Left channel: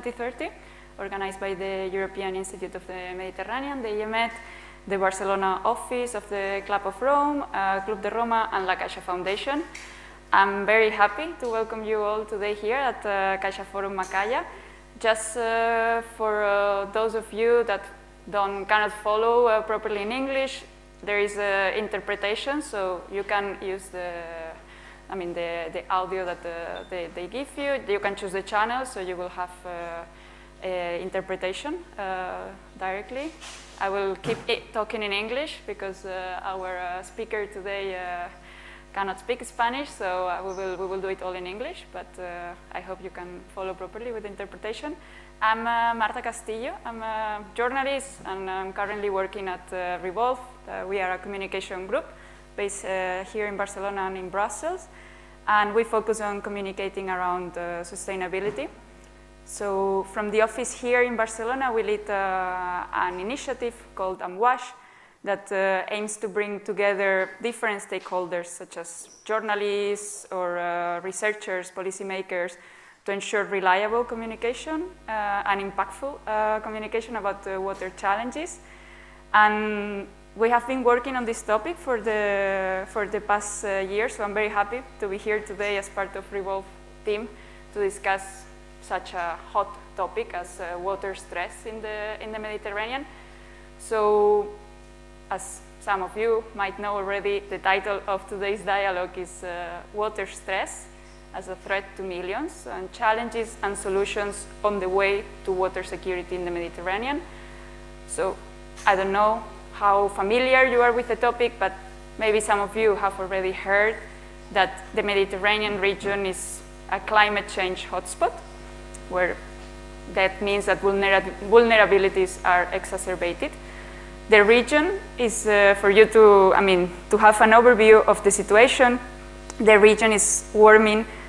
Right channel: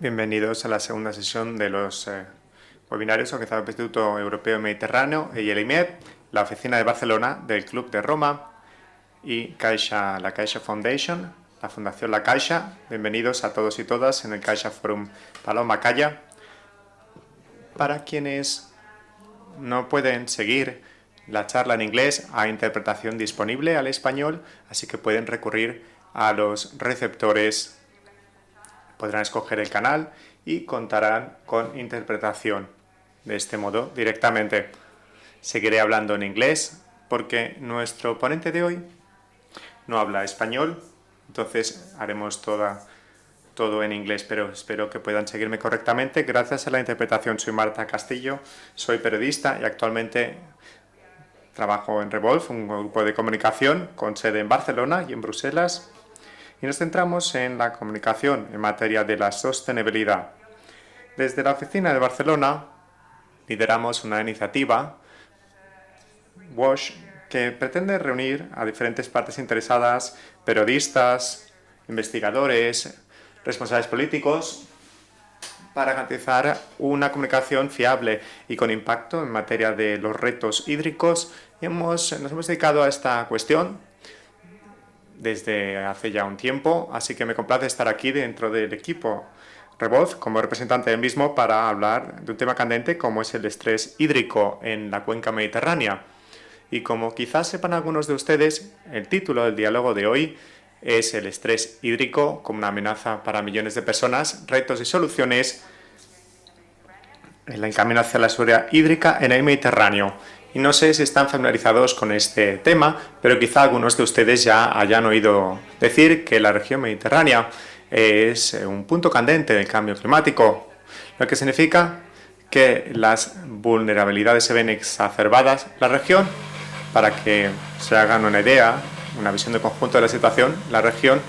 Bienvenidos a la segunda sesión de los webinarios organizados por el Instituto Europeo Mediterráneo y el IMED, la oficina de Barcelona del Club de Roma y la Caixa Foundation, la Fundación La Caixa. Bienvenidos a todos y todas en el Caixa Forum Paloma Calla. Para quienes no pueden seguir la charla en inglés, hay interpretación disponible al español, así que pueden recurrir a los receptores, podrán escoger el canal y contarán con interpretación de este modo directamente. Seguiré hablando en inglés porque nuestro ponente de hoy no habla español, entonces haremos todo en inglés, pero espero que puedan seguirme correctamente. Gracias a la interpretación, soy Marta Castillo, soy periodista y actualmente trabajo en Revolve, un grupo de comunicación con sede en Barcelona y en Bruselas, y nos centramos en la comunicación en materia de la sostenibilidad. Desde la oficina de Barcelona lideramos una iniciativa WASH, que pretende reunir a diferentes partes interesadas, periodistas, investigadores, responsables políticos, para garantizar una comunicación fiable y con impacto en materia de los retos hídricos. Nos hemos dedicado a esta cuestión desde hace ya un tiempo, así que me complace estar aquí dentro del equipo Revolve como representante del mismo para hablar de un tema candente como es el estrés hídrico en la cuenca mediterránea. Y como quizás sepan algunos de ustedes, el título del diálogo de hoy es el estrés hídrico como una amenaza para millones de personas, retos y soluciones en la camino hacia la seguridad hídrica en el Mediterráneo. No sé si están familiarizados con este tema, pero quizá algunos de ustedes ya hayan oído decir que la región mediterránea es un punto candente del cambio climático, lo que significa que las vulnerabilidades se ven exacerbadas. La región, para que se hagan una idea, una visión de conjunto de la situación, la región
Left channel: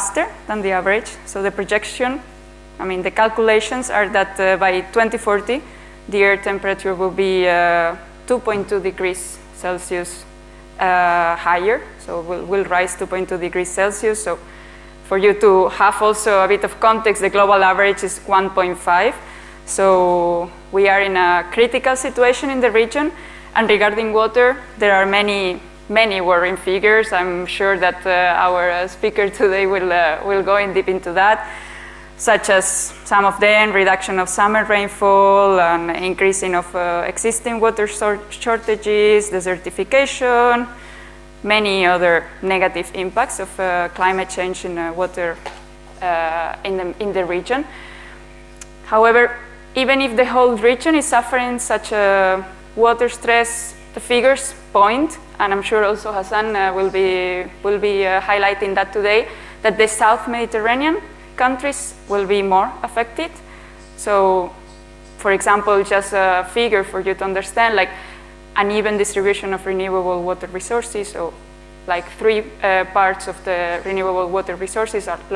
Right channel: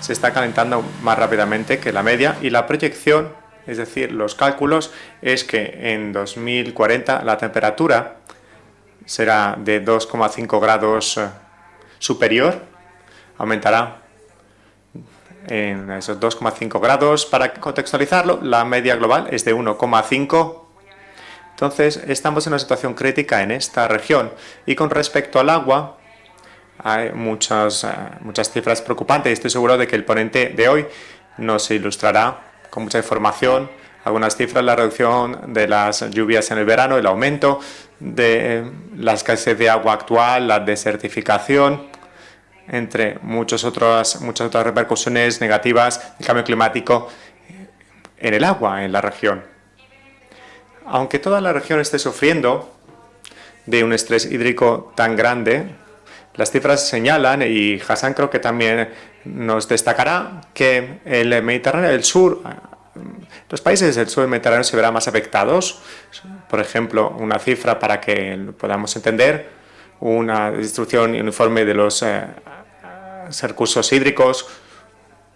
se está calentando más rápidamente que la media y la proyección, es decir, los cálculos, es que en 2040 la temperatura será de 2,5 grados superior, aumentará. Para contextualizarlo, la media global es de 1,5. Entonces, estamos en una situación crítica en esta región. Y con respecto al agua, hay muchas cifras preocupantes. Estoy seguro de que el ponente de hoy nos ilustrará con mucha información algunas cifras de la reducción de las lluvias en el verano, el aumento de la escasez de agua actual, la desertificación, entre muchas otras repercusiones negativas del cambio climático en el agua en la región. Aunque toda la región esté sufriendo de un estrés hídrico tan grande, las cifras señalan, y Hassan creo que también nos destacará, que el Mediterráneo del Sur, los países del sur del Mediterráneo se verán más afectados. Por ejemplo, una cifra para que podamos entender, una distribución uniforme de los recursos hídricos.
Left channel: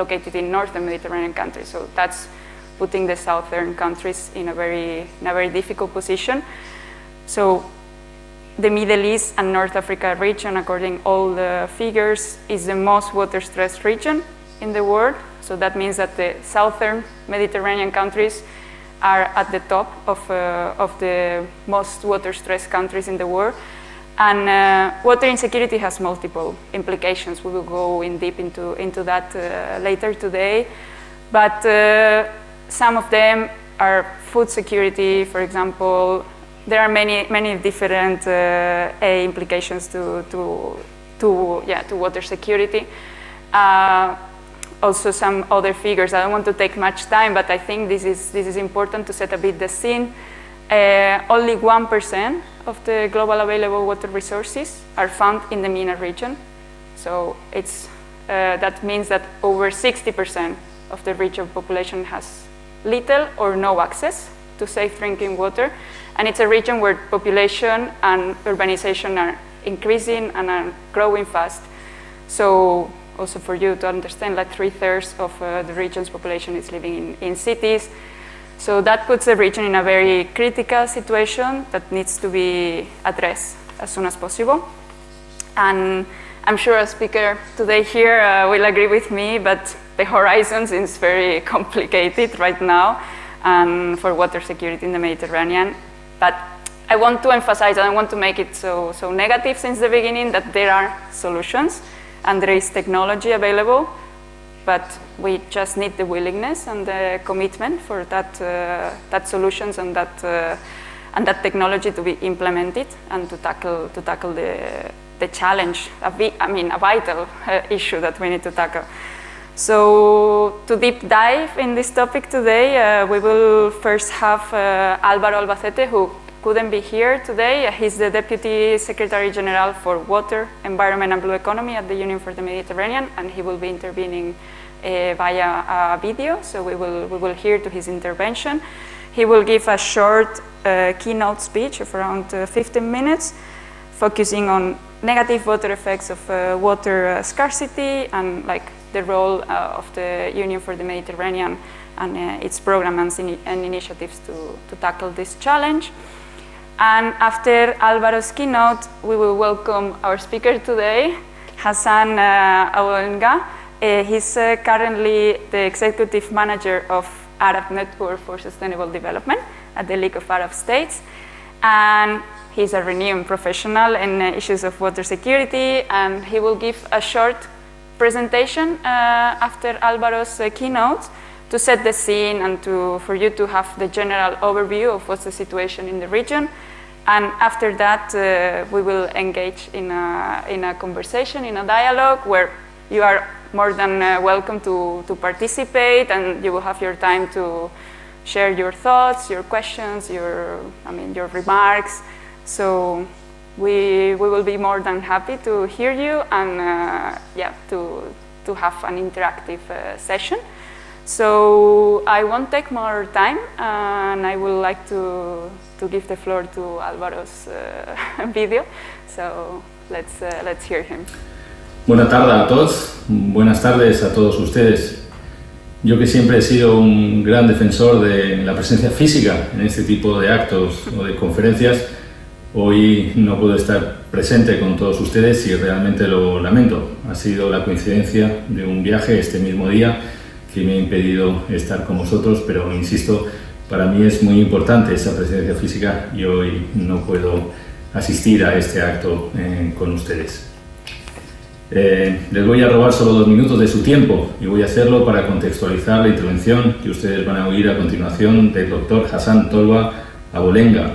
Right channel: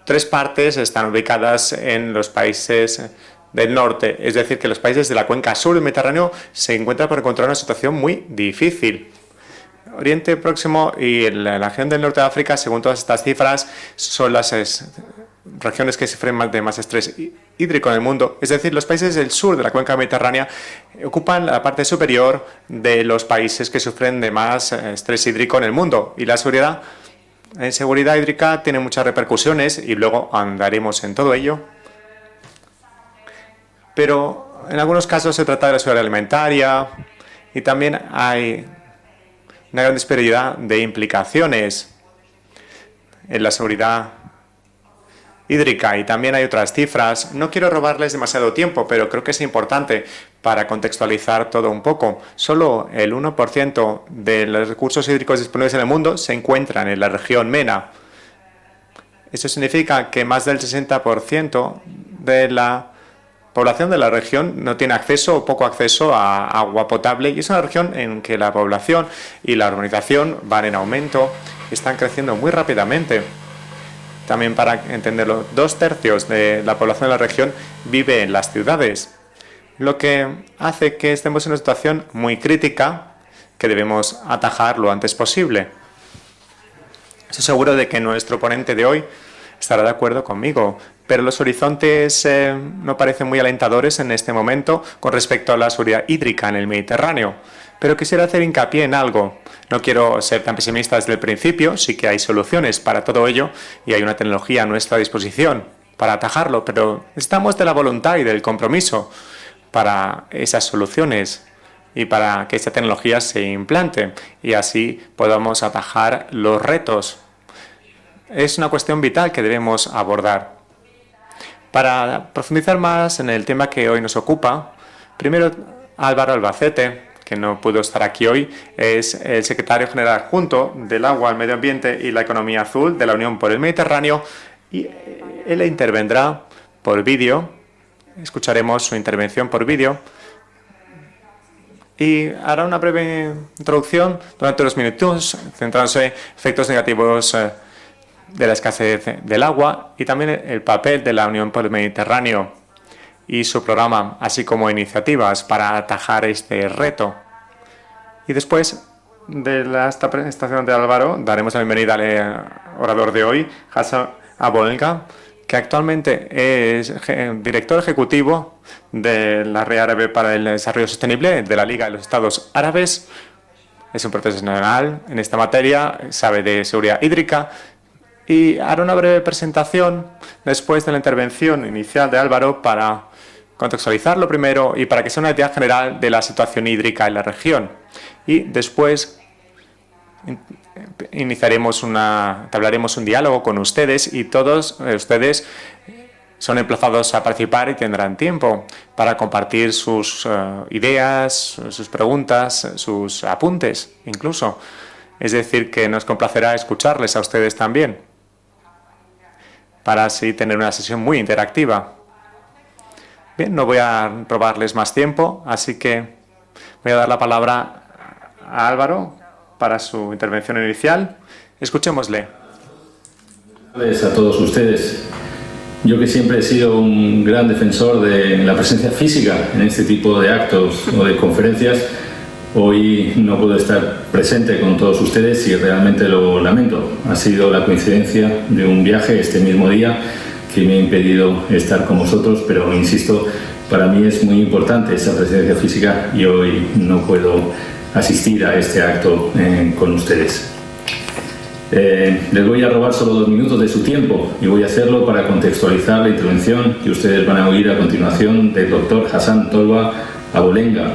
3 partes están ubicadas en los países del norte. Es decir, que los países de la cuenca sur del Mediterráneo se encuentran por encontrar una situación muy difícil. Oriente Próximo y la región del norte de África, según todas estas cifras, son las regiones que sufren más estrés hídrico en el mundo. Es decir, los países del sur de la cuenca mediterránea ocupan la parte superior de los países que sufren de más estrés hídrico en el mundo. Y la seguridad hídrica tiene muchas repercusiones y luego hablaremos en todo ello. Pero en algunos casos se trata de la seguridad alimentaria y también hay una gran disparidad de implicaciones en la seguridad hídrica, y también hay otras cifras. No quiero robarles demasiado tiempo, pero creo que es importante para contextualizar todo un poco. Solo el 1% de los recursos hídricos disponibles en el mundo se encuentran en la región MENA. Eso significa que más del 60% de la población de la región no tiene acceso o poco acceso a agua potable. Y es una región en que la población y la urbanización van en aumento y están creciendo muy rápidamente. También para entenderlo, 2/3 de la población de la región vive en las ciudades, lo que hace que estemos en una situación muy crítica que debemos atajar lo antes posible. Estoy seguro de que nuestro ponente de hoy estará de acuerdo conmigo, pero los horizontes no parecen muy alentadores en este momento con respecto a la seguridad hídrica en el Mediterráneo. Pero quisiera hacer hincapié en algo. No quiero ser tan pesimista desde el principio, sí que hay soluciones para todo ello y hay una tecnología a nuestra disposición para atajarlo, pero estamos de la voluntad y del compromiso para esas soluciones y para que esta tecnología se implante y así podamos atajar los retos. Es una cuestión vital que debemos abordar. Para profundizar más en el tema que hoy nos ocupa, primero Álvaro Albacete, que no pudo estar aquí hoy, es el secretario general adjunto del Agua, el Medio Ambiente y la Economía Azul de la Unión por el Mediterráneo. Y él intervendrá por vídeo, escucharemos su intervención por vídeo y hará una breve introducción durante 2 minutos, centrándose en efectos negativos de la escasez del agua y también el papel de la Unión por el Mediterráneo y su programa, así como iniciativas para atajar este reto. Y después de esta presentación de Álvaro, daremos la bienvenida al orador de hoy, Hassan Abolenga, que actualmente es director ejecutivo de la Red Árabe para el Desarrollo Sostenible de la Liga de los Estados Árabes. Es un profesional en esta materia, sabe de seguridad hídrica y hará una breve presentación después de la intervención inicial de Álvaro para contextualizarlo primero y para que sea una idea general de la situación hídrica en la región. Y después hablaremos un diálogo con ustedes y todos ustedes son emplazados a participar y tendrán tiempo para compartir sus ideas, sus preguntas, sus apuntes incluso. Es decir, que nos complacerá escucharles a ustedes también, para así tener una sesión muy interactiva. Bien, no voy a robarles más tiempo, así que voy a dar la palabra a Álvaro para su intervención inicial. Escuchemos. Buenas tardes a todos, buenas tardes a todos ustedes. Yo que siempre he sido un gran defensor de la presencia física en este tipo de actos o de conferencias, hoy no puedo estar presente con todos ustedes y realmente lo lamento. Ha sido la coincidencia de un viaje este mismo día que me ha impedido estar con vosotros, pero insisto, para mí es muy importante esa presencia física y hoy no puedo asistir a este acto con ustedes. Les voy a robar solo 2 minutos de su tiempo y voy a hacerlo para contextualizar la intervención que ustedes van a oír a continuación del doctor Hassan Tolba Abolenga.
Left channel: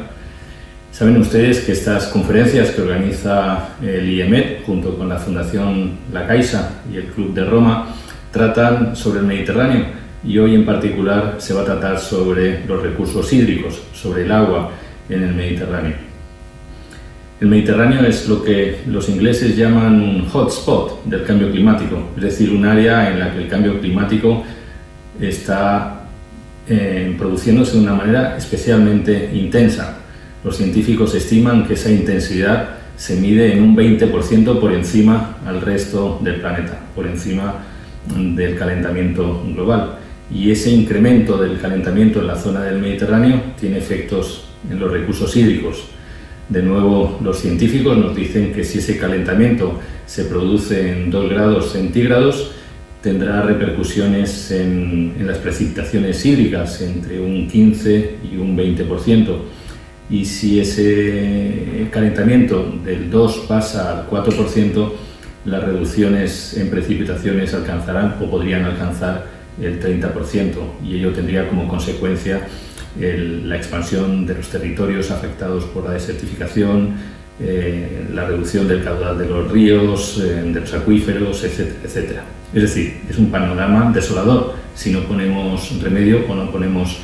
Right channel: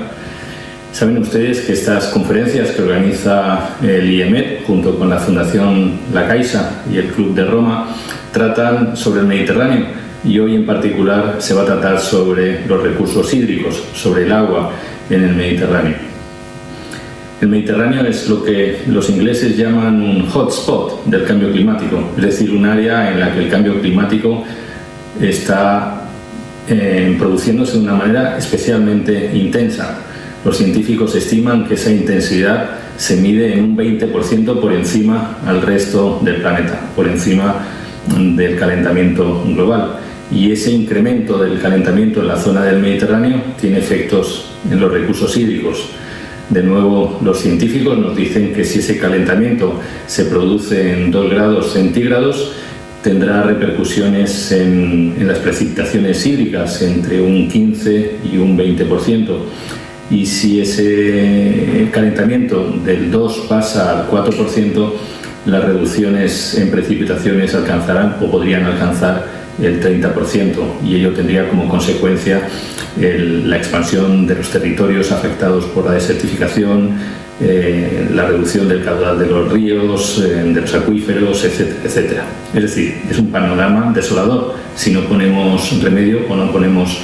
Saben ustedes que estas conferencias que organiza el IEMET junto con la Fundación La Caixa y el Club de Roma tratan sobre el Mediterráneo y hoy en particular se va a tratar sobre los recursos hídricos, sobre el agua en el Mediterráneo. El Mediterráneo es lo que los ingleses llaman un hotspot del cambio climático, es decir, un área en la que el cambio climático está produciéndose de una manera especialmente intensa. Los científicos estiman que esa intensidad se mide en un 20% por encima al resto del planeta, por encima del calentamiento global. Y ese incremento del calentamiento en la zona del Mediterráneo tiene efectos en los recursos hídricos. De nuevo, los científicos nos dicen que si ese calentamiento se produce en 2 grados centígrados, tendrá repercusiones en las precipitaciones hídricas entre un 15 y un 20%. Y si ese calentamiento del 2 pasa al 4%, las reducciones en precipitaciones alcanzarán o podrían alcanzar el 30%, y ello tendría como consecuencia la expansión de los territorios afectados por la desertificación, la reducción del caudal de los ríos, de los acuíferos, etcétera, etcétera. Es decir, es un panorama desolador si no ponemos remedio o no ponemos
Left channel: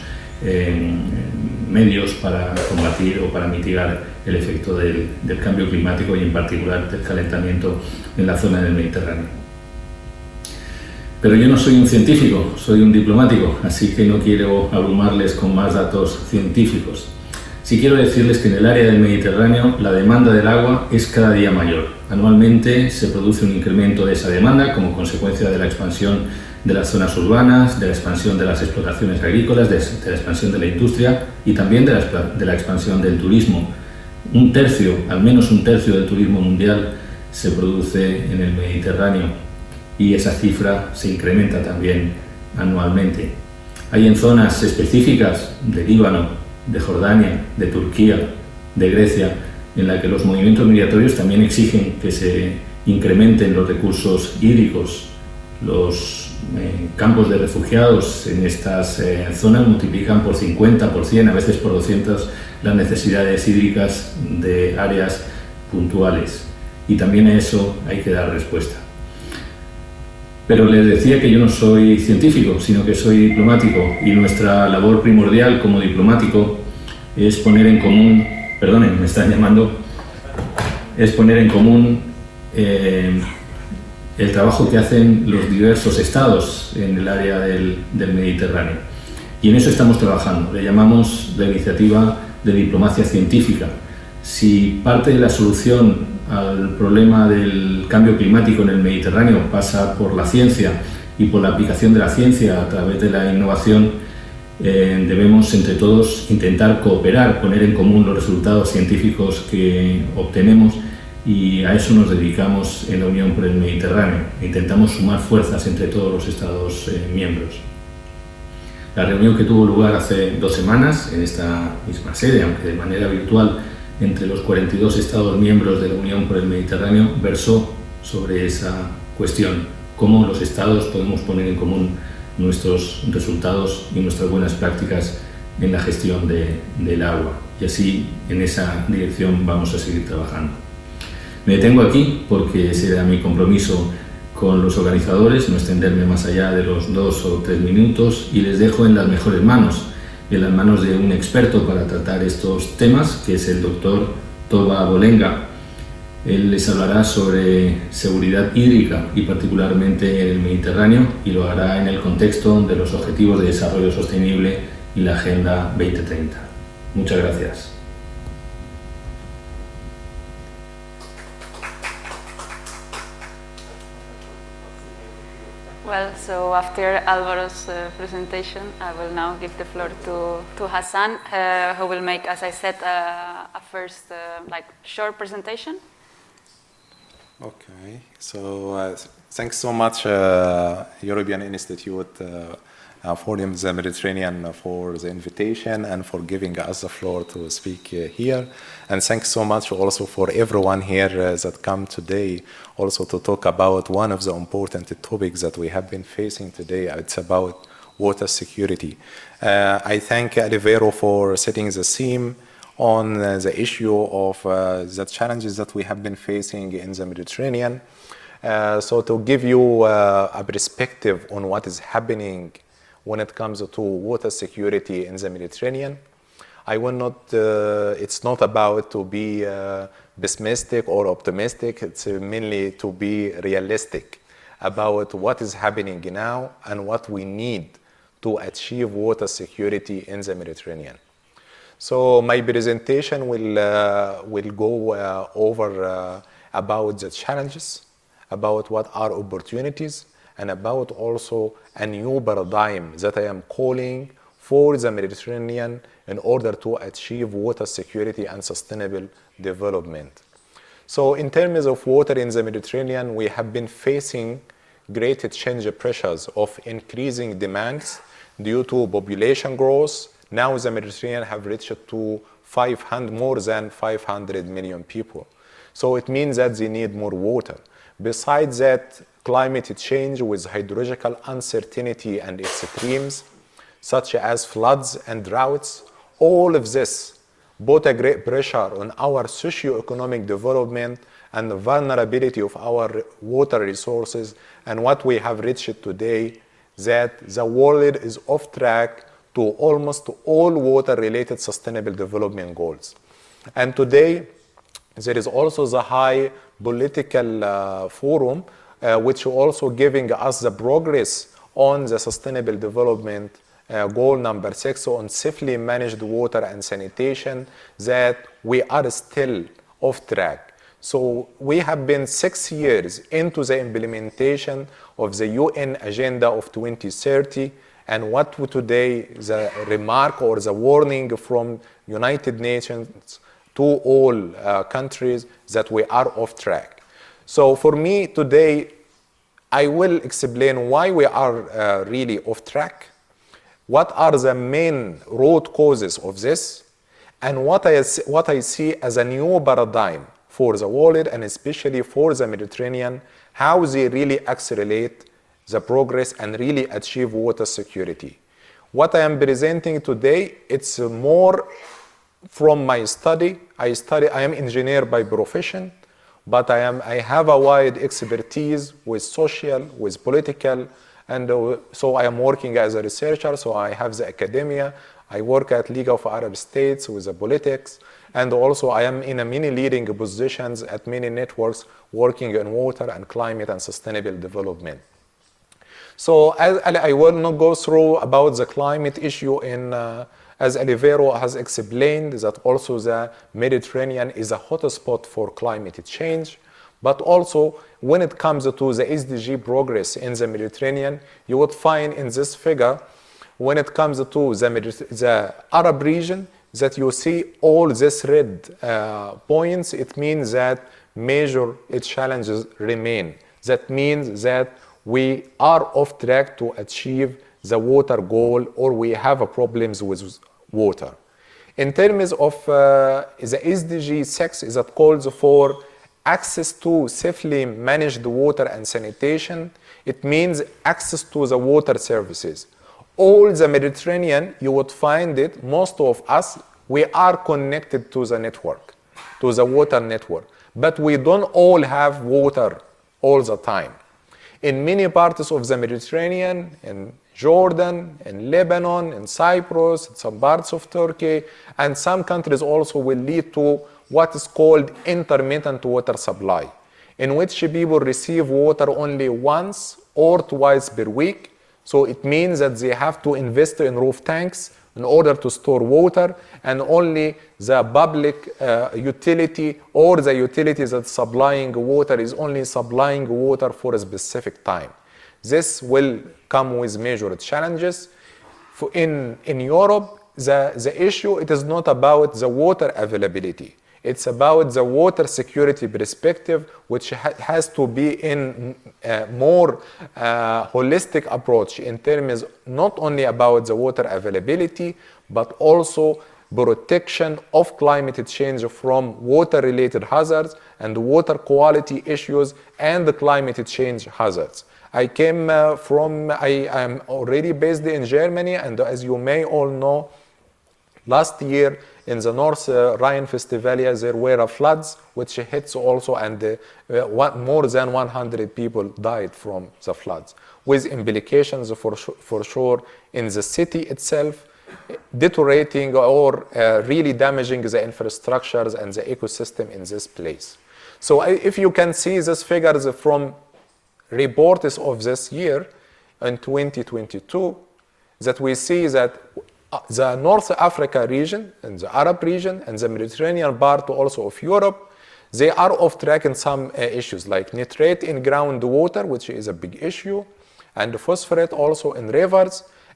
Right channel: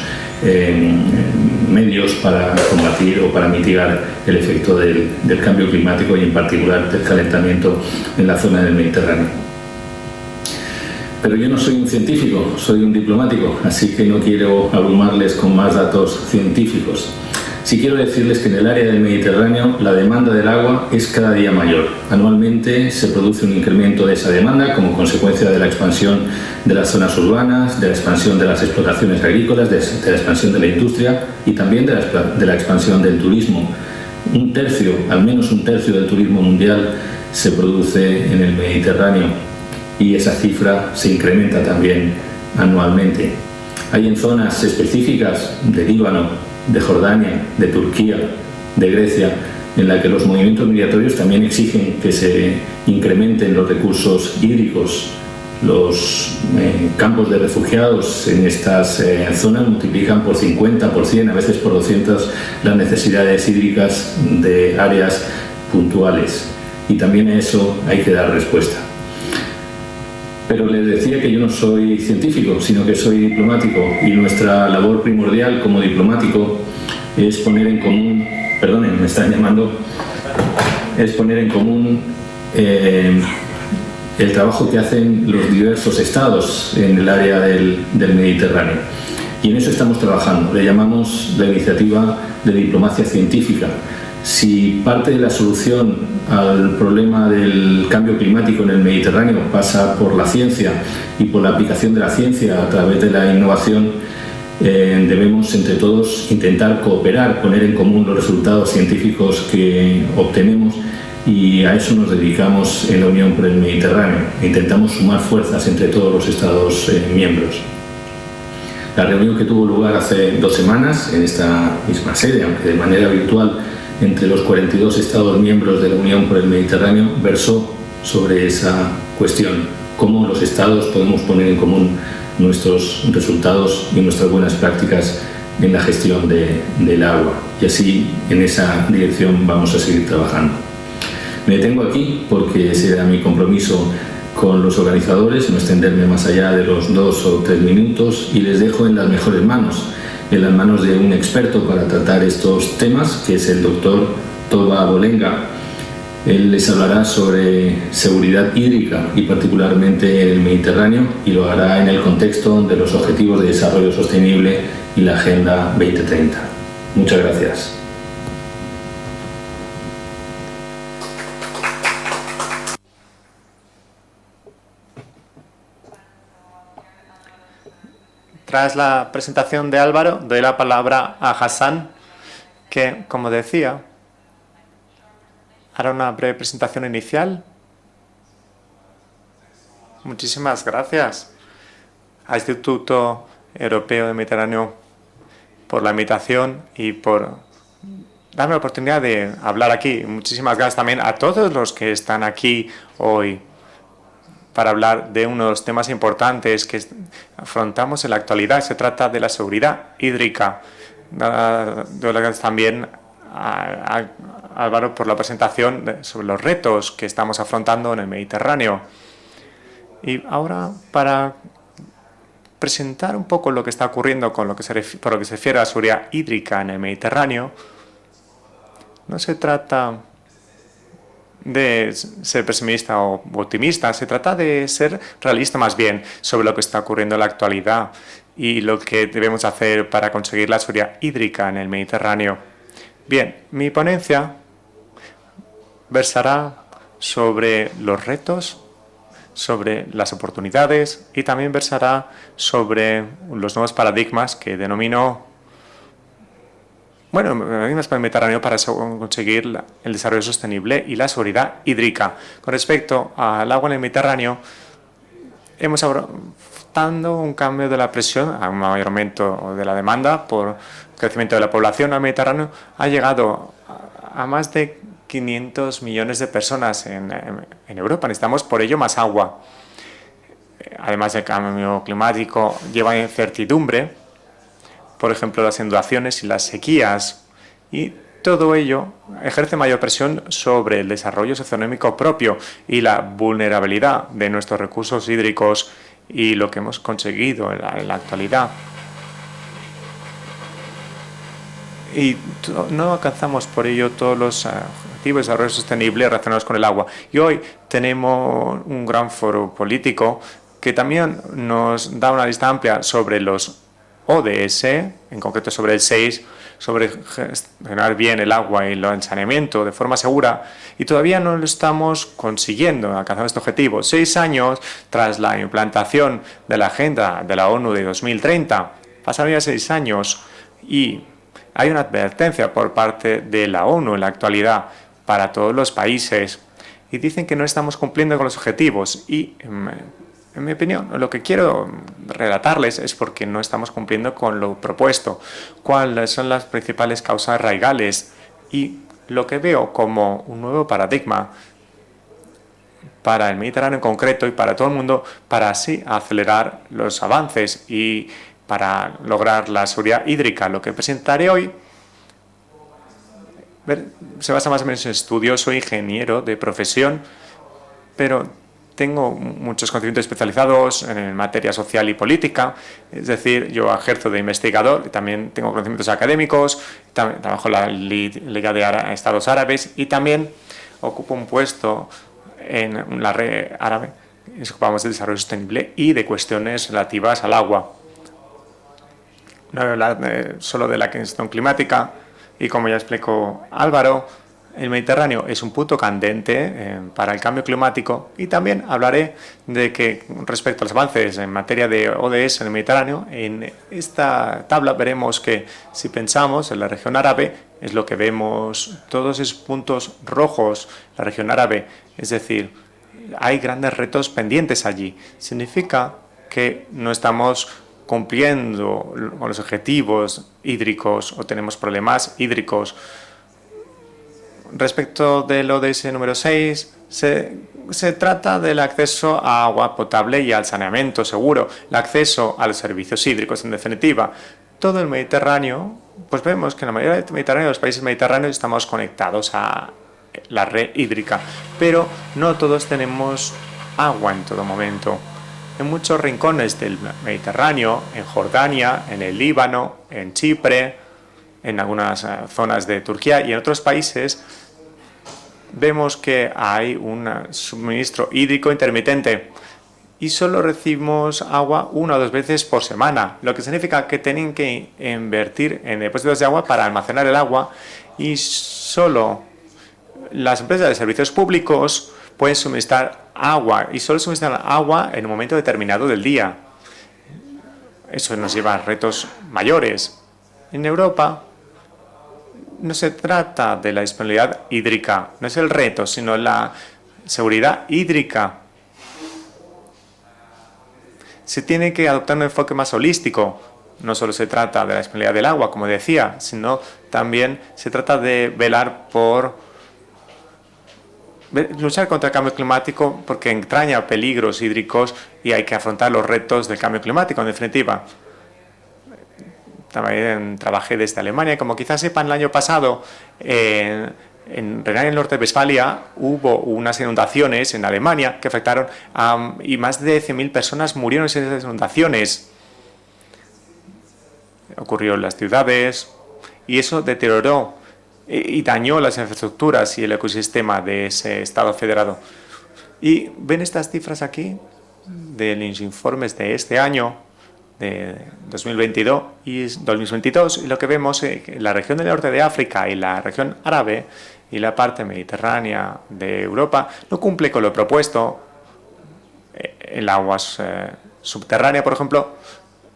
medios para combatir o para mitigar el efecto del cambio climático y en particular del calentamiento en la zona del Mediterráneo. Pero yo no soy un científico, soy un diplomático, así que no quiero abrumarles con más datos científicos. Sí quiero decirles que en el área del Mediterráneo la demanda del agua es cada día mayor. Anualmente se produce un incremento de esa demanda como consecuencia de la expansión de las zonas urbanas, de la expansión de las explotaciones agrícolas, de la expansión de la industria y también de la expansión del turismo. Al menos un tercio del turismo mundial se produce en el Mediterráneo y esa cifra se incrementa también anualmente. Hay en zonas específicas de Líbano, de Jordania, de Turquía, de Grecia, en la que los movimientos migratorios también exigen que se incrementen los recursos hídricos. Los campos de refugiados en estas zonas multiplican por 50, por 100, a veces por 200 las necesidades hídricas de áreas puntuales. Y también a eso hay que dar respuesta. Pero les decía que yo no soy científico, sino que soy diplomático, y nuestra labor primordial como diplomático es poner en común, perdonen, me están llamando, es poner en común el trabajo que hacen los diversos estados en el área del Mediterráneo. Y en eso estamos trabajando, le llamamos la iniciativa de diplomacia científica. Si parte de la solución al problema del cambio climático en el Mediterráneo pasa por la ciencia y por la aplicación de la ciencia a través de la innovación, debemos entre todos intentar cooperar, poner en común los resultados científicos que obtenemos, y a eso nos dedicamos en la Unión por el Mediterráneo. Intentamos sumar fuerzas entre todos los Estados miembros. La reunión que tuvo lugar hace 2 semanas en esta misma sede, aunque de manera virtual, entre los 42 Estados miembros de la Unión por el Mediterráneo, versó sobre esa cuestión: cómo los Estados podemos poner en común nuestros resultados y nuestras buenas prácticas en la gestión del agua. Y así, en esa dirección, vamos a seguir trabajando. Me detengo aquí porque ese era mi compromiso con los organizadores, no extenderme más allá de los 2 o 3 minutos, y les dejo en las mejores manos, en las manos de un experto para tratar estos temas, que es el doctor Tolga Bolenga. Él les hablará sobre seguridad hídrica y particularmente en el Mediterráneo, y lo hará en el contexto de los Objetivos de Desarrollo Sostenible y la Agenda 2030. Muchas gracias. Tras la presentación de Álvaro, doy la palabra a Hassan, que, como decía, hará una breve presentación inicial. Muchísimas gracias al Instituto Europeo del Mediterráneo por la invitación y por darme la oportunidad de hablar aquí. Muchísimas gracias también a todos los que están aquí hoy para hablar de unos temas importantes que afrontamos en la actualidad. Se trata de la seguridad hídrica. Gracias también a Álvaro por la presentación sobre los retos que estamos afrontando en el Mediterráneo. Y ahora, para presentar un poco lo que está ocurriendo por lo que se refiere a la seguridad hídrica en el Mediterráneo, no se trata de ser pesimista o optimista, se trata de ser realista más bien sobre lo que está ocurriendo en la actualidad y lo que debemos hacer para conseguir la seguridad hídrica en el Mediterráneo. Bien, mi ponencia versará sobre los retos, sobre las oportunidades, y también versará sobre los nuevos paradigmas que denomino paradigmas para el Mediterráneo para conseguir el desarrollo sostenible y la seguridad hídrica. Con respecto al agua en el Mediterráneo, hemos afrontado un cambio de la presión, a un mayor aumento de la demanda por el crecimiento de la población en el Mediterráneo. Ha llegado a más de 500 millones de personas en Europa. Necesitamos por ello más agua. Además, el cambio climático lleva incertidumbre, por ejemplo, las inundaciones y las sequías. Y todo ello ejerce mayor presión sobre el desarrollo socioeconómico propio y la vulnerabilidad de nuestros recursos hídricos y lo que hemos conseguido en la actualidad. Y no alcanzamos por ello todos los objetivos de desarrollo sostenible relacionados con el agua. Y hoy tenemos un gran foro político que también nos da una lista amplia sobre los ODS, en concreto sobre el 6, sobre gestionar bien el agua y el saneamiento de forma segura. Y todavía no lo estamos consiguiendo alcanzar este objetivo. 6 años tras la implantación de la Agenda de la ONU de 2030, pasaron desarrollado hace 6 años y hay una advertencia por parte de la ONU en la actualidad para todos los países y dicen que no estamos cumpliendo con los objetivos y en mi opinión, lo que quiero relatarles es porque no estamos cumpliendo con lo propuesto, cuáles son las principales causas raigales y lo que veo como un nuevo paradigma para el Mediterráneo en concreto y para todo el mundo para así acelerar los avances y para lograr la seguridad hídrica. Lo que presentaré hoy se basa más en mi estudio, soy ingeniero de profesión, pero tengo muchos conocimientos especializados en materia social y política, es decir, yo ejerzo de investigador, también tengo conocimientos académicos, también trabajo en la Liga de Estados Árabes y también ocupo un puesto en la red árabe, nos ocupamos de desarrollo sostenible y de cuestiones relativas al agua. No hablar solo de la cuestión climática y como ya explicó Álvaro, el Mediterráneo es un punto candente para el cambio climático y también hablaré de que respecto a los avances en materia de ODS en el Mediterráneo, en esta tabla veremos que si pensamos en la región árabe, es lo que vemos todos esos puntos rojos, la región árabe, es decir, hay grandes retos pendientes allí. Significa que no estamos cumpliendo con los objetivos hídricos o tenemos problemas hídricos. Respecto del ODS número 6, se trata del acceso a agua potable y al saneamiento seguro, el acceso a los servicios hídricos, en definitiva. Todo el Mediterráneo, pues vemos que en la mayoría del Mediterráneo, los países mediterráneos, estamos conectados a la red hídrica, pero no todos tenemos agua en todo momento. En muchos rincones del Mediterráneo, en Jordania, en el Líbano, en Chipre, en algunas zonas de Turquía y en otros países, vemos que hay un suministro hídrico intermitente y solo recibimos agua 1 o 2 veces por semana, lo que significa que tienen que invertir en depósitos de agua para almacenar el agua y solo las empresas de servicios públicos pueden suministrar agua y solo suministran agua en un momento determinado del día. Eso nos lleva a retos mayores. En Europa no se trata de la disponibilidad hídrica, no es el reto, sino la seguridad hídrica. Se tiene que adoptar un enfoque más holístico. No solo se trata de la disponibilidad del agua, como decía, sino también se trata de velar por luchar contra el cambio climático porque entraña peligros hídricos y hay que afrontar los retos del cambio climático, en definitiva. También trabajé desde Alemania, como quizás sepan, el año pasado en Renania-Nord-Westfalia hubo unas inundaciones en Alemania que afectaron y más de 10.000 personas murieron en esas inundaciones. Ocurrió en las ciudades y eso deterioró y dañó las infraestructuras y el ecosistema de ese Estado federado. Y ven estas cifras aquí de los informes de este año, de 2022 y 2022, lo que vemos es que la región del norte de África y la región árabe y la parte mediterránea de Europa no cumple con lo propuesto. El agua subterránea, por ejemplo,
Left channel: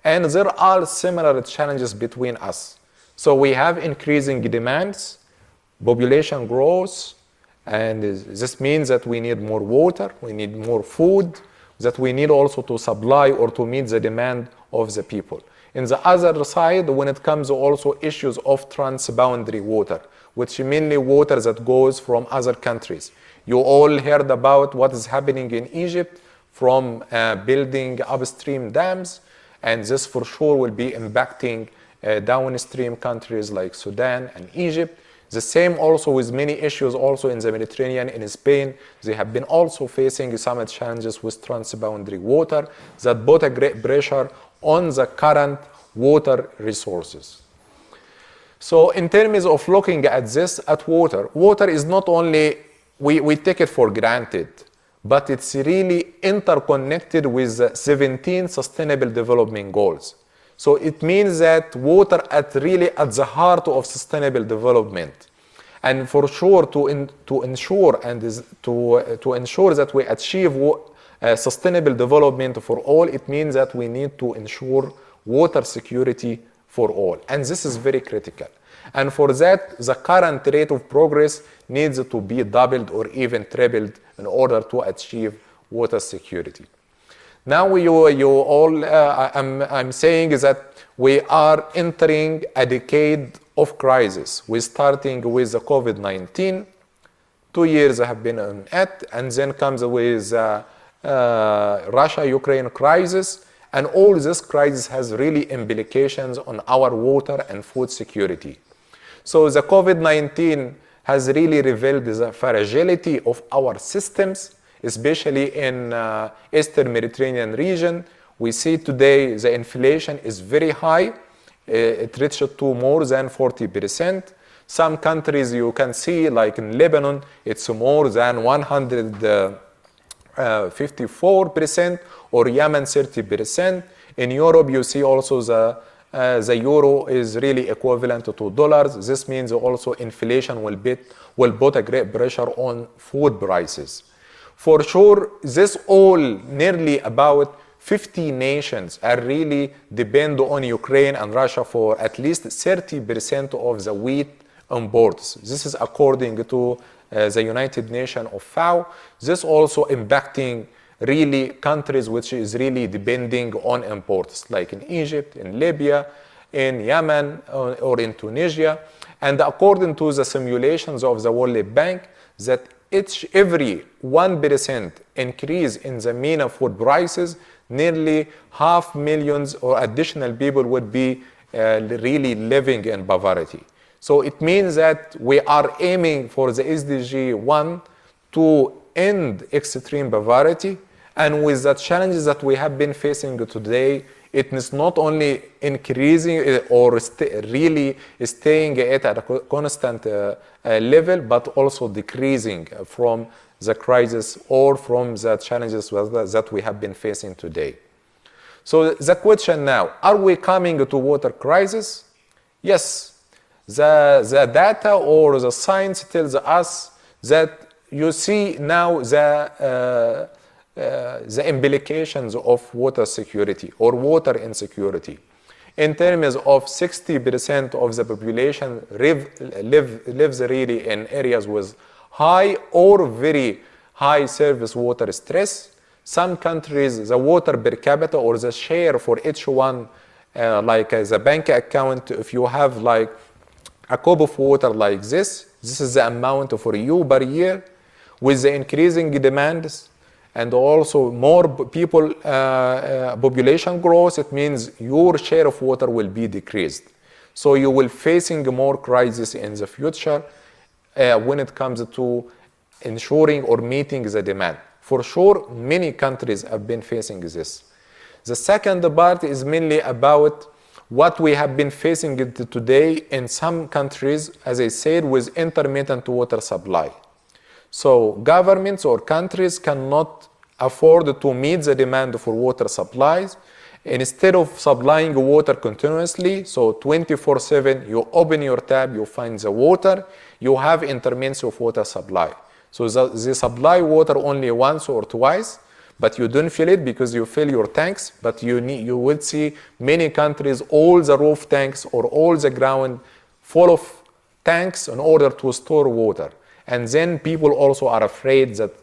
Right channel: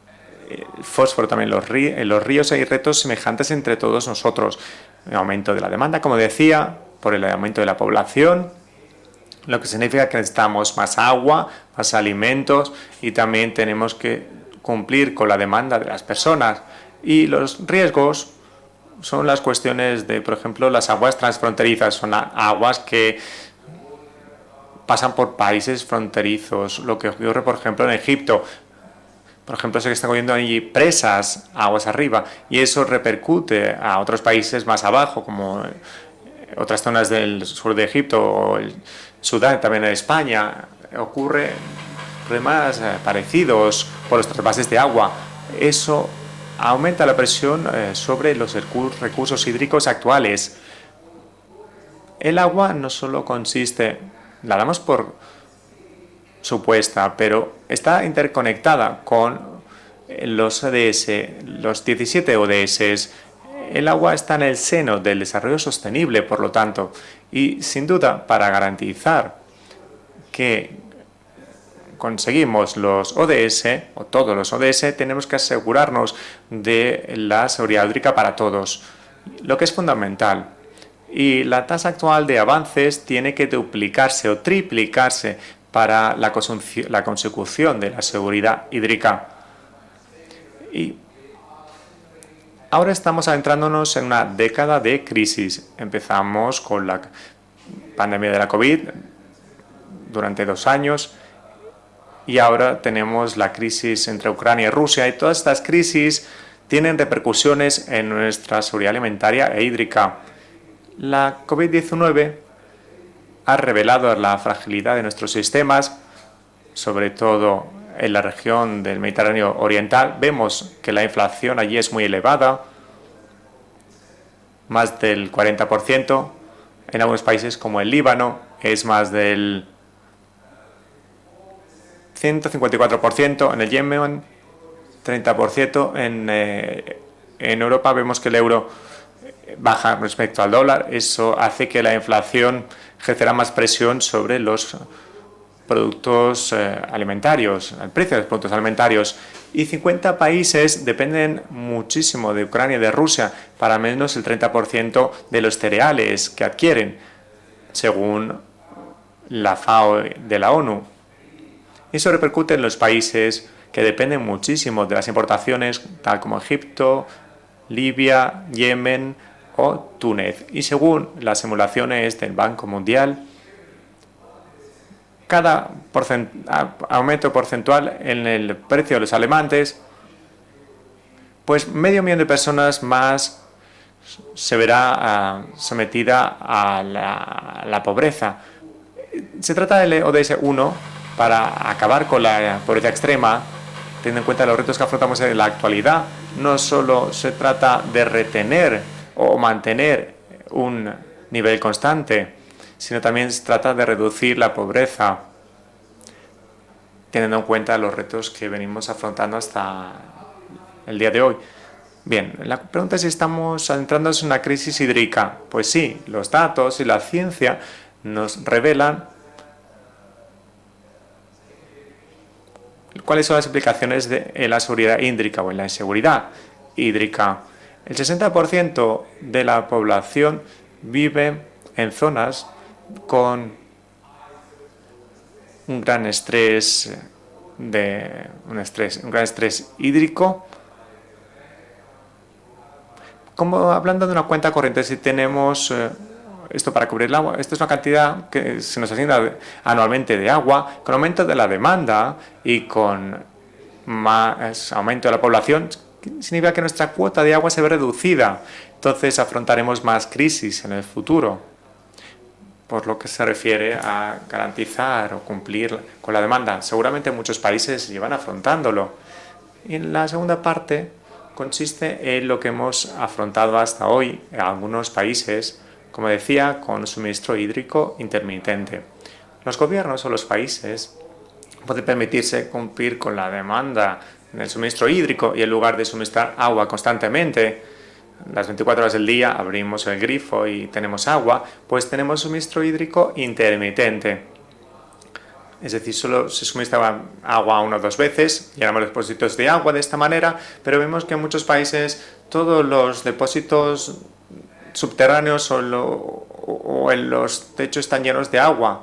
el fósforo también, en los ríos hay retos semejantes entre todos nosotros. El aumento de la demanda, como decía, por el aumento de la población, lo que significa que necesitamos más agua, más alimentos y también tenemos que cumplir con la demanda de las personas. Y los riesgos son las cuestiones de, por ejemplo, las aguas transfronterizas, son aguas que pasan por países fronterizos, lo que ocurre, por ejemplo, en Egipto. Por ejemplo, se están construyendo ahí presas aguas arriba y eso repercute a otros países más abajo, como otras zonas del sur de Egipto o Sudán, también en España. Ocurre problemas parecidos por los trasvases de agua. Eso aumenta la presión sobre los recursos hídricos actuales. El agua no solo consiste, la damos por supuesta, pero está interconectada con los ODS, los 17 ODS. El agua está en el seno del desarrollo sostenible, por lo tanto, y sin duda para garantizar que conseguimos los ODS, o todos los ODS, tenemos que asegurarnos de la seguridad hídrica para todos, lo que es fundamental. Y la tasa actual de avances tiene que duplicarse o triplicarse para la consecución de la seguridad hídrica. Ahora estamos adentrándonos en una década de crisis. Empezamos con la pandemia de la COVID durante 2 años y ahora tenemos la crisis entre Ucrania y Rusia, y todas estas crisis tienen repercusiones en nuestra seguridad alimentaria e hídrica. La COVID-19 ha revelado la fragilidad de nuestros sistemas, sobre todo en la región del Mediterráneo Oriental. Vemos que la inflación allí es muy elevada, más del 40%, en algunos países como el Líbano, que es más del 154%, en el Yemen, 30%, en Europa vemos que el euro baja respecto al dólar. Eso hace que la inflación ejerza más presión sobre los productos alimentarios, el precio de los productos alimentarios. Y 50 países dependen muchísimo de Ucrania y de Rusia, para menos el 30% de los cereales que adquieren, según la FAO de la ONU. Eso repercute en los países que dependen muchísimo de las importaciones, tal como Egipto, Libia, Yemen o Túnez. Y según las simulaciones del Banco Mundial, cada aumento porcentual en el precio de los alimentos, pues medio millón de personas más se verá sometida a la pobreza. Se trata del ODS 1 para acabar con la pobreza extrema, teniendo en cuenta los retos que afrontamos en la actualidad. No solo se trata de retener o mantener un nivel constante, sino también se trata de reducir la pobreza, teniendo en cuenta los retos que venimos afrontando hasta el día de hoy. Bien, la pregunta es si estamos entrando en una crisis hídrica. Pues sí, los datos y la ciencia nos revelan cuáles son las implicaciones de la seguridad hídrica o en la inseguridad hídrica. El 60% de la población vive en zonas con un gran estrés hídrico. Como hablando de una cuenta corriente, si tenemos esto para cubrir el agua, esto es una cantidad que se nos asigna anualmente de agua, con aumento de la demanda y con más aumento de la población, significa que nuestra cuota de agua se ve reducida. Entonces afrontaremos más crisis en el futuro, por lo que se refiere a garantizar o cumplir con la demanda. Seguramente muchos países llevan afrontándolo. La segunda parte consiste en lo que hemos afrontado hasta hoy en algunos países, como decía, con suministro hídrico intermitente. Los gobiernos o los países pueden permitirse cumplir con la demanda del suministro hídrico y en lugar de suministrar agua constantemente, las 24 horas del día abrimos el grifo y tenemos agua, pues tenemos suministro hídrico intermitente. Es decir, solo se suministra agua 1 o 2 veces, llenamos los depósitos de agua de esta manera, pero vemos que en muchos países todos los depósitos subterráneos o en los techos están llenos de agua,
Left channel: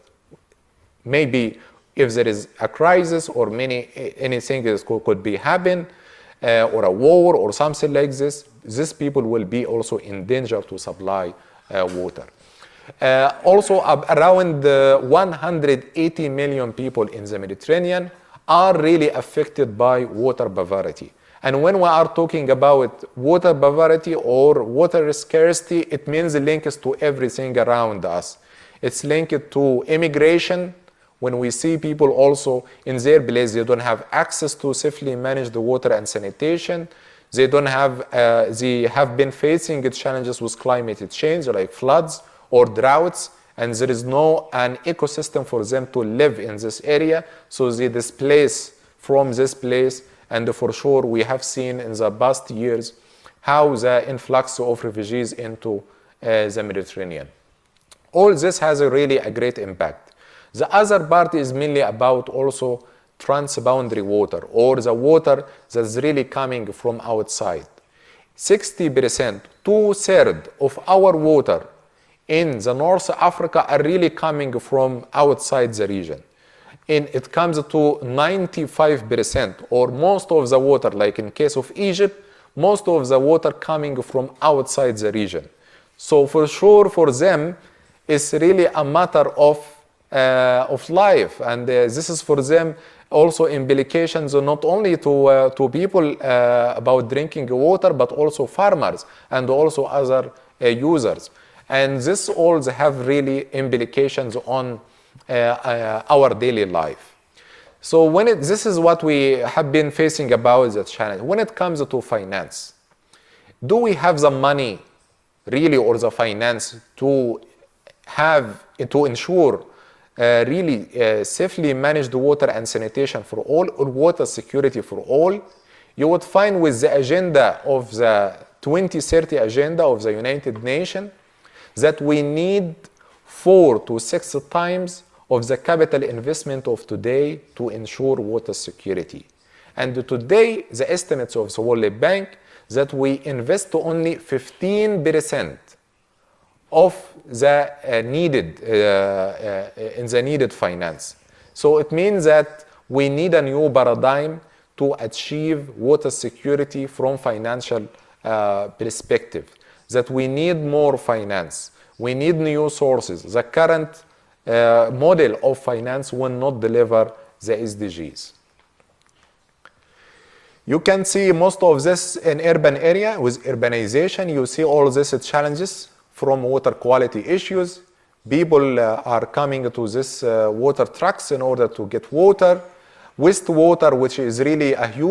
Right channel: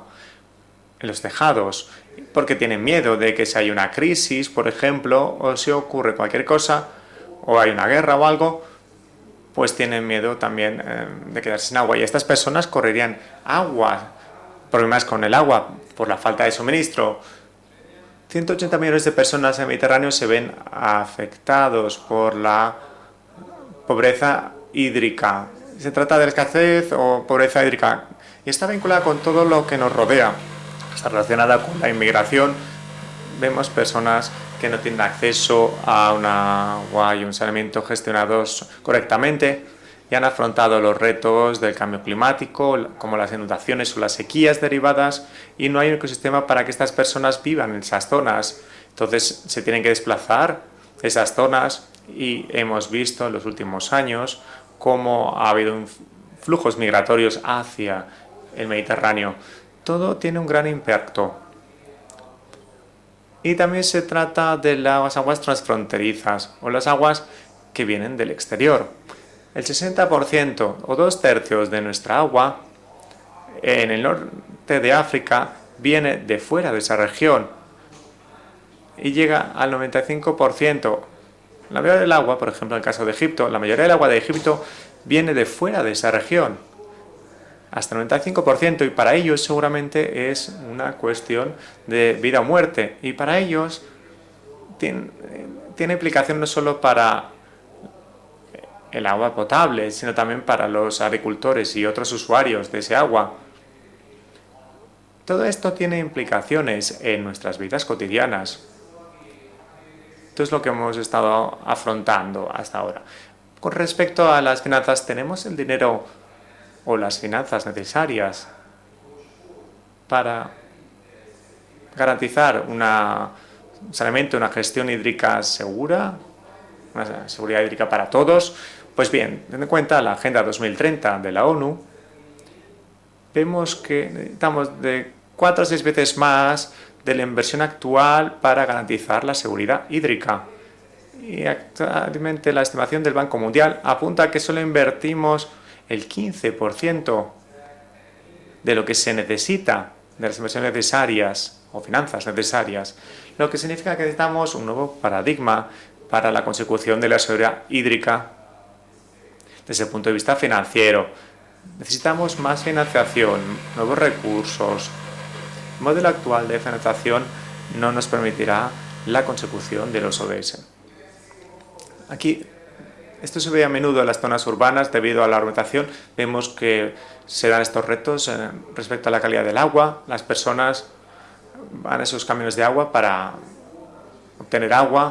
en los tejados, porque tienen miedo de que si hay una crisis, por ejemplo, o si ocurre cualquier cosa, o hay una guerra o algo, pues tienen miedo también de quedarse sin agua. Y estas personas correrían problemas con el agua, por la falta de suministro. 180 millones de personas en el Mediterráneo se ven afectados por la pobreza hídrica. Se trata de escasez o pobreza hídrica. Y está vinculada con todo lo que nos rodea. Está relacionada con la inmigración. Vemos personas que no tienen acceso a una agua y un saneamiento gestionados correctamente, que han afrontado los retos del cambio climático, como las inundaciones o las sequías derivadas, y no hay un ecosistema para que estas personas vivan en esas zonas. Entonces se tienen que desplazar de esas zonas y hemos visto en los últimos años cómo ha habido flujos migratorios hacia el Mediterráneo. Todo tiene un gran impacto. Y también se trata de las aguas transfronterizas o las aguas que vienen del exterior. El 60% o 2/3 de nuestra agua en el norte de África viene de fuera de esa región y llega al 95%. La mayoría del agua, por ejemplo, en el caso de Egipto, la mayoría del agua de Egipto viene de fuera de esa región. Hasta el 95%, y para ellos seguramente es una cuestión de vida o muerte. Y para ellos tiene implicación no solo para el agua potable, sino también para los agricultores y otros usuarios de ese agua. Todo esto tiene implicaciones en nuestras vidas cotidianas. Esto es lo que hemos estado afrontando hasta ahora. Con respecto a las finanzas, ¿tenemos el dinero o las finanzas necesarias para garantizar una gestión hídrica segura, seguridad hídrica para todos? Pues bien, teniendo en cuenta la Agenda 2030 de la ONU, vemos que necesitamos de 4 o 6 veces más de la inversión actual para garantizar la seguridad hídrica. Y actualmente la estimación del Banco Mundial apunta a que solo invertimos el 15% de lo que se necesita, de las inversiones necesarias, finanzas necesarias, lo que significa que necesitamos un nuevo paradigma para la consecución de la seguridad hídrica desde el punto de vista financiero. Necesitamos más financiación, nuevos recursos. El modelo actual de financiación no nos permitirá la consecución de los ODS. Esto se ve a menudo en las zonas urbanas debido a la rotación. Vemos que se dan estos retos respecto a la calidad del agua. Las personas van a esos camiones de agua para tener agua.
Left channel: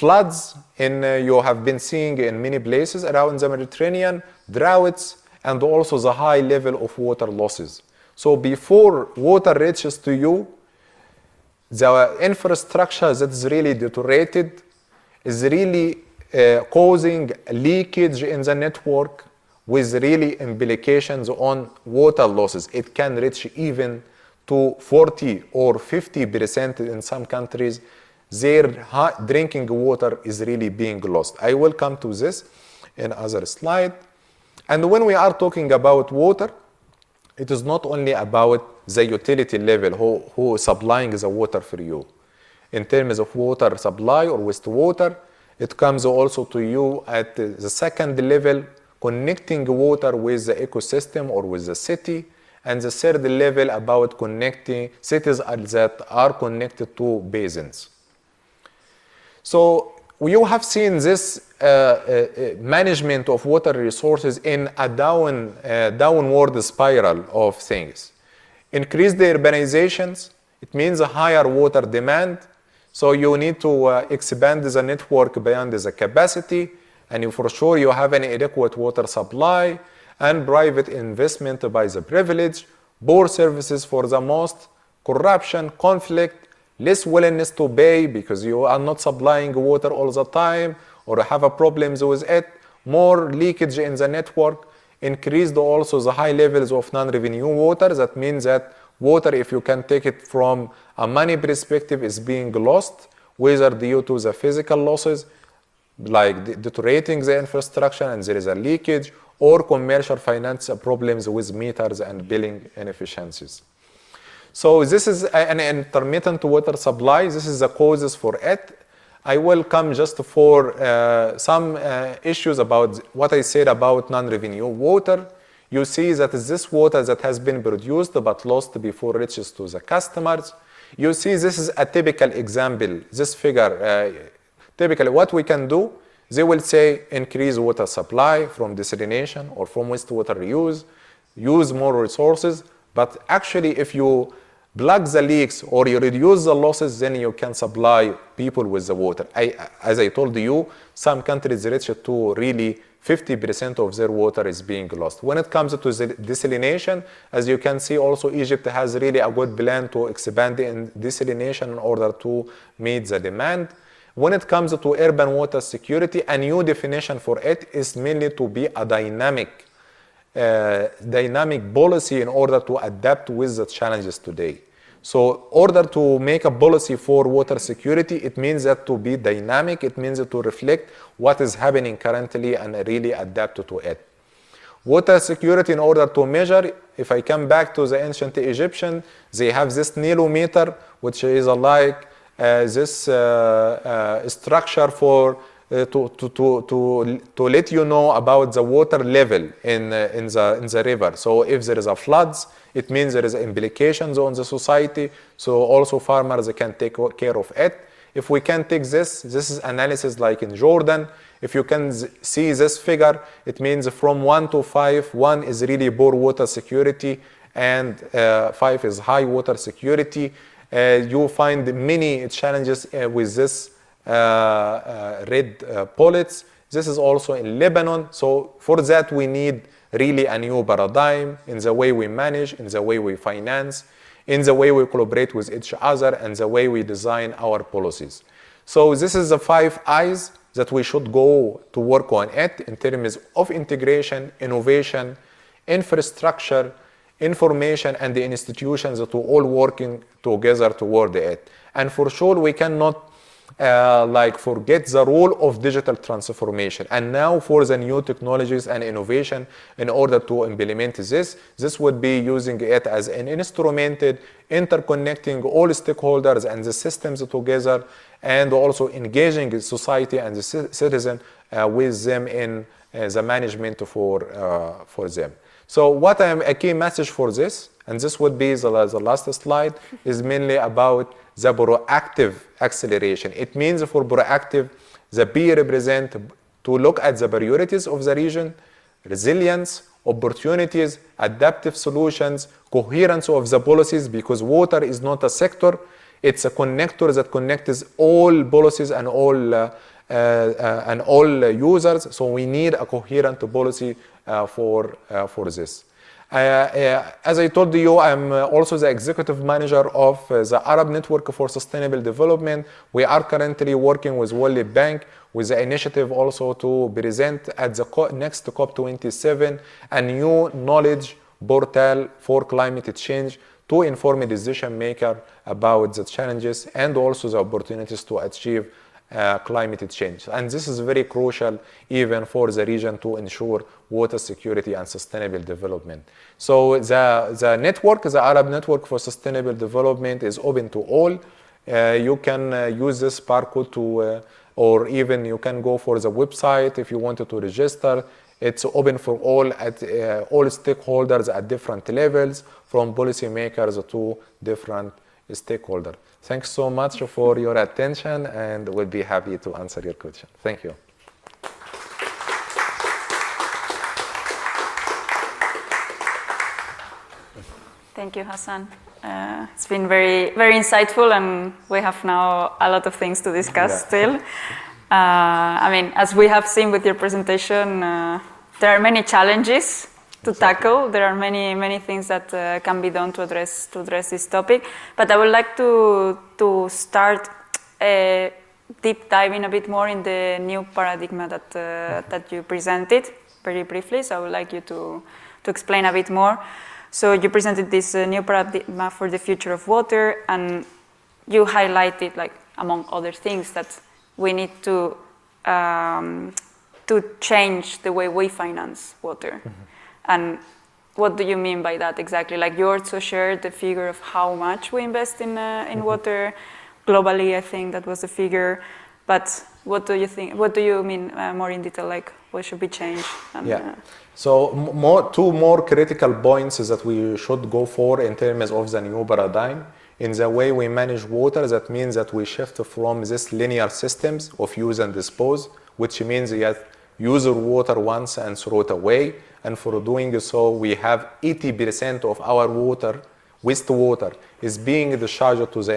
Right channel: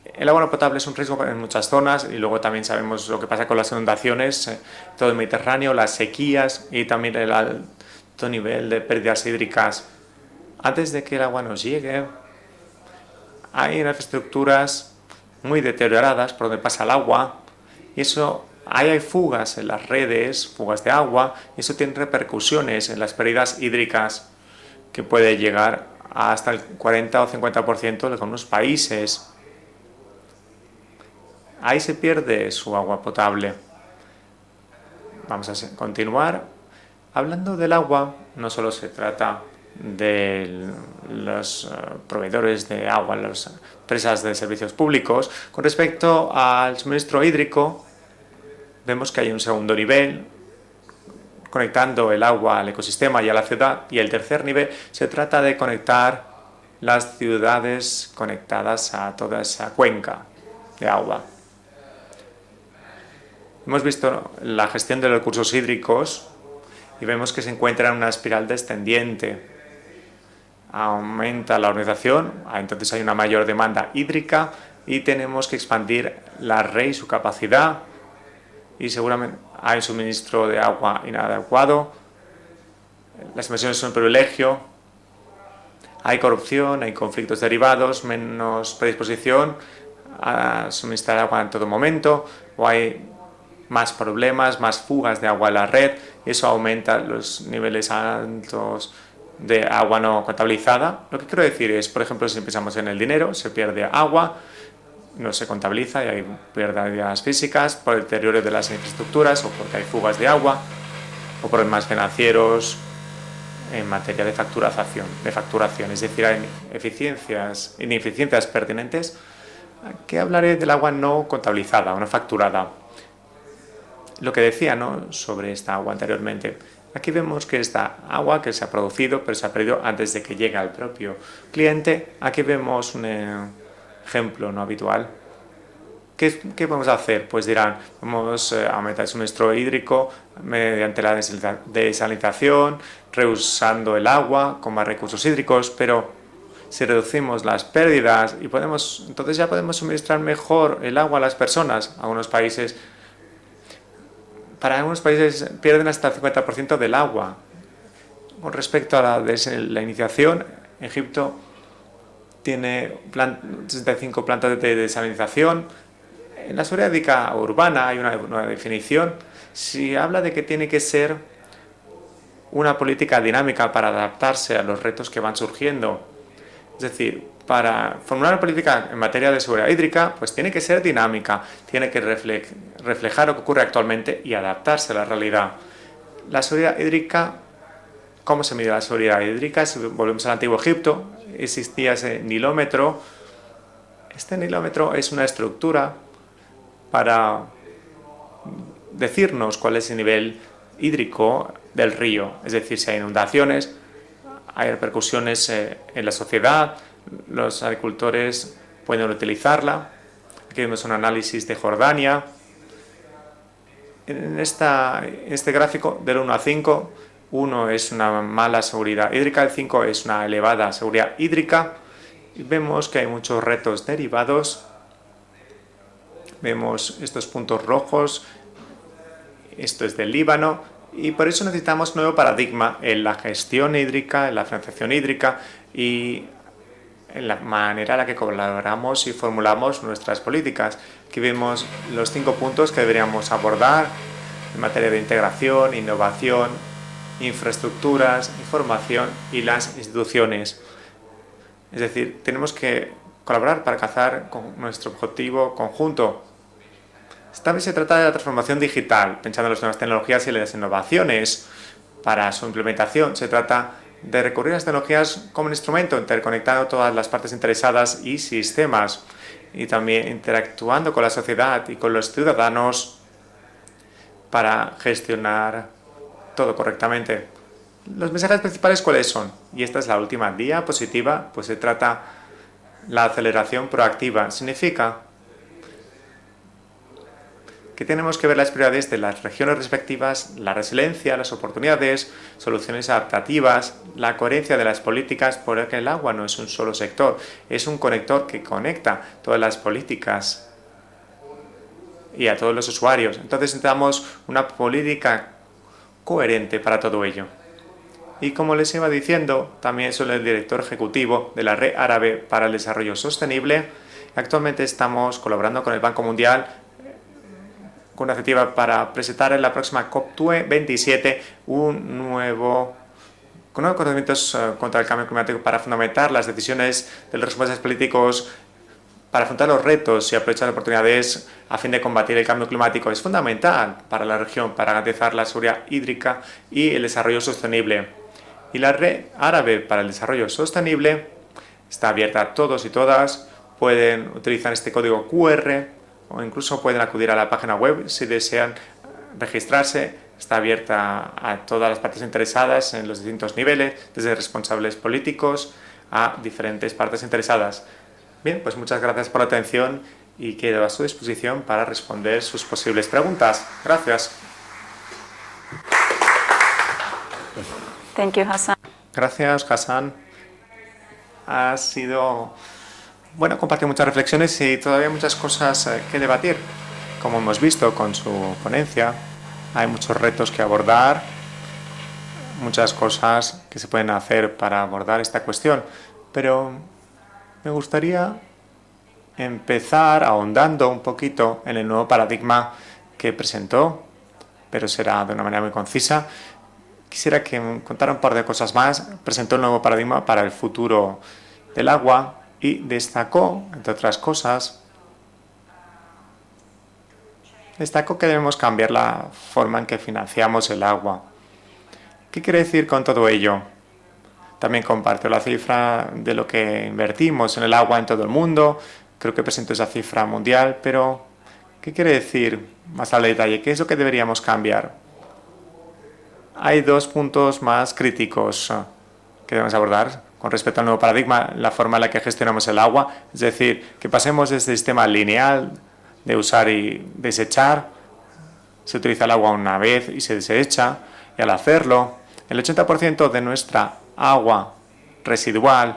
El agua no potable es un riesgo en muchas zonas y luego también sabemos lo que pasa con las inundaciones, todo el Mediterráneo, las sequías y también el alto nivel de pérdidas hídricas. Antes de que el agua nos llegue, hay infraestructuras muy deterioradas por donde pasa el agua. Hay fugas en las redes, fugas de agua, y eso tiene repercusiones en las pérdidas hídricas, que puede llegar hasta el 40 o 50% de algunos países. Ahí se pierde su agua potable. Vamos a continuar. Hablando del agua, no solo se trata de los proveedores de agua, las empresas de servicios públicos. Con respecto al suministro hídrico, vemos que hay un segundo nivel, conectando el agua al ecosistema y a la ciudad. Y el tercer nivel se trata de conectar las ciudades conectadas a toda esa cuenca de agua. Hemos visto la gestión de recursos hídricos, vemos que se encuentra en una espiral descendiente. Aumenta la urbanización, entonces hay una mayor demanda hídrica y tenemos que expandir la red y su capacidad, y seguramente hay un suministro de agua inadecuado. Las emisiones son un privilegio. Hay corrupción, hay conflictos derivados, menos predisposición a suministrar agua en todo momento, o hay más problemas, más fugas de agua en la red, eso aumenta los niveles altos de agua no contabilizada. Quiero decir, es, por ejemplo, si pensamos en el dinero, se pierde agua, no se contabiliza, y hay pérdidas físicas por el deterioro de las infraestructuras, hay fugas de agua, o problemas financieros en materia de facturación. This is an intermittent water supply. This is the causes for it. I will come just for some issues about what I said about non-renewable water. You see that this water that has been produced but lost before it reaches the customer. You see this is a typical example. This figure. Typically, what we can do. They will say increase water supply for desalination, for water reuse, use more resources, but actually if you plug the leaks or you reduce the losses, then you can supply people with the water. As I told you, some countries reach to really 50% of their water is para being algunos lost. países When it comes pierden to hasta el 50% del agua. as you can see, also Egypt has a la really a good plan to desalinización, expand in desalination in order to meet the demand. 65 When it plantas comes de to urban desalización, water security, a new en la definition Sudáfrica for it urbana is hay una needed nueva to be a definición. dynamic, Si habla de que tiene que ser dynamic policy in order una to política adapt to dinámica these para challenges adaptarse today. a los retos que van So, in order surgiendo. to make a policy Es decir, for water para security, formar una it means política that to en be materia de seguridad dynamic, it hídrica, means pues to tiene que ser reflect dinámica, what is tiene happening que currently and really reflejar lo que adapt ocurre to it. actualmente y adaptarse a la Water realidad. security, in order to La measure, seguridad if I hídrica, come back to the ancient ¿cómo se mide la Egyptians, seguridad they hídrica? had this Por el antiguo nilometer, Egipto which is existía like ese nilómetro. this Es structure una for estructura to let you know about the water level decirnos cuál es el in nivel the river. hídrico So if there is a del río, floods, es decir, it si hay means there is inundaciones, implications on the hay society. repercusiones So also en la farmers sociedad, can take care of los it. agricultores If we can take pueden this utilizarla. analysis like in Tenemos un Jordan, análisis if de you Jordania. can see this figure, it means from 1 to 5, 1 este is really gráfico poor del 1 a water 5, security, 1 and es una mala 5 is seguridad high hídrica, el water 5 es una security. elevada seguridad You hídrica. find many challenges Vemos que hay with muchos this retos derivados. red bullets. Vemos This is estos also in puntos Lebanon, rojos. so for that we need Esto es del really a Líbano, new paradigm y por eso in the necesitamos way un we nuevo manage, paradigma in the way en la we gestión finance, hídrica, in en the la way we gestión hídrica cooperate with each y other, and the way we design la our manera en la que policies. colaboramos So y this is the formulamos 5 nuestras I's políticas. that we should Aquí go vemos to work los 5 on puntos que in deberíamos terms of abordar integration, en materia de innovation, integración, innovación, infrastructure, information and the infraestructuras, institutions información to y all las working instituciones. together toward it. And decir, for sure we tenemos que cannot colaborar para alcanzar like con forget nuestro the role objetivo of digital conjunto. transformation. And now for Estamos the en new tratar de la transformación technologies and digital, innovation, pensando en las nuevas in order tecnologías y to las implement innovaciones. this would be Para su using it implementación as se an trata instrument, de recurrir a las tecnologías interconnecting como un all instrumento, stakeholders interconectando and the todas las systems partes together, interesadas y and sistemas, also engaging with y también society and interactuando con la sociedad y con with los them ciudadanos in, the management para for gestionar them. So what a todo key message correctamente. for this, and this Los would mensajes be principales the cuáles last son, y slide, esta es la is última mainly diapositiva, about pues the se trata proactive la acceleration. It aceleración means for proactiva, proactive, significa the P represent to look at the priorities que of tenemos the que ver las region, prioridades de las regiones resilience, respectivas, la opportunities, resiliencia, las adaptive oportunidades, solutions, soluciones coherence of the adaptativas, policies, la because coherencia de las water is not a políticas, sector, porque el agua no es it's un a solo connector sector, that es connects un conector all que policies conecta and todas las all políticas and all users, so y a we todos los need a usuarios. coherent Entonces policy necesitamos una política for this. coherente para todo ello. As I told you, I'm Y como les also iba the diciendo, executive manager también soy el of director the Arab ejecutivo Network de for la Red Sustainable Árabe para el Development. Desarrollo We are Sostenible. currently working with Actualmente World Bank estamos with colaborando the con el Banco initiative Mundial, also to present at the una next iniciativa para presentar en la próxima COP27 a new COP27 knowledge portal un for nuevo climate change con unos to inform conocimientos decision contra el cambio maker climático para about fundamentar the las challenges decisiones and de also los the responsables opportunities políticos to achieve para afrontar los climate retos y change. aprovechar las And this is very oportunidades crucial a fin de combatir even el cambio for the climático. region Es to fundamental ensure para la water región security para and garantizar la sustainable seguridad development. hídrica So y el desarrollo the sostenible. network, the Arab Y la Network for red Sustainable árabe para el Development desarrollo is open to sostenible all. está abierta a todos y todas, pueden utilizar este código QR o incluso pueden acudir a la página web si desean registrarse. Está abierta a todas las partes interesadas en los distintos niveles, desde responsables políticos a diferentes partes interesadas. Bien, pues muchas gracias por la atención y quedo a su disposición para responder sus posibles preguntas. Gracias. Thank you, Hassan. Gracias, Hassan. It's been very insightful, and we have now a lot of things to discuss. Compartir muchas reflexiones y todavía muchas cosas que debatir. As we have seen with your Como hemos visto presentation, con su there are many ponencia, challenges hay muchos retos to que tackle. abordar, There are many things that muchas can be done to cosas address, que se pueden this hacer topic. para abordar But esta I would like cuestión. Pero to start me gustaría deep diving a bit empezar more in the ahondando new un paradigma poquito en el nuevo paradigma que presentó, pero será de una manera muy concisa. Quisiera que contara un par de cosas más. Presentó un nuevo paradigma para el futuro del agua y destacó, entre otras cosas, destacó que debemos cambiar la forma en que financiamos el agua. ¿Qué quiere decir con todo ello? También comparto la cifra de lo que invertimos en el agua en todo el mundo. Creo que presento esa cifra mundial, pero ¿qué quiere decir más al detalle? ¿Qué es lo que deberíamos cambiar? Hay dos puntos más críticos que debemos abordar con respecto al nuevo paradigma, la forma en la que gestionamos el agua, es decir, que pasemos de este sistema lineal de usar y desechar, se utiliza el agua una vez y se desecha, y al hacerlo, el 80% de nuestra agua residual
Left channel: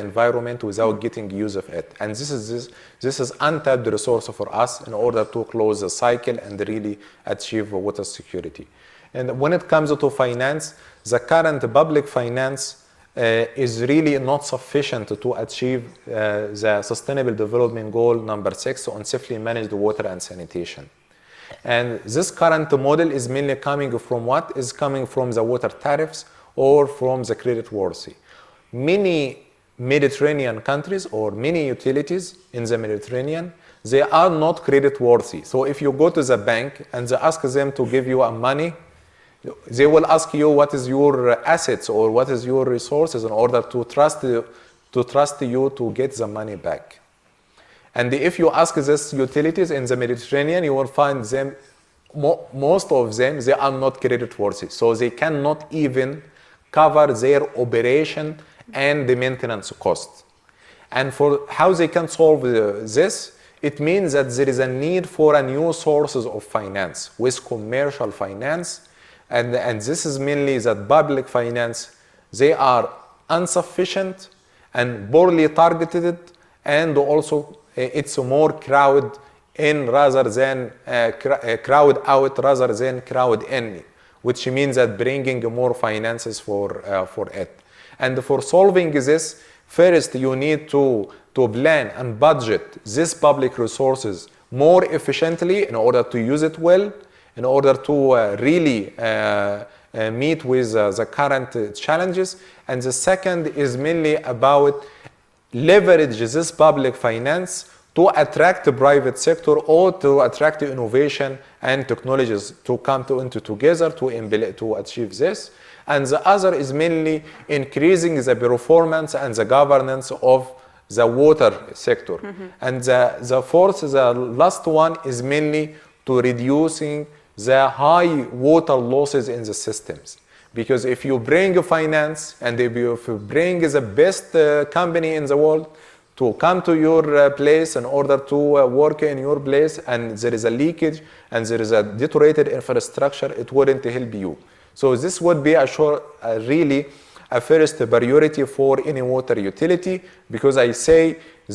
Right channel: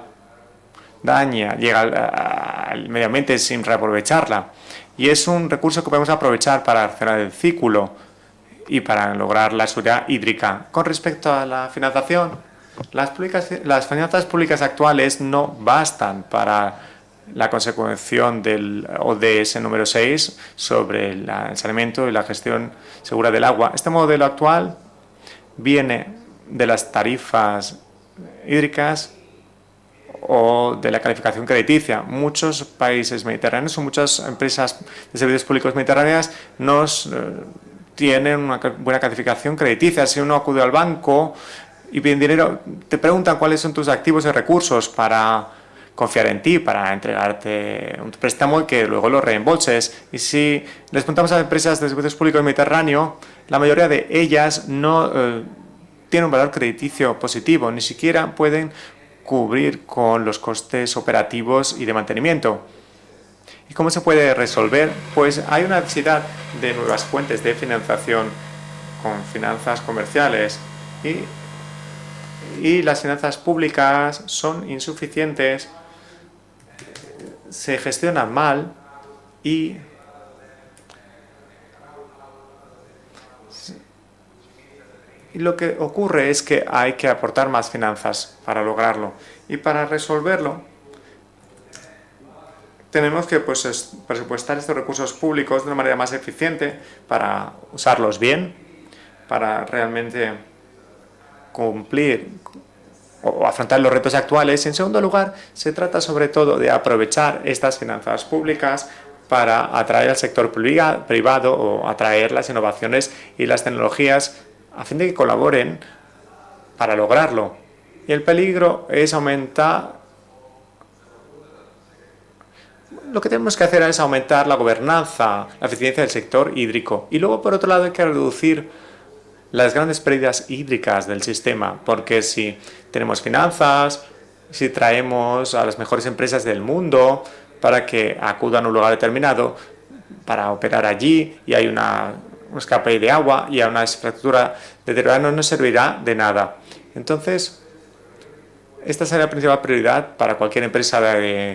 llega al medio ambiente totalmente sin reaprovecharla. Y es un recurso que podemos aprovechar para cerrar el círculo y para lograr la seguridad hídrica. Con respecto a la financiación, las finanzas públicas actuales no bastan para la consecución del ODS número 6 sobre el saneamiento y la gestión segura del agua. Este modelo actual viene de las tarifas hídricas o de la calificación crediticia. Muchos países mediterráneos o muchas empresas de servicios públicos mediterráneos tienen una buena calificación crediticia. Si uno acude al banco y pide dinero, te preguntan cuáles son tus activos y recursos para confiar en ti, para entregarte un préstamo que luego lo reembolses. Y si les preguntamos a las empresas de servicios públicos mediterráneos, la mayoría de ellas no tienen un valor crediticio positivo, ni siquiera pueden cubrir con los costes operativos y de mantenimiento. ¿Cómo se puede resolver? Pues hay una necesidad de nuevas fuentes de financiación con finanzas comerciales y las finanzas públicas son insuficientes, se gestionan mal y lo que ocurre es que hay que aportar más finanzas para lograrlo. Y para resolverlo, tenemos que presupuestar estos recursos públicos de una manera más eficiente para usarlos bien, para realmente cumplir o afrontar los retos actuales. En segundo lugar, se trata sobre todo de aprovechar estas finanzas públicas para atraer al sector privado o atraer las innovaciones y las tecnologías a fin de que colaboren para lograrlo. El peligro es aumentar lo que tenemos que hacer es aumentar la gobernanza, la eficiencia del sector hídrico y luego por otro lado hay que reducir las grandes pérdidas hídricas del sistema, porque si tenemos finanzas, si traemos a las mejores empresas del mundo para que acudan a un lugar determinado para operar allí y hay un escape de agua y hay una infraestructura deteriorada, no servirá de nada. Entonces, esta será la principal prioridad para cualquier empresa de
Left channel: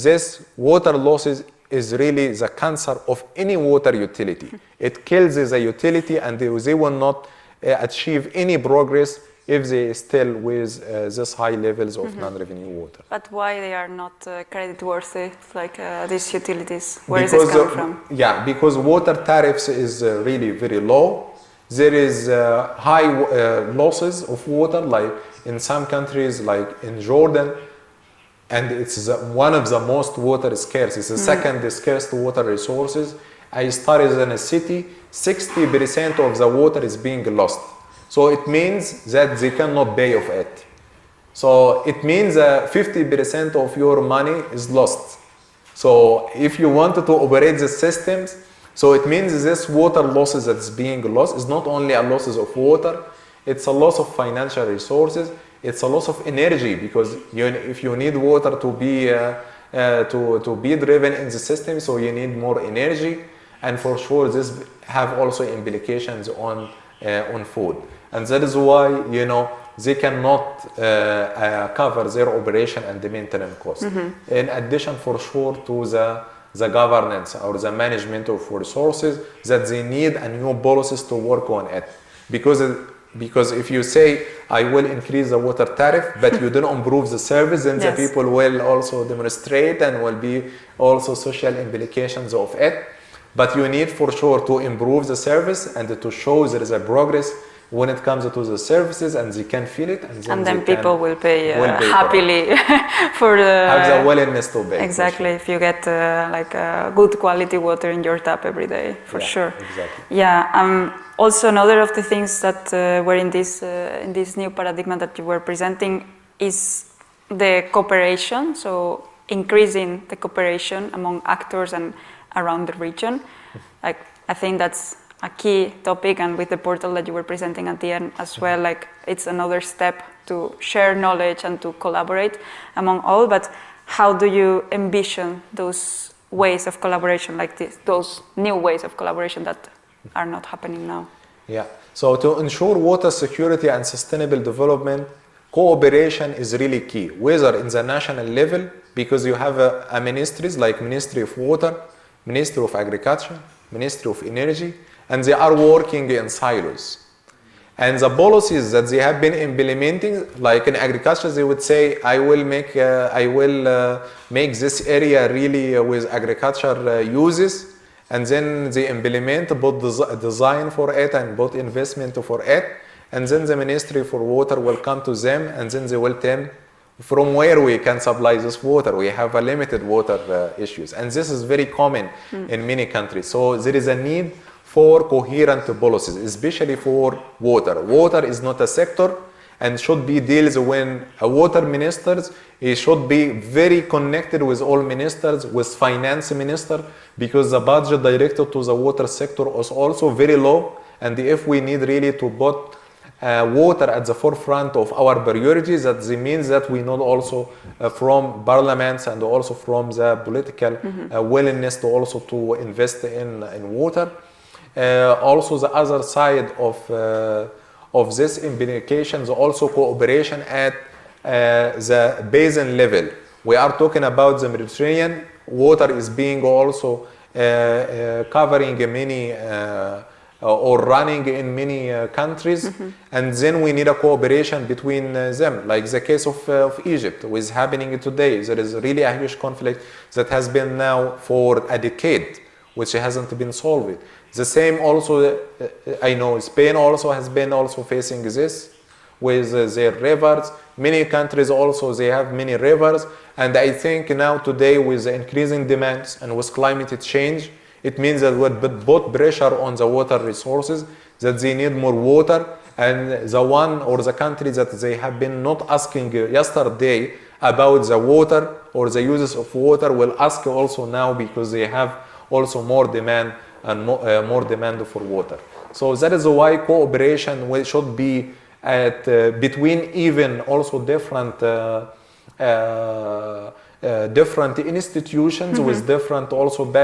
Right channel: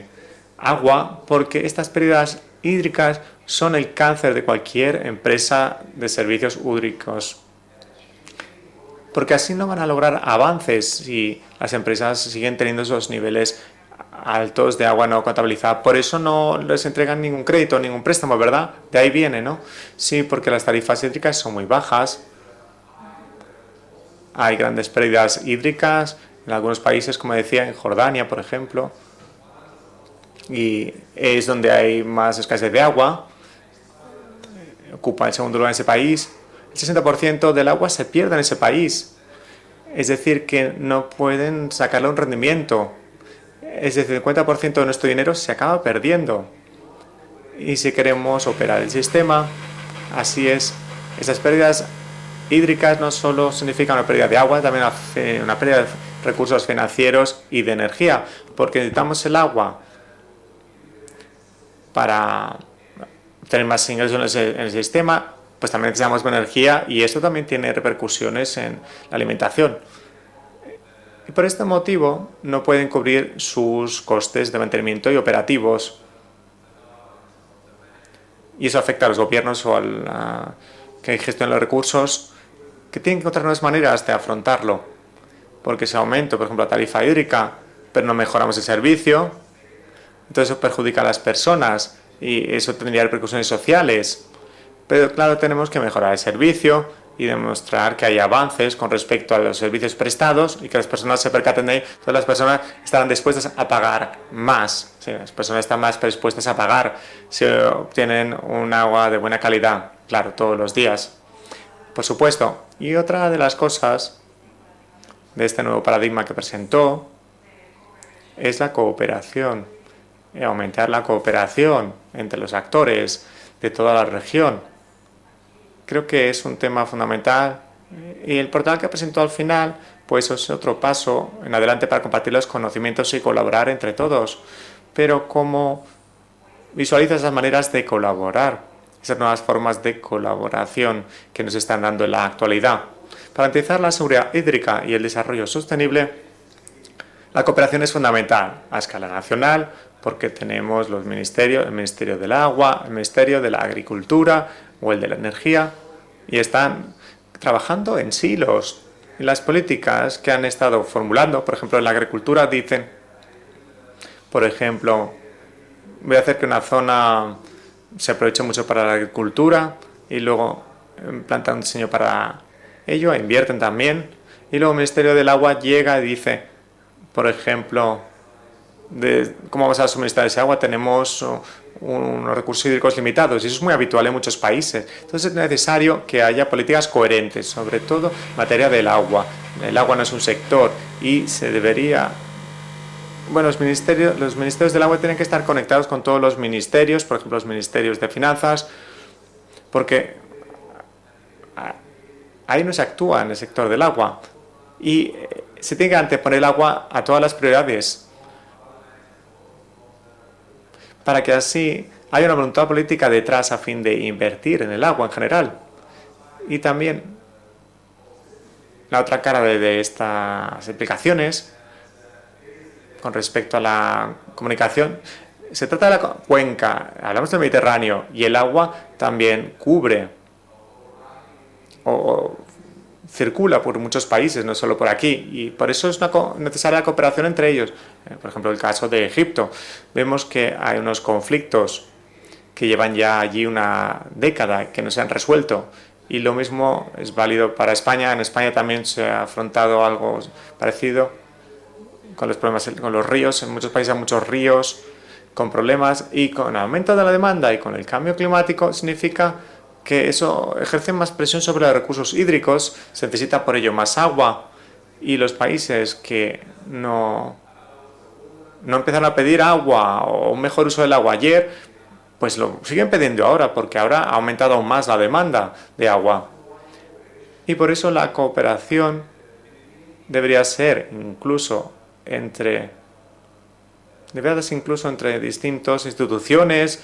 agua, porque estas pérdidas hídricas son el cáncer de cualquier empresa de servicios públicos. Porque así no van a lograr avances y las empresas siguen teniendo esos niveles altos de agua no contabilizada. Por eso no les entregan ningún crédito, ningún préstamo, ¿verdad? De ahí viene, ¿no? Sí, porque las tarifas hídricas son muy bajas. Hay grandes pérdidas hídricas en algunos países, como decía, en Jordania, por ejemplo. Y es donde hay más escasez de agua. Ocupa el segundo lugar en ese país. El 60% del agua se pierde en ese país. Es decir, que no pueden sacarlo en rendimiento. Es decir, el 50% de nuestro dinero se acaba perdiendo. Y si queremos operar el sistema, así es. Esas pérdidas hídricas no solo significan una pérdida de agua, también una pérdida de recursos financieros y de energía, porque necesitamos el agua para tener más ingresos en el sistema, pues también necesitamos energía y eso también tiene repercusiones en la alimentación. Por este motivo no pueden cubrir sus costes de mantenimiento y operativos. Y eso afecta a los gobiernos o que gestionan los recursos, que tienen que encontrar unas maneras de afrontarlo, porque si aumenta la tarifa hídrica, pero no mejoramos el servicio, entonces eso perjudica a las personas y eso tendría repercusiones sociales. Pero claro, tenemos que mejorar el servicio y demostrar que hay avances con respecto a los servicios prestados y que las personas se percaten de ello. Las personas están dispuestas a pagar más, las personas están más predispuestas a pagar si obtienen un agua de buena calidad, claro, todos los días. Por supuesto. Y otra de las cosas de este nuevo paradigma que presentó es la cooperación, de aumentar la cooperación entre los actores de toda la región. Creo que es un tema fundamental y el portal que presentó al final pues es otro paso en adelante para compartir los conocimientos y colaborar entre todos. Pero ¿cómo visualiza esas maneras de colaborar, esas nuevas formas de colaboración que nos están dando en la actualidad. Para garantizar la seguridad hídrica y el desarrollo sostenible, la cooperación es fundamental a escala nacional, porque tenemos los ministerios, el Ministerio del Agua, el Ministerio de la Agricultura o el de la Energía, y están trabajando en silos. Las políticas que han estado formulando, por ejemplo, en la agricultura dicen, por ejemplo, voy a hacer que una zona se aproveche mucho para la agricultura y luego plantan un diseño para ello, invierten también, y luego el Ministerio del Agua llega y dice, por ejemplo, ¿cómo vamos a suministrar ese agua? Tenemos unos recursos hídricos limitados y eso es muy habitual en muchos países. Entonces es necesario que haya políticas coherentes, sobre todo en materia del agua. El agua no es un sector y se debería... Bueno, los ministerios del agua tienen que estar conectados con todos los ministerios, por ejemplo, los ministerios de finanzas, porque ahí no se actúa en el sector del agua y se tiene que anteponer el agua a todas las prioridades para que así haya una voluntad política detrás a fin de invertir en el agua en general. Y también la otra cara de estas implicaciones con respecto a la comunicación, se trata de la cuenca, hablamos del Mediterráneo y el agua también cubre circula por muchos países, no solo por aquí, y por eso es necesaria la cooperación entre ellos. Por ejemplo, en el caso de Egipto, vemos que hay unos conflictos que llevan ya allí una década que no se han resuelto. Y lo mismo es válido para España. En España también se ha afrontado algo parecido con los problemas con los ríos. En muchos países hay muchos ríos con problemas, y con el aumento de la demanda y con el cambio climático significa que eso ejerce más presión sobre los recursos hídricos, se necesita por ello más agua, y los países que no empiezan a pedir agua o un mejor uso del agua ayer, pues lo siguen pidiendo ahora, porque ahora ha aumentado más la demanda de agua. Y por eso la cooperación debería ser incluso entre distintas instituciones,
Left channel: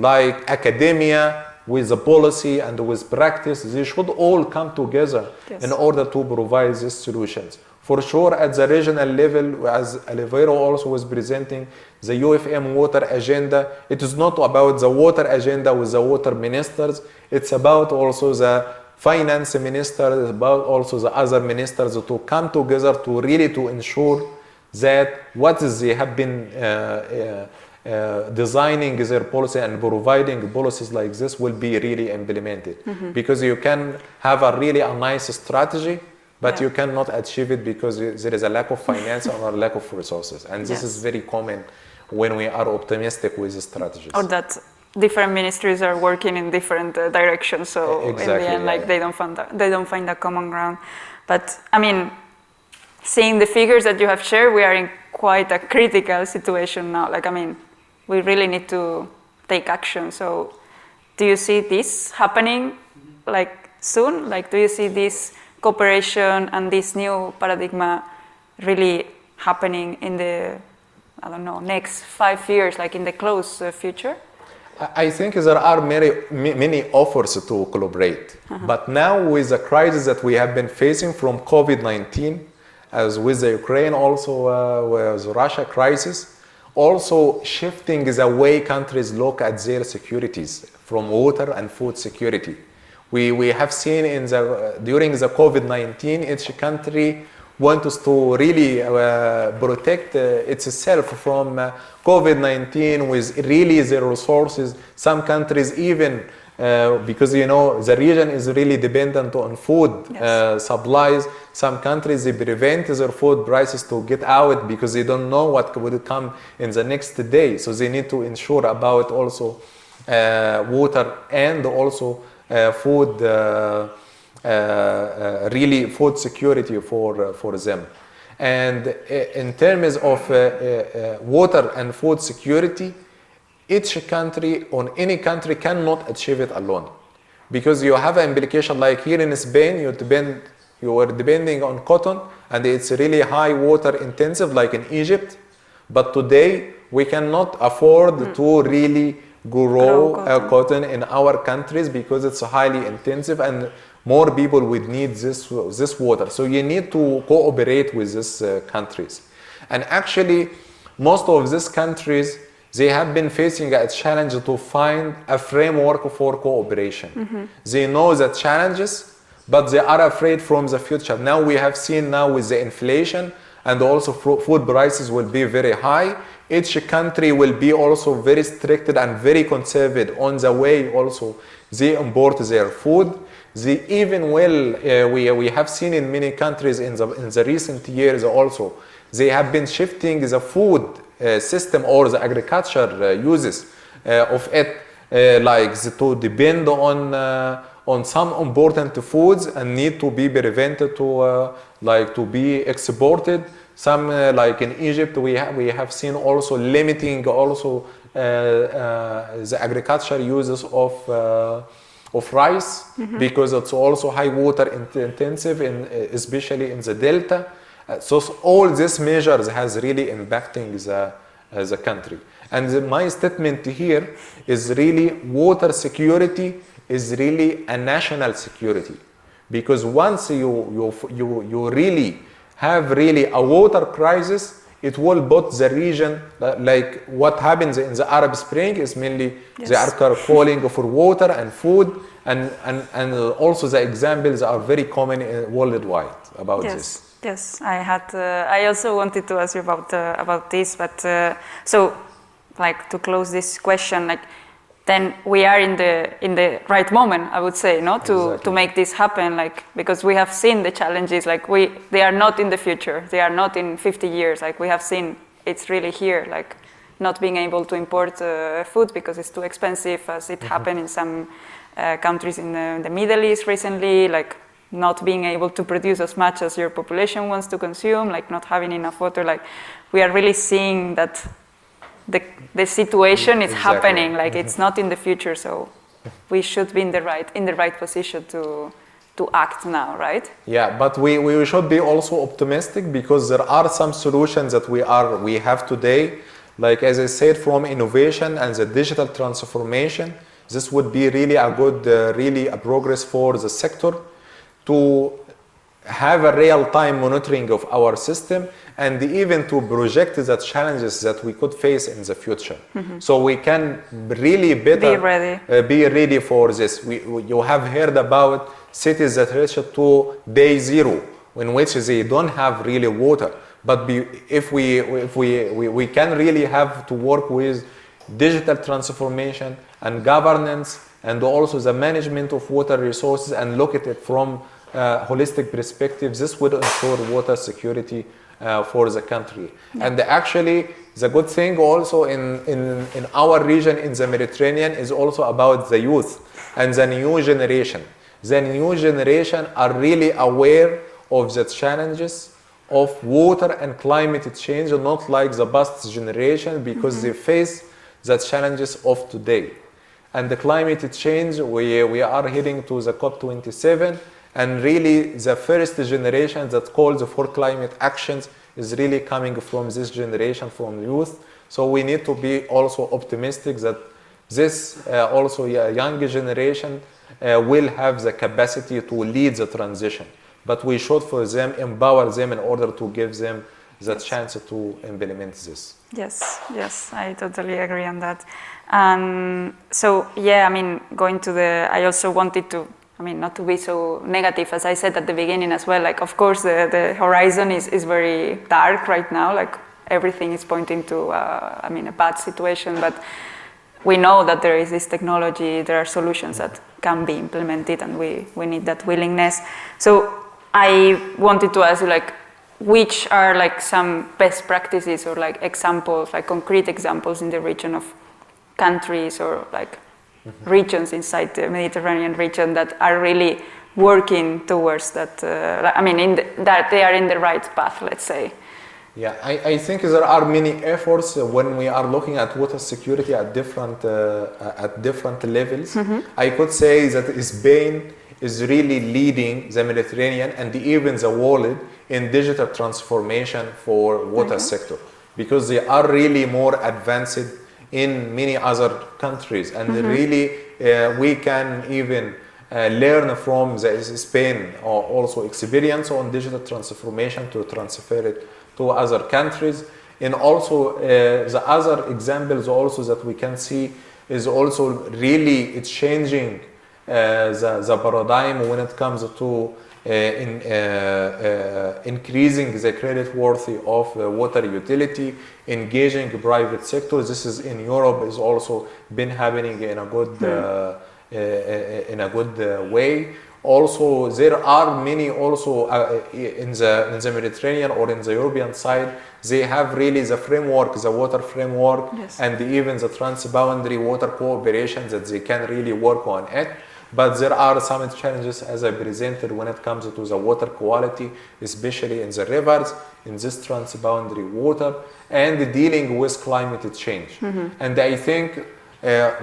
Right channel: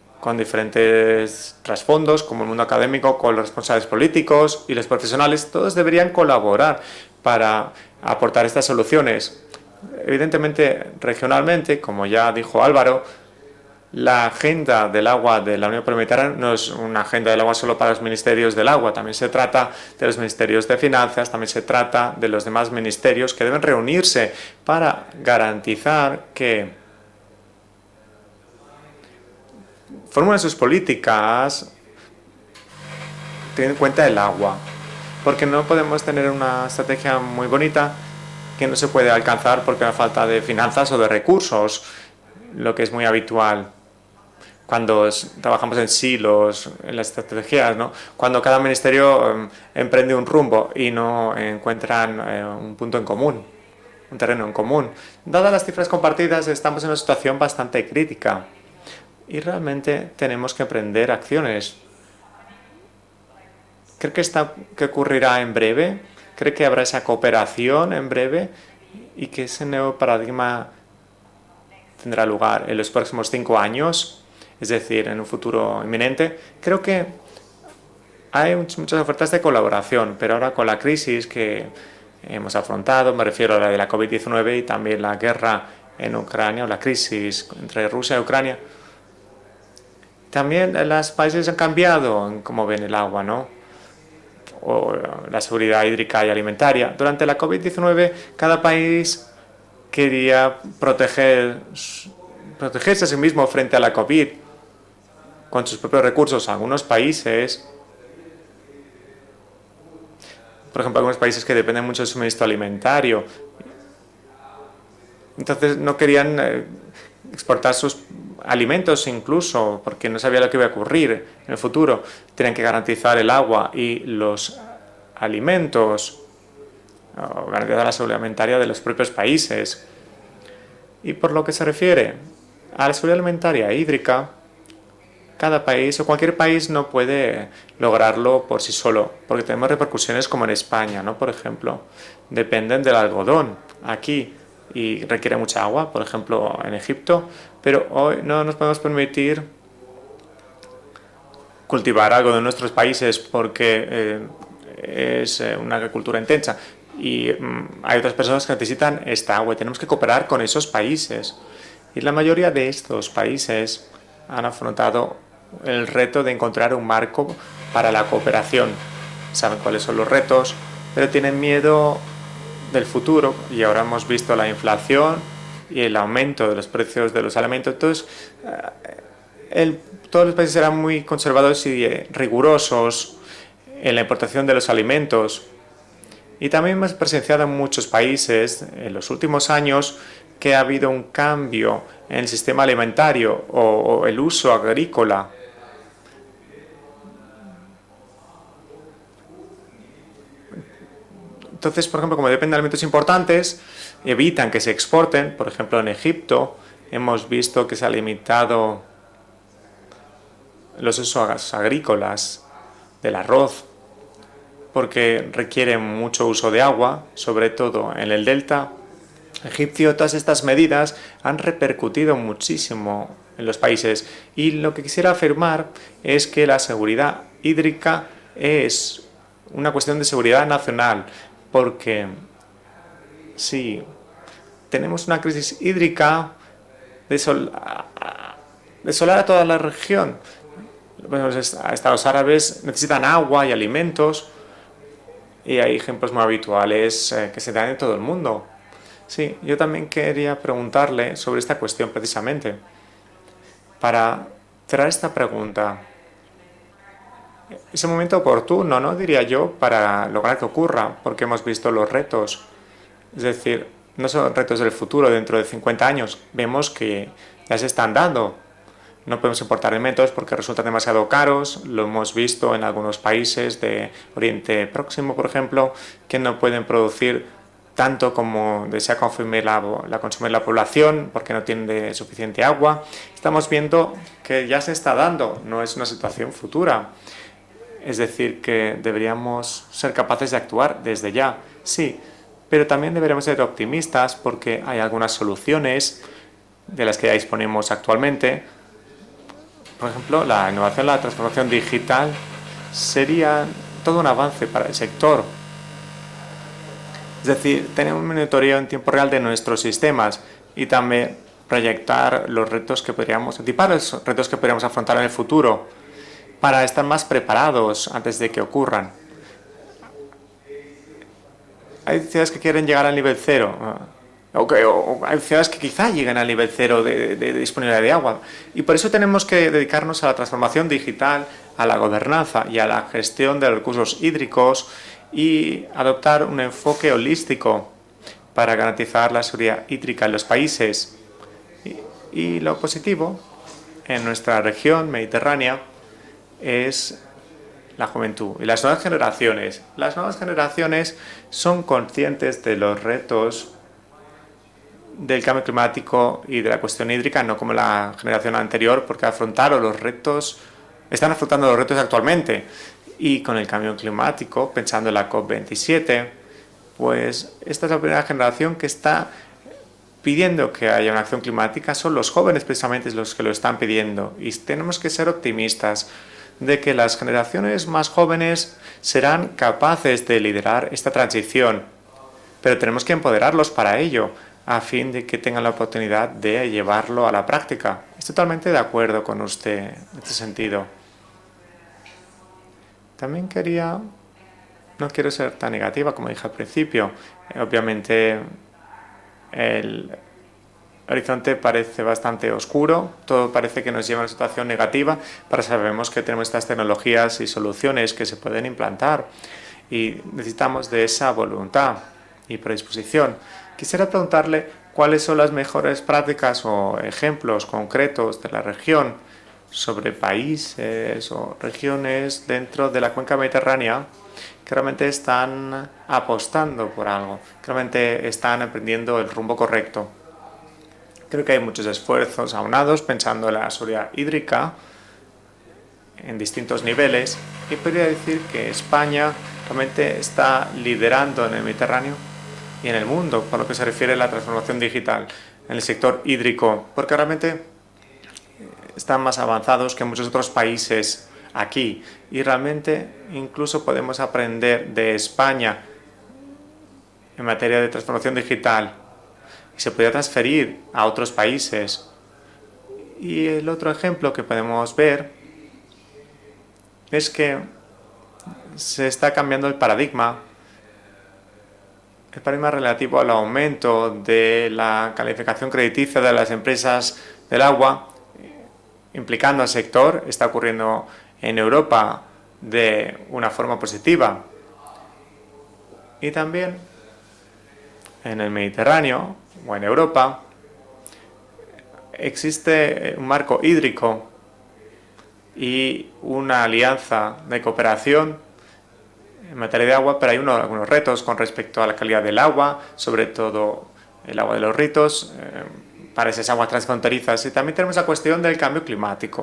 con diferentes trasfondos, como el mundo académico, con los responsables políticos y los profesionales. Todos deberían colaborar para aportar estas soluciones. Evidentemente, regionalmente, como ya dijo Álvaro, la agenda del agua de la Unión Europea no es una agenda del agua solo para los ministerios del agua, también se trata de los ministerios de finanzas, también se trata de los demás ministerios que deben reunirse para garantizar que formulen sus políticas, ten en cuenta el agua, porque no podemos tener una estrategia muy bonita que no se puede alcanzar porque hay falta de finanzas o de recursos, lo que es muy habitual cuando trabajamos en silos, en las estrategias, ¿no? Cuando cada ministerio emprende un rumbo y no encuentran un punto en común, dadas las cifras compartidas, estamos en una situación bastante crítica y realmente tenemos que emprender acciones. Creo que que ocurrirá en breve, creo que habrá esa cooperación en breve y que ese nuevo paradigma tendrá lugar en los próximos 5 años. Es decir, en un futuro inminente, creo que hay muchas ofertas de colaboración, pero con la crisis que hemos afrontado, me refiero a la COVID-19 y también la guerra en Ucrania, o la crisis entre Rusia y Ucrania, también los países han cambiado como ven el agua, ¿no? O la seguridad hídrica y alimentaria. Durante la COVID-19, cada país quería protegerse a sí mismo frente a la COVID. Con sus propios recursos, algunos países, por ejemplo, los países que dependen mucho del suministro alimentario, entonces no querían exportar sus alimentos incluso, porque no sabían lo que iba a ocurrir en el futuro. Tienen que garantizar el agua y los alimentos, garantizar la seguridad alimentaria de los propios países. Y por lo que se refiere a la seguridad alimentaria hídrica, cada país o cualquier país no puede lograrlo por sí solo, porque tenemos repercusiones como en España, ¿no? Por ejemplo, dependen del algodón aquí y requiere mucha agua, por ejemplo, en Egipto, pero hoy no nos podemos permitir cultivar algo de nuestros países porque es una agricultura intensa y hay otras personas que necesitan esta agua y tenemos que cooperar con esos países. Y la mayoría de estos países han afrontado el reto de encontrar un marco para la cooperación. Saben cuáles son los retos, pero tienen miedo del futuro y ahora hemos visto la inflación y el aumento de los precios de los alimentos. Todos los países serán muy conservadores y rigurosos en la importación de los alimentos. Y también hemos presenciado en muchos países en los últimos años que ha habido un cambio en el sistema alimentario o el uso agrícola. Entonces, por ejemplo, como dependen de alimentos importantes, evitan que se exporten. Por ejemplo, en Egipto hemos visto que se ha limitado los usos agrícolas del arroz porque requiere mucho uso de agua, sobre todo en el delta. Todas estas medidas han repercutido muchísimo en los países y lo que quisiera afirmar es que la seguridad hídrica es una cuestión de seguridad nacional, porque tenemos una crisis hídrica desolar a toda la región. Hasta los árabes necesitan agua y alimentos y hay ejemplos muy habituales que se dan en todo el mundo. Sí, yo también quería preguntarle sobre esta cuestión precisamente. Then we are in the right moment, I would say, no, to make this happen, because we have seen the challenges, they are not in the future, they are not in 50 years, we have seen it's really here, not being able to import food because no podemos it's too importar alimentos porque resultan demasiado caros, lo hemos visto en algunos países de Oriente Próximo, por ejemplo, que no pueden producir tanto como desea consumir la población porque no tienen suficiente agua. Estamos viendo que ya se está dando, no es una situación futura. Es decir, que deberíamos ser capaces de actuar desde ya. Sí, pero también deberíamos ser optimistas porque hay algunas soluciones de las que disponemos actualmente. Por ejemplo, la innovación, la transformación digital sería todo un avance para el sector. Es decir, tener un monitoreo en tiempo real de nuestros sistemas y también proyectar los retos que podríamos equipar, los retos que podríamos afrontar en el futuro para estar más preparados antes de que ocurran. Hay ciudades que quieren llegar al nivel cero, hay ciudades que quizá lleguen al nivel cero de disponibilidad de agua. Y por eso tenemos que dedicarnos a la transformación digital, a la gobernanza y a la gestión de los recursos hídricos y adoptar un enfoque holístico para garantizar la seguridad hídrica en los países. Y lo positivo en nuestra región mediterránea es la juventud. Y las nuevas generaciones son conscientes de los retos del cambio climático y de la cuestión hídrica, no como la generación anterior, porque afrontaron los retos, están afrontando los retos actualmente. Y con el cambio climático, pensando en la COP27, pues esta es la primera generación que está pidiendo que haya una acción climática. Son los jóvenes precisamente los que lo están pidiendo. Y tenemos que ser optimistas de que las generaciones más jóvenes serán capaces de liderar esta transición, pero tenemos que empoderarlos para ello, a fin de que tengan la oportunidad de llevarlo a la práctica. Estoy totalmente de acuerdo con usted. Not to be so negative, as I said at the beginning as well. Like, of course, the horizon is very dark right now. Like, everything is pointing to a bad situation. But we know that there is this technology, there are solutions that can be implemented, and we need that willingness. So I wanted to ask you, like, which are like some best practices, or like examples, like concrete examples in the region of countries or like regions inside the Mediterranean region that are really working towards that. I mean, that they are in the right path, let's say. Están aprendiendo el rumbo correcto. I think there are many efforts when we are looking at water security at different levels. I could say that Spain is really leading the Mediterranean and even the world in digital transformation because they are really more advanced in many other están más avanzados que muchos otros países aquí y realmente incluso podemos aprender de España en materia de transformación digital y se puede transferir a otros países. Y el otro ejemplo que podemos ver es que se está cambiando el paradigma relativo al aumento de la calificación crediticia de las empresas del agua, implicando al sector. Está ocurriendo en Europa de una forma positiva. Y también en el Mediterráneo, en Europa, existe un marco hídrico y una alianza de cooperación en materia de agua, pero hay algunos retos con respecto a la calidad del agua, sobre todo el agua de los ritos, para esas aguas transfronterizas. Y también tenemos la cuestión del cambio climático.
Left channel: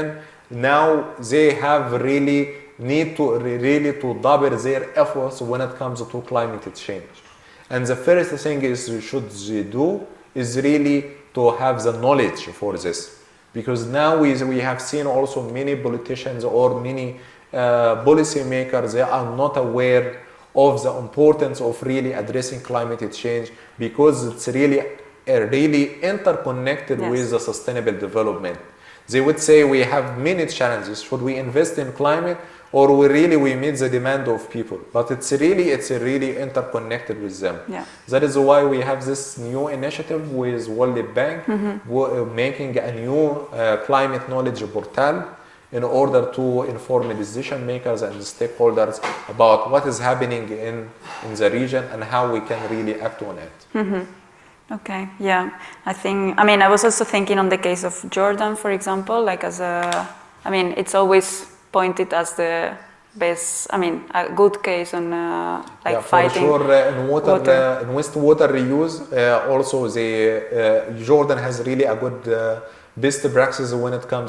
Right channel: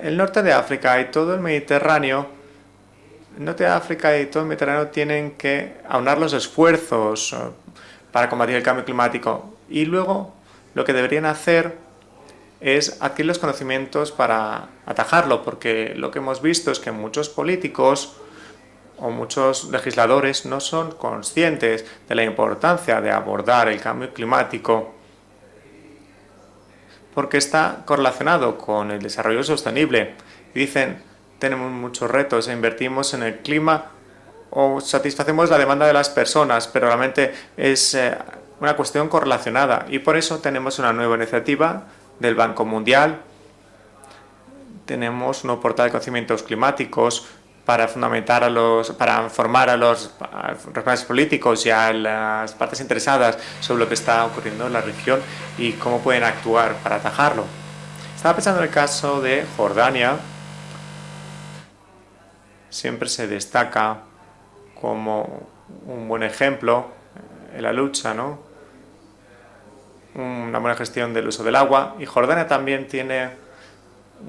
El norte de África y todo el Mediterráneo tienen que aunar los esfuerzos para combatir el cambio climático y luego lo que deberían hacer es adquirir los conocimientos para atajarlo, porque lo que hemos visto es que muchos políticos, muchos legisladores no son conscientes de la importancia de abordar el cambio climático porque está correlacionado con el desarrollo sostenible. Dicen, tenemos muchos retos, invertimos en el clima o satisfacemos la demanda de las personas, pero realmente es una cuestión correlacionada y por eso tenemos una nueva iniciativa del Banco Mundial, tenemos un portal de conocimientos climáticos para fundamentar para informar a los profesionales políticos y a las partes interesadas sobre lo que está ocurriendo en la región. Y cómo pueden actuar. I was also thinking on the case of Jordan, for example, like as Jordania, it's always pointed as the siempre se best, destaca a good case on like fighting la lucha, ¿no? Una buena gestión del agua. Y Jordania también tiene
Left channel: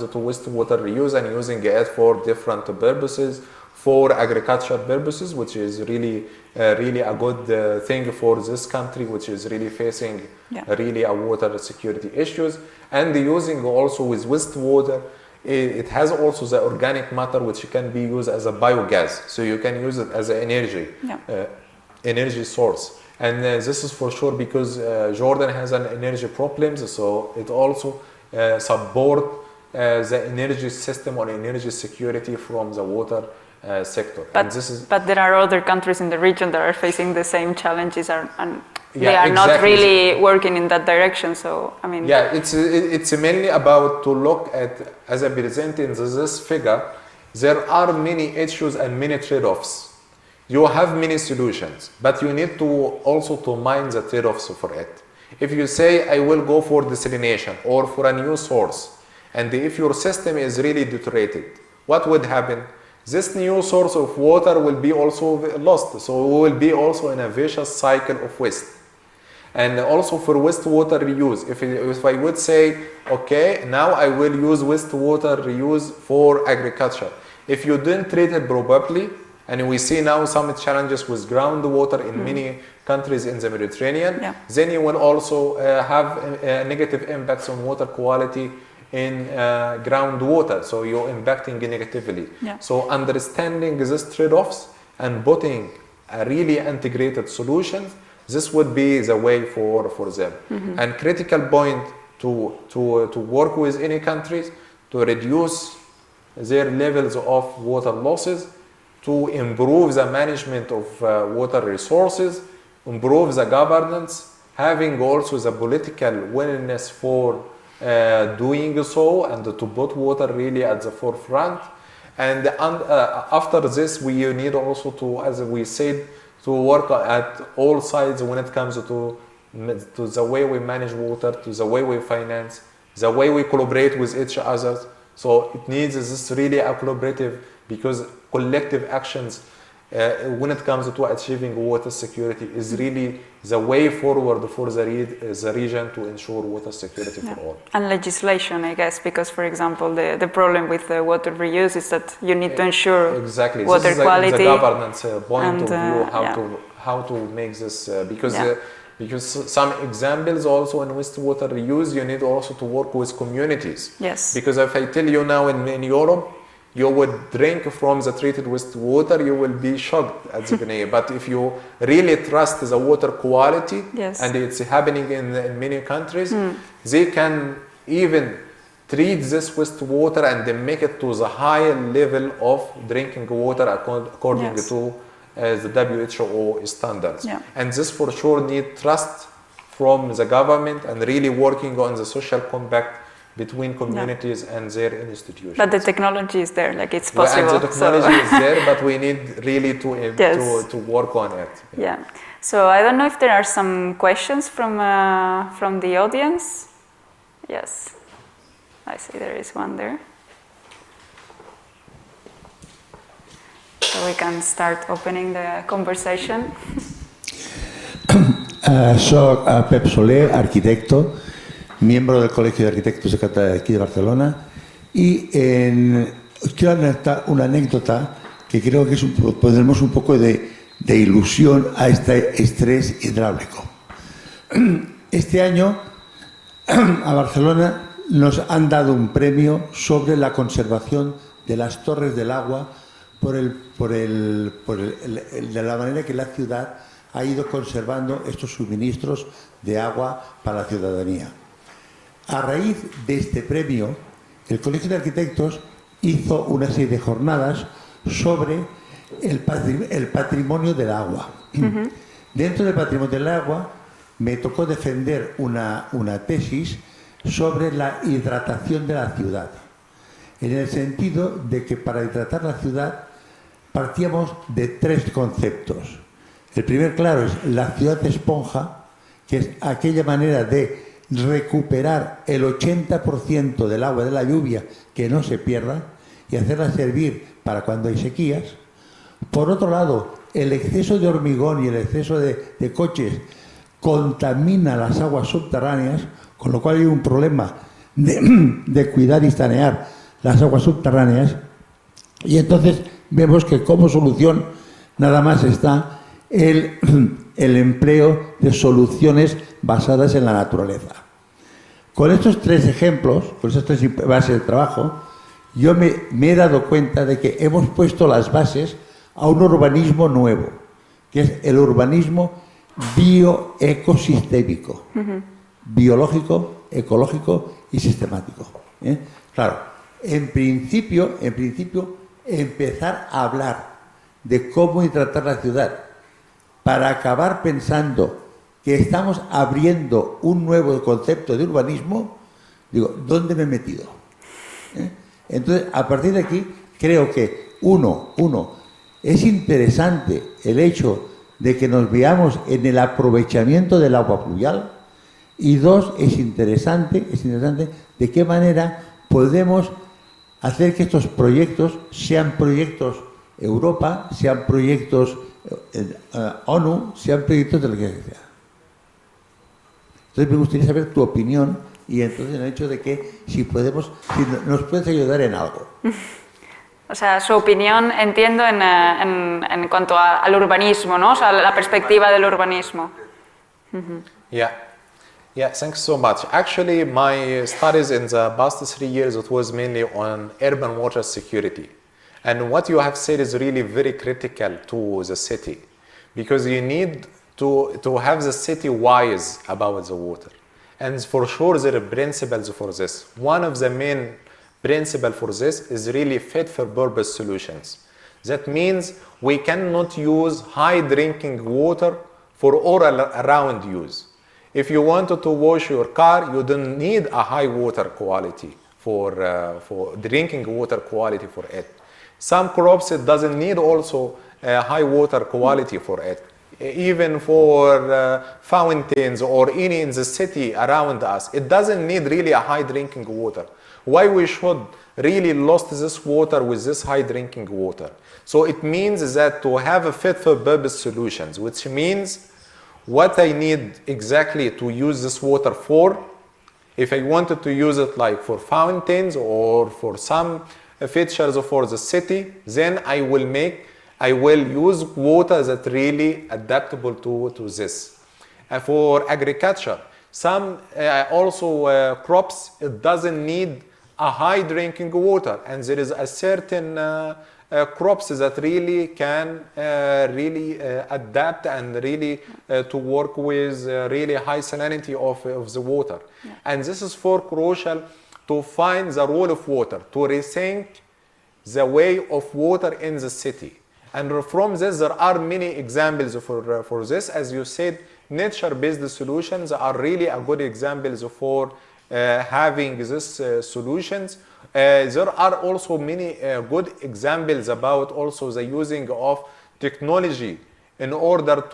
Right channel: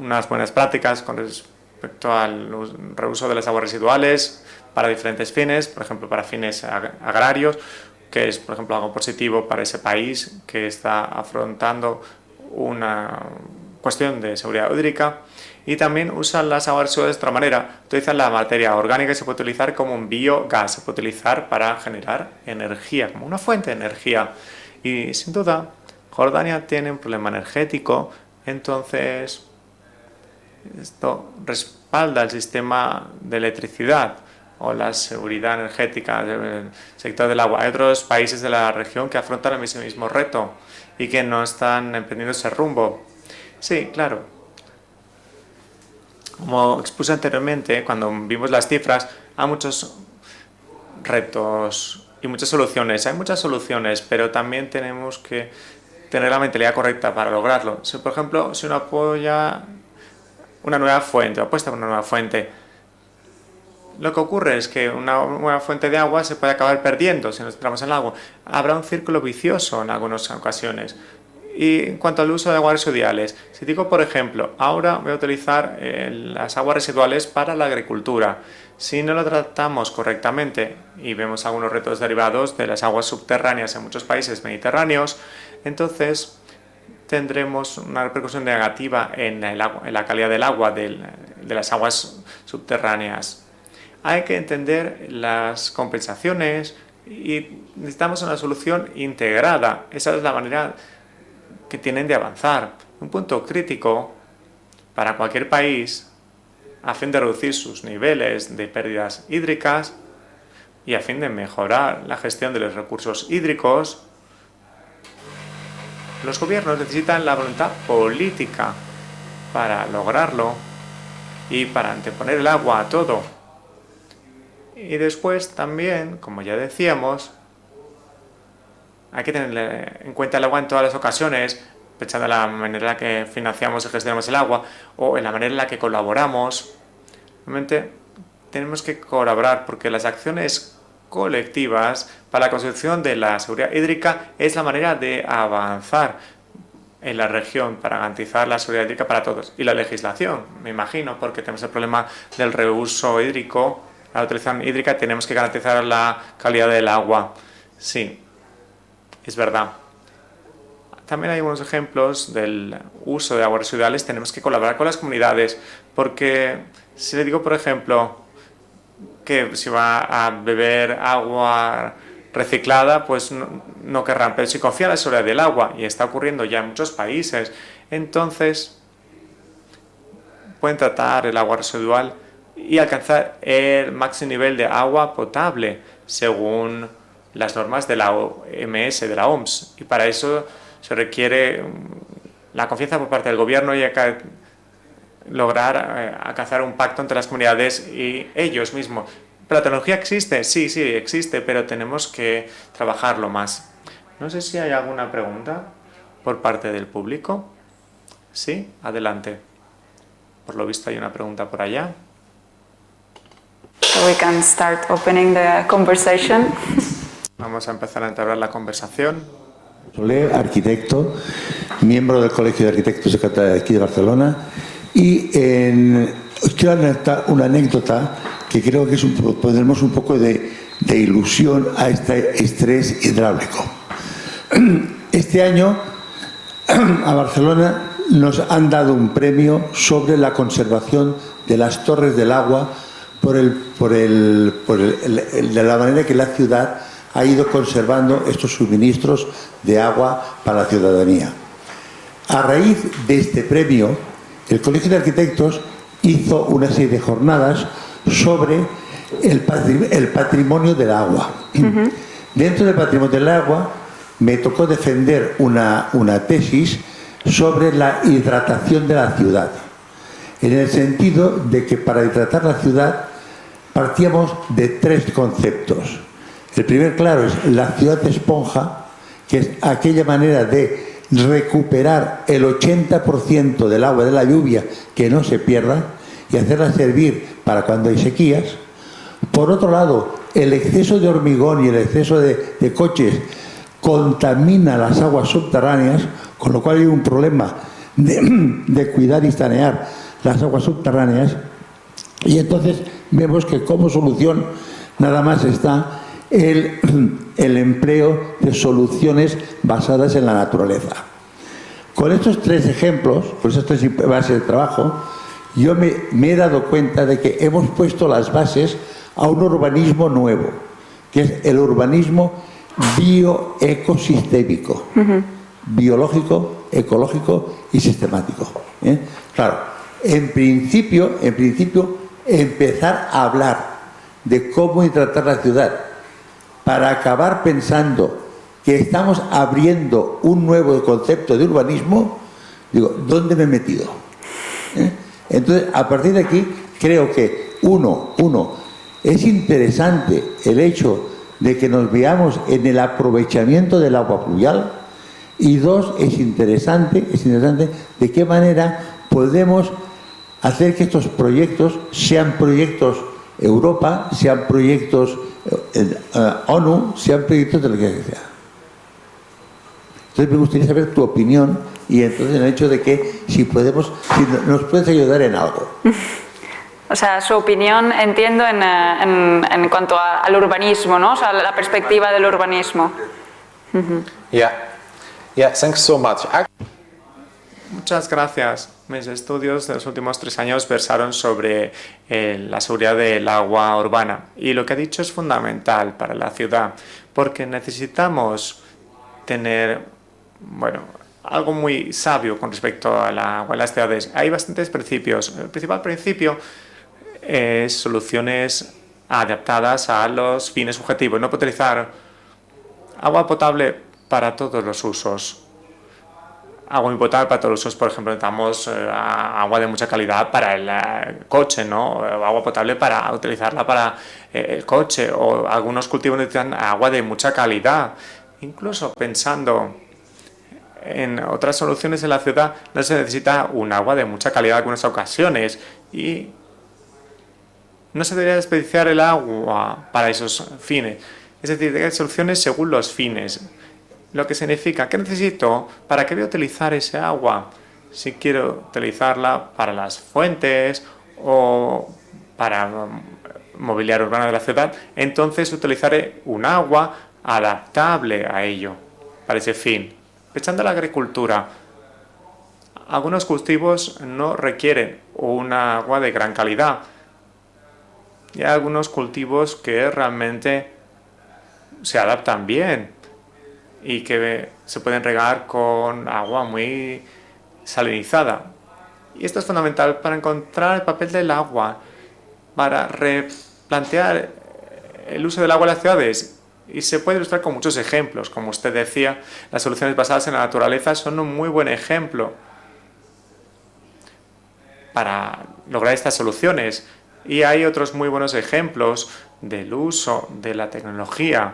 unas buenas prácticas con respecto al reuso de las aguas residuales para diferentes fines, por ejemplo para fines agrarios, que es por ejemplo algo positivo para ese país que está afrontando una cuestión de seguridad hídrica. Y también usan las aguas residuales de otra manera. Utilizan la materia orgánica que se puede utilizar como un biogás, se puede utilizar para generar energía, como una fuente de energía. Y sin duda, Jordania tiene un problema energético, entonces esto respalda el sistema de electricidad o la seguridad energética del agua. Hay otros países de la región que no están en ese rumbo. Como expuse anteriormente, cuando vimos las cifras, hay muchos retos y muchas soluciones. Hay muchas soluciones, pero también tenemos que tener la mentalidad correcta para lograrlo. Si, por ejemplo, si uno apoya una nueva fuente, apuesta por una nueva fuente, lo que ocurre es que una nueva fuente de agua se puede acabar perdiendo si estamos en agua. Habrá un círculo vicioso en algunas ocasiones. Y en cuanto al uso de aguas residuales, digo, por ejemplo, ahora voy a utilizar las aguas residuales para la agricultura. Si no lo tratamos correctamente y vemos algunos retos derivados de las aguas subterráneas en muchos países mediterráneos, entonces tendremos una repercusión negativa en la calidad del agua, de las aguas subterráneas. Hay que entender las compensaciones y necesitamos una solución integrada. Esa es la manera que tienen de avanzar. Un punto crítico para cualquier país a fin de reducir sus niveles de pérdidas hídricas y a fin de mejorar la gestión de los recursos hídricos Los gobiernos necesitan la voluntad política para lograrlo y para anteponer el agua a todo. Y después también, como ya decíamos, hay que tener en cuenta el agua en todas las ocasiones, pensando en la manera en la que financiamos y gestionamos el agua o en la manera en la que colaboramos. Realmente tenemos que colaborar porque las acciones colectivas para la construcción de la seguridad hídrica es la manera de avanzar en la región para garantizar la seguridad hídrica para todos. Y la legislación, me imagino, porque tenemos el problema del reuso hídrico, tenemos que garantizar la calidad del agua. Sí. Es verdad. También hay algunos ejemplos del uso de aguas residuales. Tenemos que colaborar con las comunidades porque si le digo, por ejemplo, que si va a beber agua reciclada, pues no querrán, pero si confía en la seguridad del agua y está ocurriendo ya en muchos países, entonces pueden tratar el agua residual y alcanzar el máximo nivel de agua potable según las normas de la OMS, de la OMS. Para eso se requiere la confianza por parte del gobierno y lograr alcanzar un pacto entre las sociedades. La tecnología existe, sí, existe, pero tenemos que trabajarlo más. No sé si hay alguna pregunta por parte del público. Sí, adelante. Por lo visto hay una pregunta por allá. So we can start opening the conversation. Vamos a empezar a entablar la conversación. Soy Pep Soler, arquitecto, miembro del Colegio de Arquitectos de aquí de Barcelona, y os quiero alertar una anécdota que creo que pondremos un poco de ilusión a este estrés hidráulico. Este año a Barcelona nos han dado un premio sobre la conservación de las torres del agua de la manera que la ciudad ha ido conservando estos suministros de agua para la ciudadanía. A raíz de este premio, el Colegio de Arquitectos hizo una serie de jornadas sobre el patrimonio del agua. Dentro del patrimonio del agua me tocó defender una tesis sobre la hidratación de la ciudad, en el sentido de que para hidratar la ciudad partíamos de tres conceptos. El primer, claro, es la ciudad esponja, que es aquella manera de recuperar el 80% del agua de la lluvia que no se pierda y hacerla servir para cuando hay sequías. Por otro lado, el exceso de hormigón y el exceso de coches contamina las aguas subterráneas, con lo cual hay un problema de cuidar y sanear las aguas subterráneas. Y entonces vemos que como solución nada más está el empleo de soluciones basadas en la naturaleza. Con estos tres ejemplos, con estas tres bases de trabajo, yo me he dado cuenta de que hemos puesto las bases a un urbanismo nuevo, que es el urbanismo bioecosistémico, biológico, ecológico y sistemático. Claro, en principio, empezar a hablar de cómo tratar la ciudad para acabar pensando que estamos abriendo un nuevo concepto de urbanismo, digo, ¿dónde me he metido? Entonces, a partir de aquí, creo que uno, es interesante el hecho de que nos veamos en el aprovechamiento del agua pluvial, y dos, es interesante de qué manera podemos hacer que estos proyectos sean proyectos Europa, sean proyectos ONU, sean proyectos de lo que sea. Entonces me gustaría saber tu opinión y entonces el hecho de que si nos puedes ayudar en algo. O sea, su opinión, entiendo, en cuanto al urbanismo, ¿no? O sea, la perspectiva del urbanismo. Yeah, thanks so much. Actually, my studies in the past 3 years, it was mainly los últimos 3 años versaron sobre la seguridad del agua urbana. Y lo que ha dicho es fundamental para la ciudad, porque necesitamos tener algo muy sabio con respecto a las ciudades. Hay bastantes principios. El principal principio es soluciones adaptadas a los fines objetivos. No puede utilizar agua potable para todos los usos. Agua potable para todos los usos, por ejemplo, necesitamos agua de mucha calidad para el coche, ¿no? Agua potable para utilizarla para el coche, o algunos cultivos necesitan agua de mucha calidad. Incluso pensando en otras soluciones en la ciudad, no se necesita un agua de mucha calidad en algunas ocasiones. Y no se debería desperdiciar el agua para esos fines. Es decir, hay soluciones según los fines. Lo que significa que necesito, ¿para qué voy a utilizar ese agua? Si quiero utilizarla para las fuentes o para mobiliar urbano de la ciudad, entonces utilizaré un agua adaptable a ello, para ese fin. Echando la agricultura, algunos cultivos no requieren una agua de gran calidad. Hay algunos cultivos que realmente se adaptan bien y que se pueden regar con agua muy salinizada. Y esto es fundamental para encontrar el papel del agua, para replantear el uso del agua en las ciudades. Y se puede ilustrar con muchos ejemplos. Como usted decía, las soluciones basadas en la naturaleza son un muy buen ejemplo para lograr estas soluciones. Y hay otros muy buenos ejemplos del uso de la tecnología a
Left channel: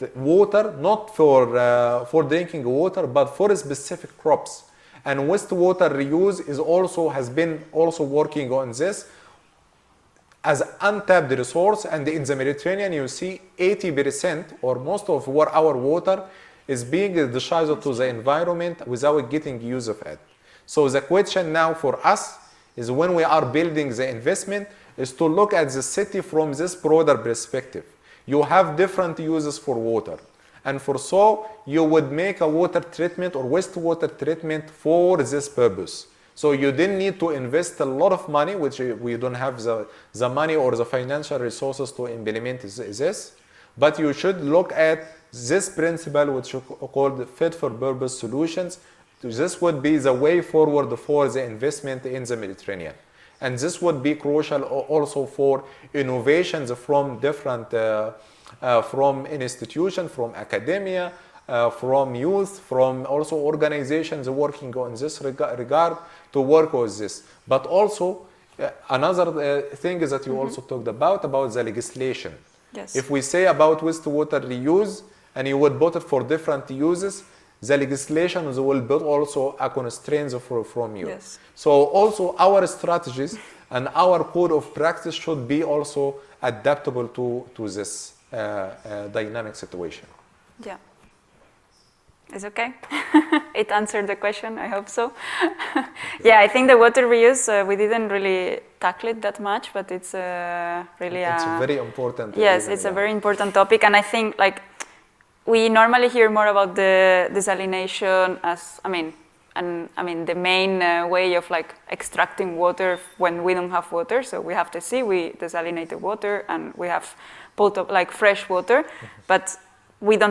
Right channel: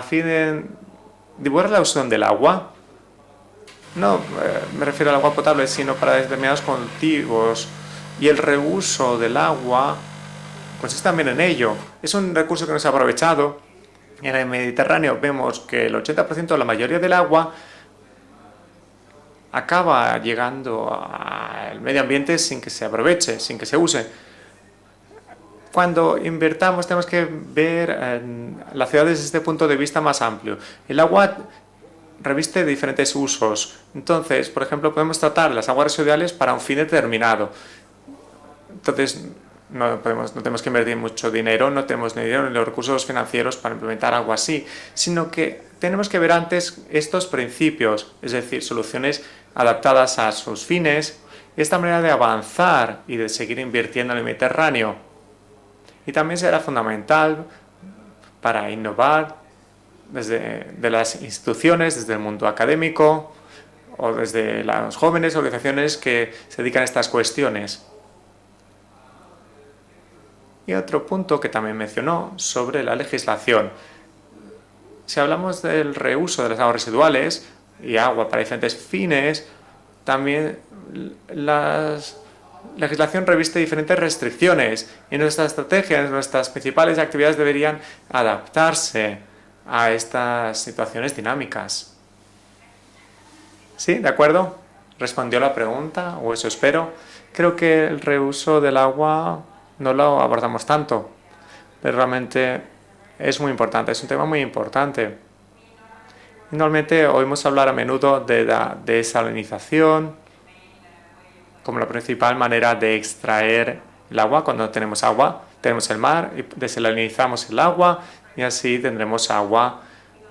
fin de divulgar la uso del agua. No me refiero al agua potable, sino para determinados cultivos. Y el reuso del agua consiste también en ello. Es un recurso que no se ha aprovechado. En el Mediterráneo vemos que el 80% de la mayoría del agua acaba llegando al medio ambiente sin que se aproveche, sin que se use. Cuando invertamos tenemos que ver la ciudad desde este punto de vista más amplio. El agua reviste diferentes usos. Entonces, por ejemplo, podemos tratar las aguas residuales para un fin determinado. Entonces, no tenemos que invertir mucho dinero, no tenemos ni dinero ni los recursos financieros para implementar algo así, sino que tenemos que ver antes estos principios, es decir, soluciones adaptadas a sus fines, y esta manera de avanzar y de seguir invirtiendo en el Mediterráneo. Y también será fundamental para innovar desde las instituciones, desde el mundo académico o desde las jóvenes organizaciones que se dedican a estas cuestiones. Y otro punto que también mencionó sobre la legislación. Si hablamos del reuso de las aguas residuales y agua para diferentes fines, también la legislación reviste diferentes restricciones y nuestras estrategias, nuestras principales actividades deberían adaptarse a estas situaciones dinámicas. Sí, de acuerdo. Respondió la pregunta. Creo que el reuso del agua no lo abordamos tanto. Pero realmente es muy importante, es un tema muy importante. Normalmente oímos hablar a menudo de la desalinización como la principal manera de extraer el agua cuando no tenemos agua. Tenemos el mar y desalinizamos el agua y así tendremos agua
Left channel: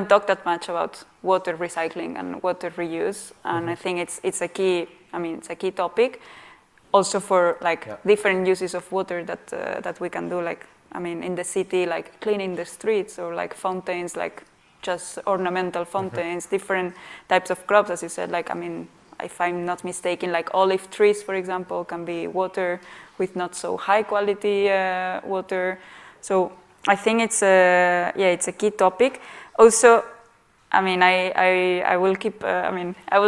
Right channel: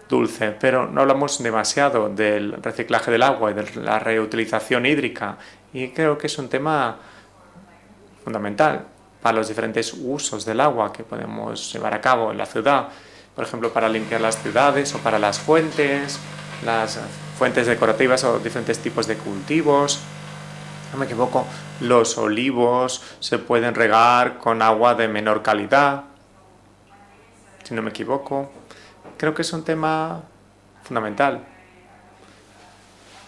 dulce, pero no hablamos demasiado del reciclaje del agua y de la reutilización hídrica. Y creo que es un tema fundamental para los diferentes usos del agua que podemos llevar a cabo en la ciudad. Por ejemplo, para limpiar las ciudades o para las fuentes decorativas o diferentes tipos de cultivos. No me equivoco, los olivos se pueden regar con agua de menor calidad. I think it's a key topic. Creo que es un tema fundamental. I will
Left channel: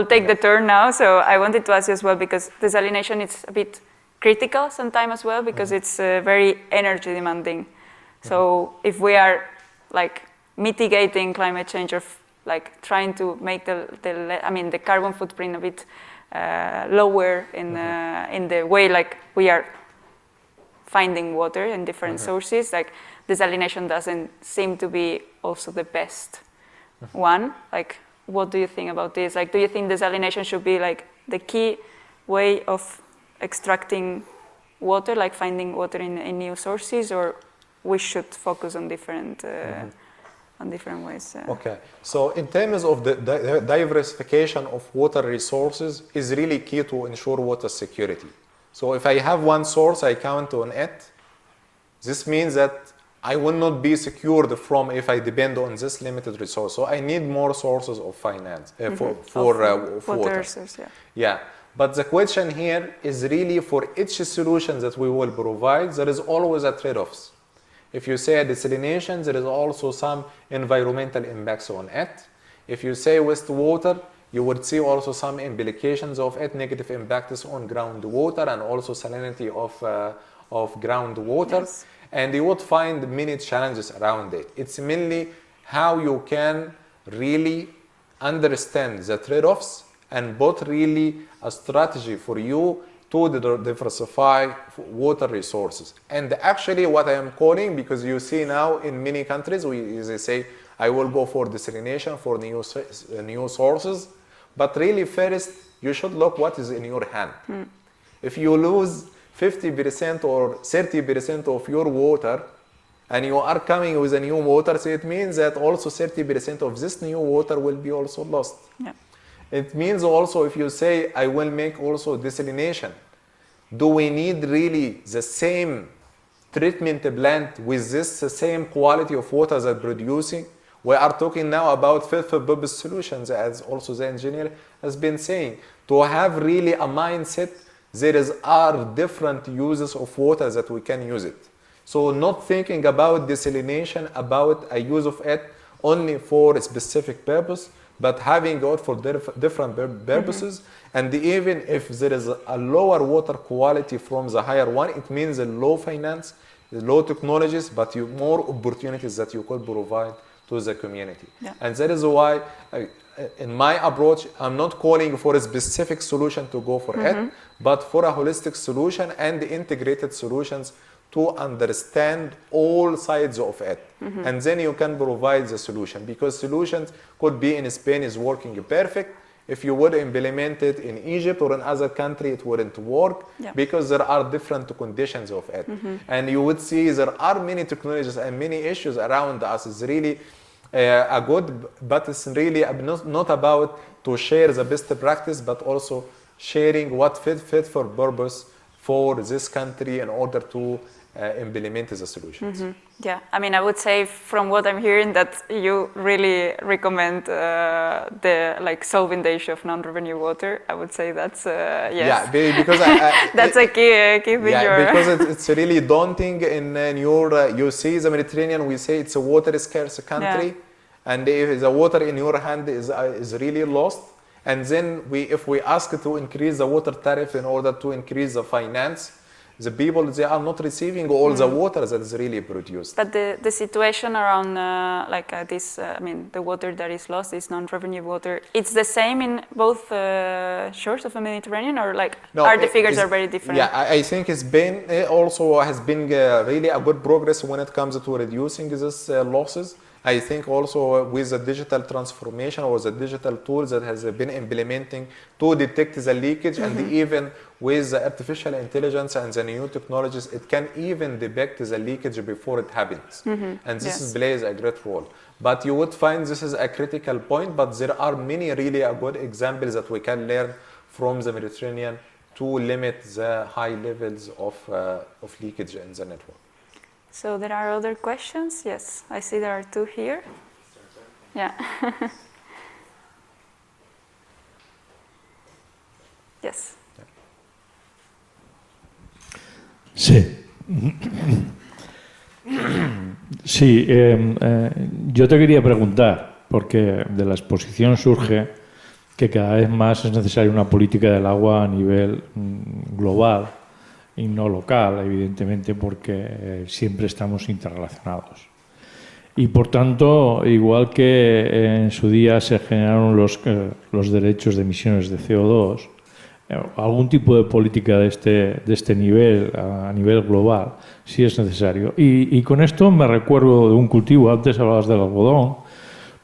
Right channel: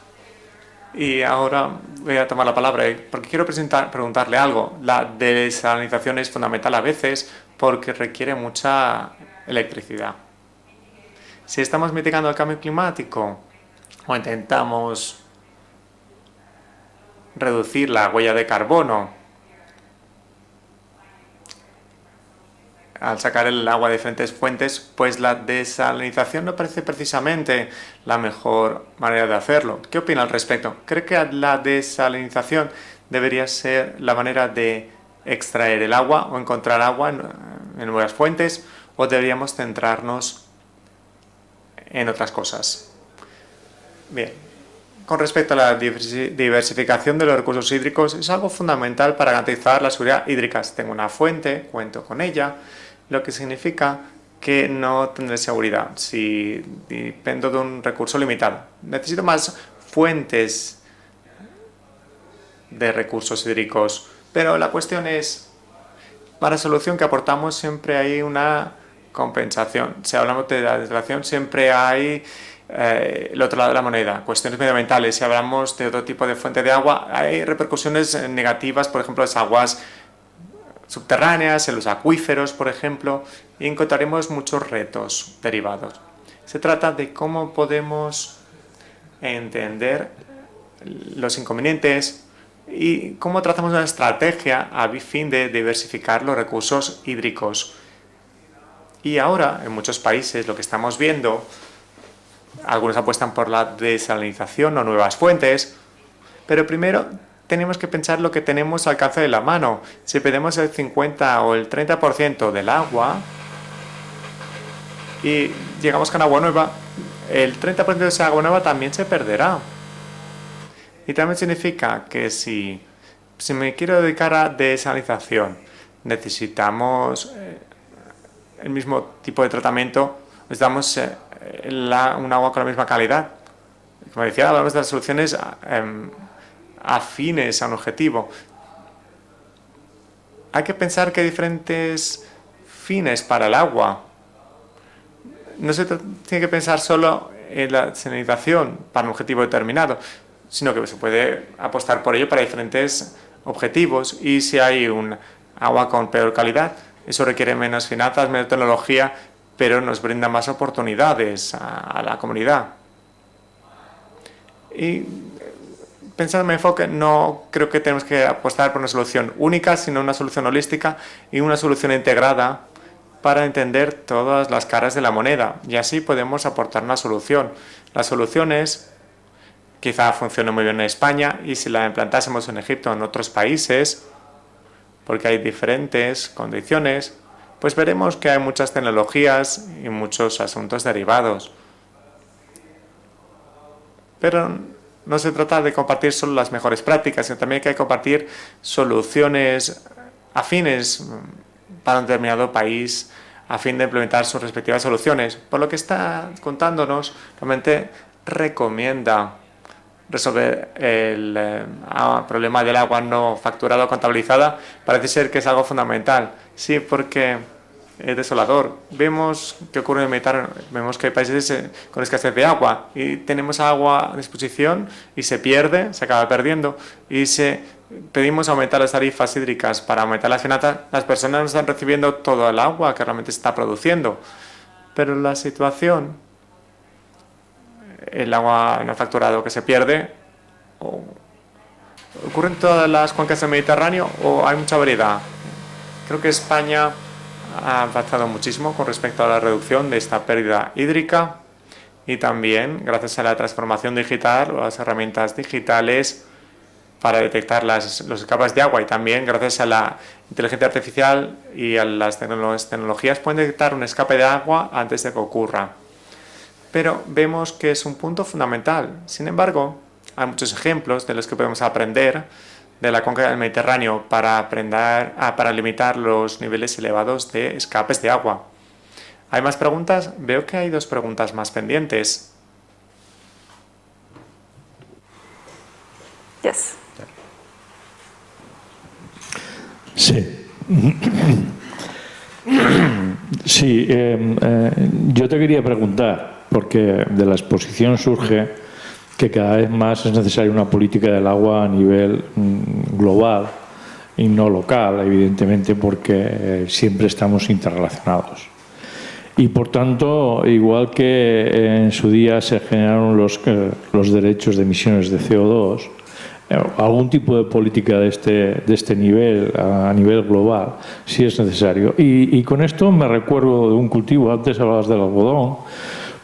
take the turn now, so I wanted to ask you as well because desalination is quiero preguntarle algo. La desalinización es fundamental a veces porque requiere mucha electricidad. Si estamos mitigando el cambio climático o intentamos reducir la huella de carbono, al sacar el agua de diferentes fuentes, pues la desalinización no parece precisamente la mejor manera de hacerlo. ¿Qué opina al respecto? ¿Cree que la desalinización debería ser la manera de extraer el agua o encontrar agua en nuevas fuentes, o deberíamos centrarnos en otras cosas? Bien. Con respecto a la diversificación de los recursos hídricos, es algo fundamental para garantizar la seguridad hídrica. Tengo una fuente, cuento con ella, lo que significa que no tendré seguridad si dependo de un recurso limitado. Necesito más fuentes de recursos hídricos, pero la cuestión es, para la solución que aportamos siempre hay una compensación. Si hablamos de la desalinización siempre hay el otro lado de la moneda, cuestiones medioambientales. Si hablamos de otro tipo de fuente de agua, hay repercusiones negativas, por ejemplo, las aguas subterráneas, en los acuíferos, por ejemplo, y encontraremos muchos retos derivados. Se trata de cómo podemos entender los inconvenientes y cómo tratamos una estrategia a fin de diversificar los recursos hídricos. Y ahora, en muchos países, lo que estamos viendo, algunos apuestan por la desalinización o nuevas fuentes, pero primero tenemos que pensar lo que tenemos al alcance de la mano. Si pedimos el 50 o el 30% del agua y llegamos con agua nueva, el 30% de esa agua nueva también se perderá. Y también significa que si me quiero dedicar a desalinización, necesitamos el mismo tipo de tratamiento, necesitamos un agua con la misma calidad. Como decía, hablamos de las soluciones afines a un objetivo. Hay que pensar que hay diferentes fines para el agua. No se tiene que pensar solo en la desalinización para un objetivo determinado, sino que se puede apostar por ello para diferentes objetivos. Y si hay un agua con peor calidad, eso requiere menos finanzas, menos tecnología, pero nos brinda más oportunidades a la comunidad. Pensando en mi enfoque, no creo que tenemos que apostar por una solución única, sino una solución holística y una solución integrada para entender todas las caras de la moneda. Y así podemos aportar una solución. Las soluciones quizá funcione muy bien en España, y si la implantásemos en Egipto o en otros países, porque hay diferentes condiciones, pues veremos que hay muchas tecnologías y muchos asuntos derivados. Pero no se trata de compartir solo las mejores prácticas, sino también que hay que compartir soluciones afines para un determinado país a fin de implementar sus respectivas soluciones. Por lo que está contándonos, realmente recomienda resolver el problema de agua no facturada o contabilizada. Parece ser que es algo fundamental. Sí, porque es desolador. Vemos que ocurre en el Mediterráneo, vemos que hay países con escasez de agua y tenemos agua a disposición y se pierde, se acaba perdiendo, y pedimos aumentar las tarifas hídricas para aumentar las finanzas. Las personas están recibiendo todo el agua que realmente se está produciendo, pero la situación, el agua no facturado que se pierde, ¿ocurre en todas las cuencas del Mediterráneo o hay mucha variedad? Creo que España ha avanzado muchísimo con respecto a la reducción de esta pérdida hídrica, y también gracias a la transformación digital, las herramientas digitales para detectar los escapes de agua, y también gracias a la inteligencia artificial y a las tecnologías pueden detectar un escape de agua antes de que ocurra. Pero vemos que es un punto fundamental. Sin embargo, hay muchos ejemplos de los que podemos aprender de la cuenca del Mediterráneo para limitar los niveles elevados de escapes de agua. ¿Hay más preguntas? Veo que hay dos preguntas más pendientes. Sí. Sí, yo te quería preguntar, porque de la exposición surge que cada vez más es necesaria una política del agua a nivel global y no local, evidentemente, porque siempre estamos interrelacionados. Y por tanto, igual que en su día se generaron los derechos de emisiones de CO2, algún tipo de política de este nivel, a nivel global, sí es necesario. Y con esto me recuerdo de un cultivo, antes hablabas del algodón,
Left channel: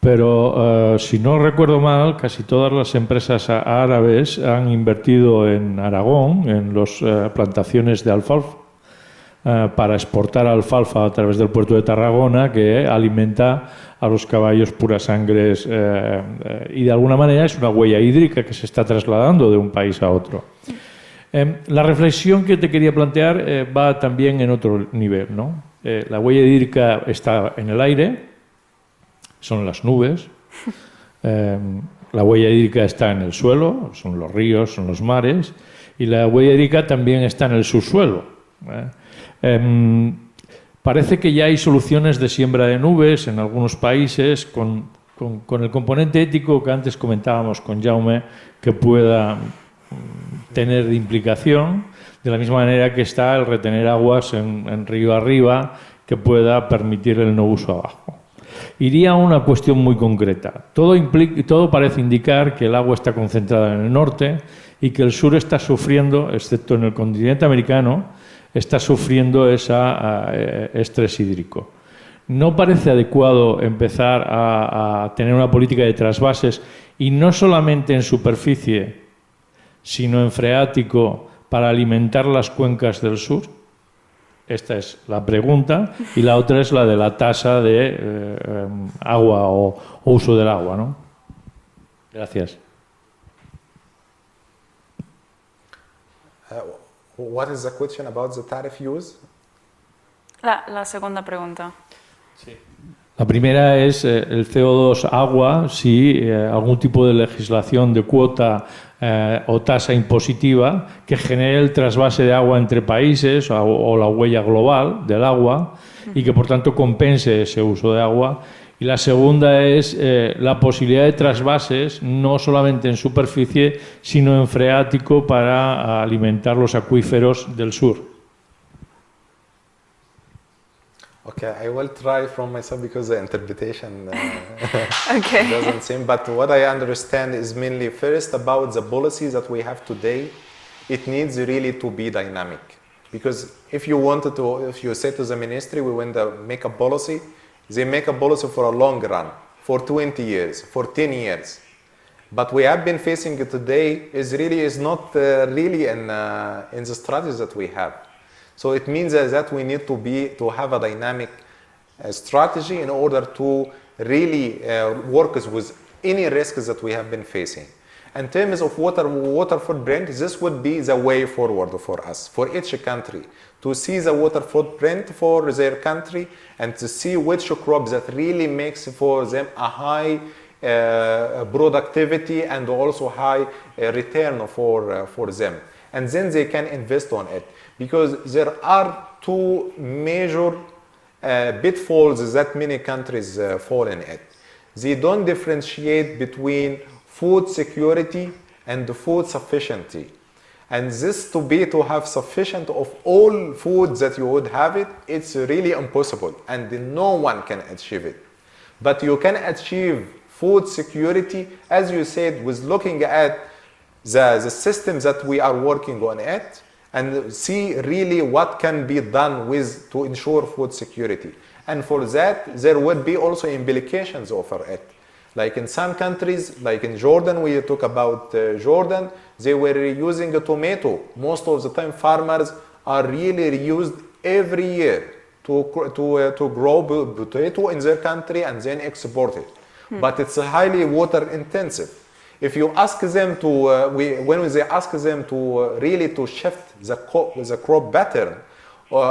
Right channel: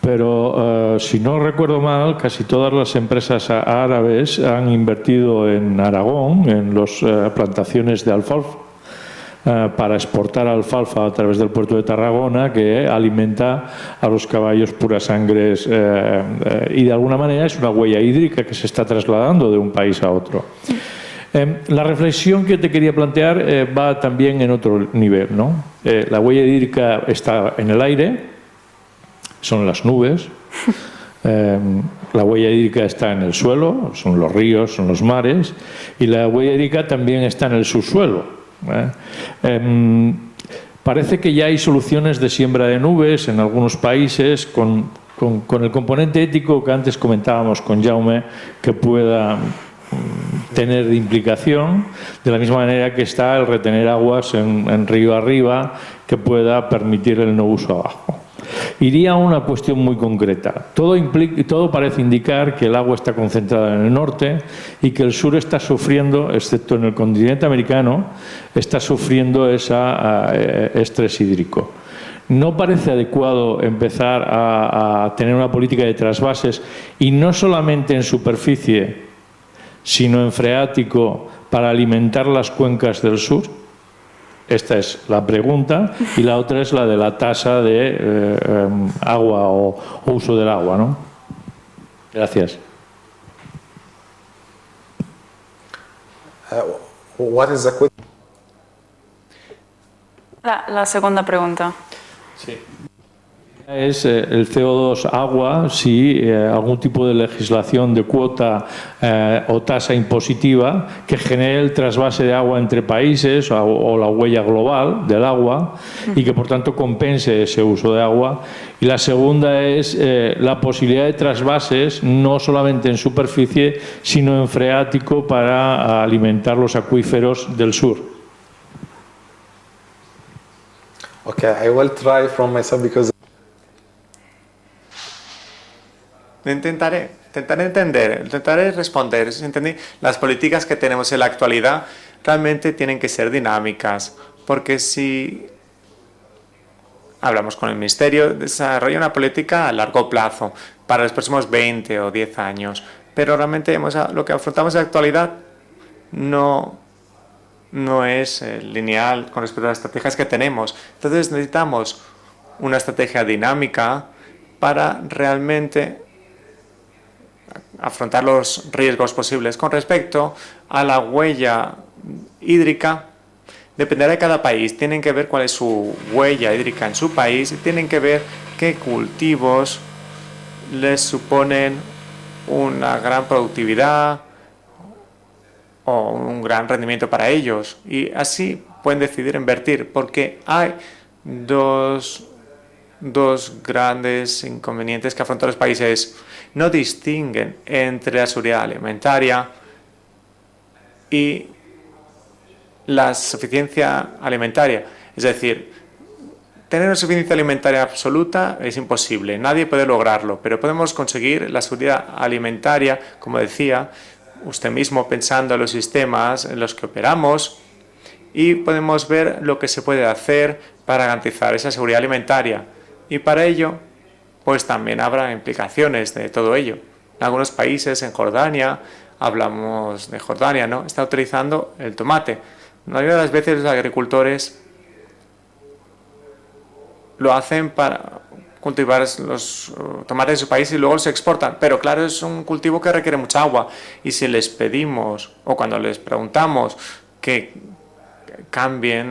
pero si no recuerdo mal, casi todas las empresas árabes han invertido en Aragón, en las plantaciones de alfalfa, para exportar alfalfa a través del puerto de Tarragona, que alimenta a los caballos puras sangres, y de alguna manera es una huella hídrica que se está trasladando de un país a otro. La reflexión que te quería plantear va también en otro nivel, ¿no? La huella hídrica está en el aire, son las nubes. La huella hídrica está en el suelo, son los ríos, son los mares, y la huella hídrica también está en el subsuelo. Parece que ya hay soluciones de siembra de nubes en algunos países con el componente ético que antes comentábamos con Jaume, que pueda tener de implicación, de la misma manera que está el retener aguas en río arriba, que pueda permitir el no uso abajo. Iría a una cuestión muy concreta. Todo parece indicar que el agua está concentrada en el norte y que el sur está sufriendo, excepto en el continente americano, está sufriendo ese estrés hídrico. ¿No parece adecuado empezar a tener una política de trasvases y no solamente en superficie, sino en freático para alimentar las cuencas del sur? Esta es la pregunta, y la otra es la de la tasa de agua o uso del agua, ¿no? Gracias. What is the question about the tariff use? La segunda pregunta. Sí. La primera es el CO2 agua, si algún tipo de legislación de cuota o tasa impositiva que genere el trasvase de agua entre países o la huella global del agua y que por tanto compense ese uso de agua. Y la segunda es la posibilidad de trasvases no solamente en superficie sino en freático para alimentar los acuíferos del sur. Okay, I will try from myself because the interpretation doesn't seem, but what I understand is intentaré responder. Las políticas que tenemos en la actualidad realmente tienen que ser dinámicas, porque si hablamos con el Ministerio, desarrolla una política a largo plazo, para los próximos 20 o 10 años, pero realmente lo que afrontamos en la actualidad no es lineal con las estrategias que tenemos. Entonces necesitamos una estrategia dinámica para realmente afrontar los riesgos posibles con respecto a la huella hídrica. Dependerá de cada país, tienen que ver cuál es su huella hídrica en su país, tienen que ver qué cultivos les suponen una gran productividad o un gran rendimiento para ellos, y así pueden decidir invertir, porque hay dos grandes inconvenientes que afrontan los países. No distinguen entre la seguridad alimentaria y la suficiencia alimentaria. Es decir, tener una suficiencia alimentaria absoluta es imposible, nadie puede lograrlo, pero podemos conseguir la seguridad alimentaria, como decía usted mismo, pensando en los sistemas en los que operamos, y podemos ver lo que se puede hacer para garantizar esa seguridad alimentaria. Y para ello, pues también habrá implicaciones de todo ello. En algunos países, en Jordania, hablamos de Jordania, ¿no? Está utilizando el tomate. La mayoría de las veces los agricultores lo hacen para cultivar los tomates de su país y luego se exportan. Pero claro, es un cultivo que requiere mucha agua. Y si les pedimos o cuando les preguntamos que cambien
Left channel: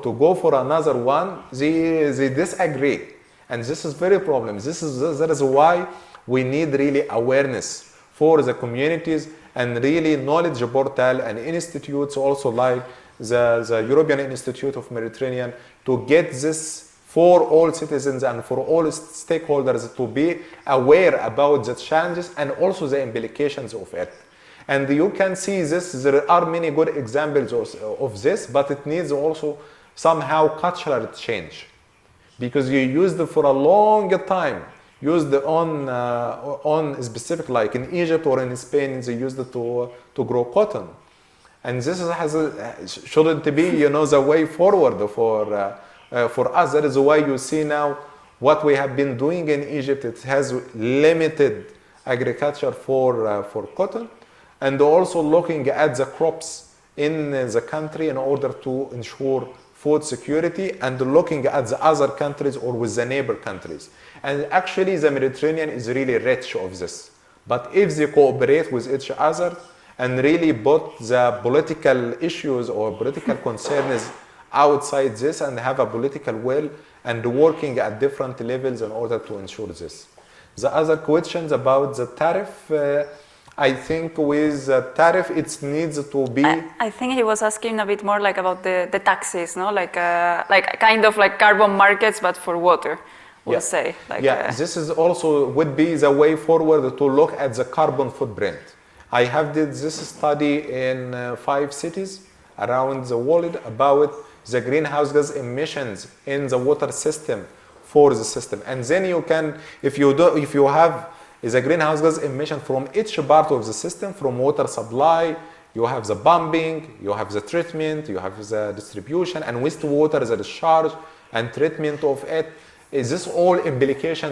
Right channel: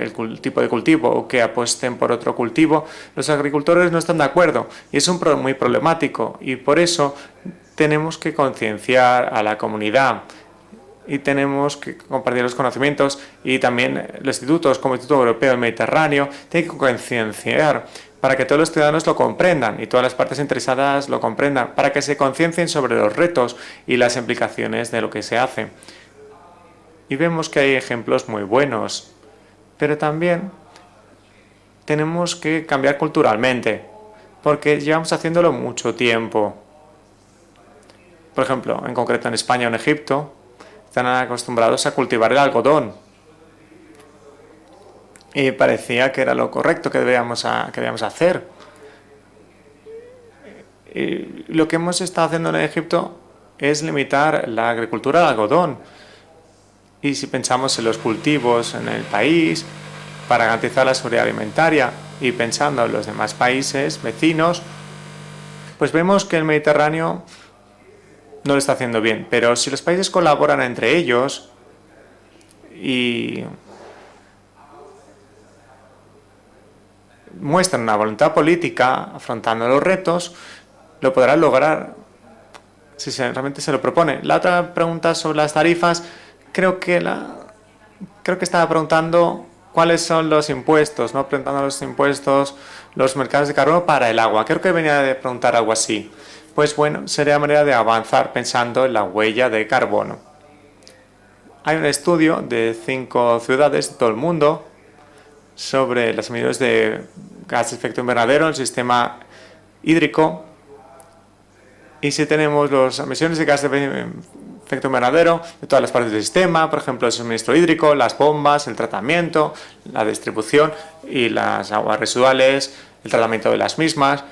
el tipo de cultivo o que apuesten por otro cultivo, los agricultores no están de acuerdo. Y es un problema muy problemático. Y por eso tenemos que concienciar a la comunidad y tenemos que compartir los conocimientos, y también los institutos como el Instituto Europeo del Mediterráneo tiene que concienciar para que todos los ciudadanos lo comprendan y todas las partes interesadas lo comprendan, para que se conciencien sobre los retos y las implicaciones de lo que se hace. Y vemos que hay ejemplos muy buenos, pero también tenemos que cambiar culturalmente, porque llevamos haciéndolo mucho tiempo. Por ejemplo, en concreto en España o en Egipto, están acostumbrados a cultivar el algodón. Y parecía que era lo correcto que debíamos hacer. Lo que hemos estado haciendo en Egipto es limitar la agricultura de algodón. y si pensamos en los cultivos en el país para garantizar la seguridad alimentaria y pensando en los demás países vecinos, pues vemos que el Mediterráneo no lo está haciendo bien. Pero si los países colaboran entre ellos y muestran una voluntad política afrontando los retos, lo podrán lograr si realmente se lo propone. La otra pregunta sobre las tarifas, creo que estaba preguntando cuáles son los impuestos, los mercados de carbono para el agua. Creo que venía de preguntar algo así. Pues bueno, sería manera de avanzar pensando en la huella de carbono. Hay un estudio de 5 ciudades de todo el mundo sobre las emisiones de gas de efecto invernadero en el sistema hídrico. Y si tenemos las emisiones de gas de efecto invernadero de todas las partes del sistema, por ejemplo, el suministro hídrico, las bombas, el tratamiento, la distribución y las aguas residuales, el tratamiento de las mismas,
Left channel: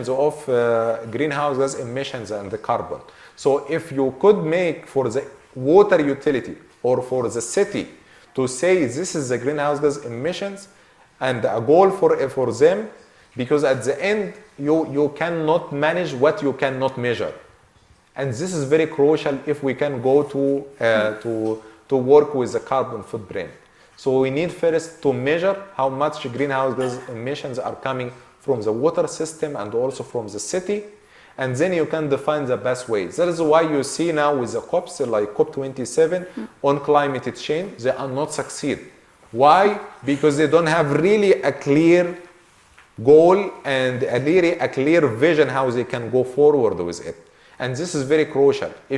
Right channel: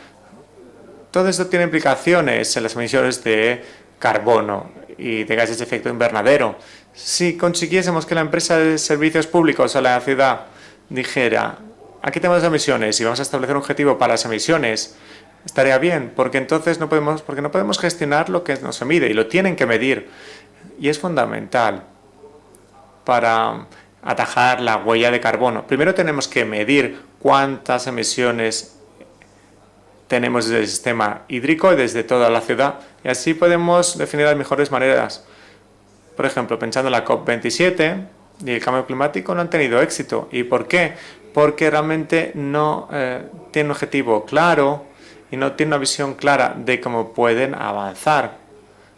todo eso tiene implicaciones en las emisiones de carbono y de gases de efecto invernadero. Si consiguiésemos que la empresa de servicios públicos o la ciudad dijera, aquí tenemos las emisiones y vamos a establecer un objetivo para las emisiones, estaría bien, porque entonces no podemos gestionar lo que no se mide y lo tienen que medir. Y es fundamental para atajar la huella de carbono. Primero tenemos que medir cuántas emisiones tenemos desde el sistema hídrico y desde toda la ciudad. Y así podemos definir las mejores maneras. Por ejemplo, pensando en la COP27 y el cambio climático no han tenido éxito. ¿Y por qué? Porque realmente no tienen un objetivo claro, no tienen una visión clara de cómo pueden avanzar. Y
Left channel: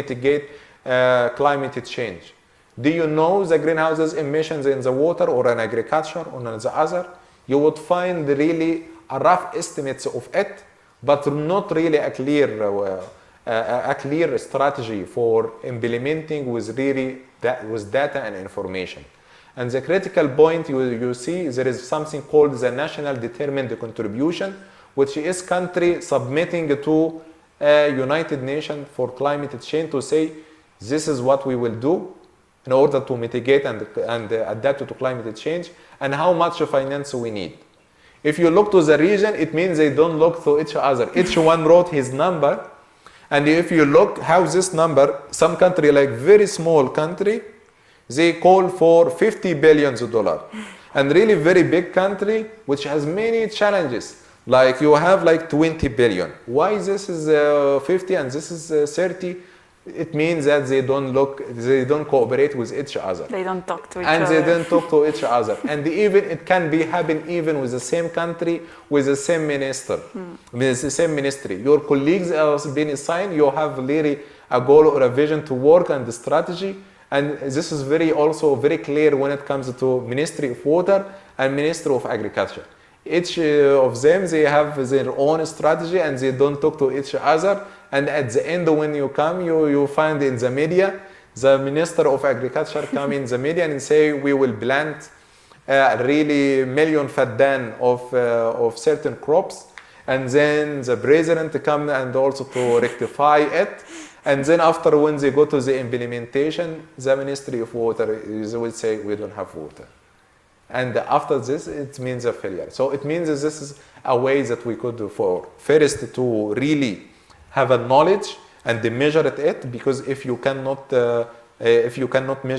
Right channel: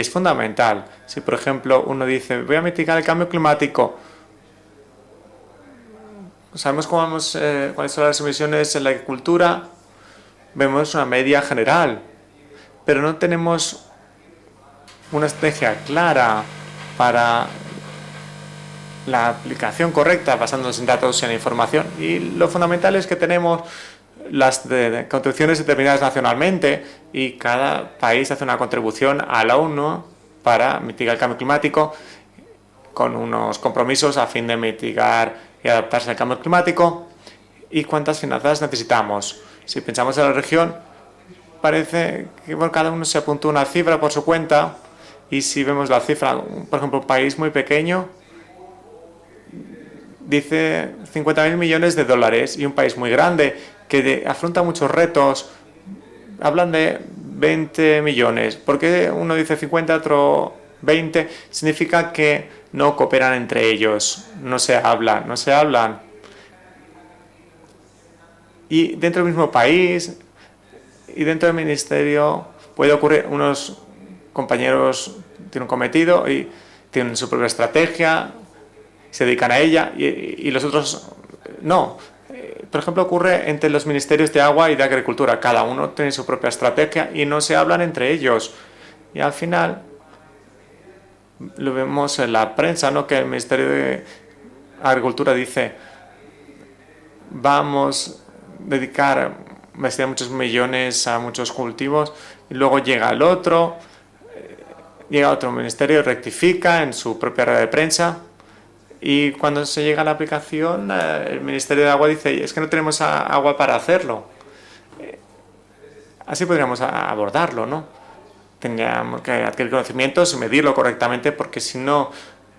es fundamental. Si, por ejemplo, uno dice, voy a mitigar el cambio climático, sabemos cuáles son las emisiones en la agricultura, vemos una media general, pero no tenemos una estrategia clara para la aplicación correcta basándonos en datos y en la información. Y lo fundamental es que tenemos las contribuciones determinadas nacionalmente y cada país hace una contribución a la ONU para mitigar el cambio climático con unos compromisos a fin de mitigar y adaptarse al cambio climático. ¿Y cuántas finanzas necesitamos? Si pensamos en la región, parece que por cada uno se apunta una cifra por su cuenta, y si vemos la cifra, por ejemplo, un país muy pequeño dice 50.000 millones de dólares, y un país muy grande que afronta muchos retos hablan de 20 millones. ¿Por qué uno dice 50, otro 20? Significa que no cooperan entre ellos, no se hablan. Y dentro del mismo país y dentro del ministerio puede ocurrir unos compañeros tienen un cometido y tienen su propia estrategia, se dedican a ella y los otros no. Por ejemplo, ocurre entre los ministerios de agua y de agricultura, cada uno tiene su propia estrategia y no se hablan entre ellos. Y al final lo vemos en la prensa, ¿no? Que el Ministerio de Agricultura dice vamos a dedicar muchos millones a muchos cultivos, y luego llega el otro y otro ministerio rectifica en su propia red de prensa, y cuando se llega a la aplicación el Ministerio de Agua dice es que no tenemos agua para hacerlo. Así podríamos abordarlo, ¿no? Tendríamos que adquirir conocimientos y medirlo correctamente, porque si no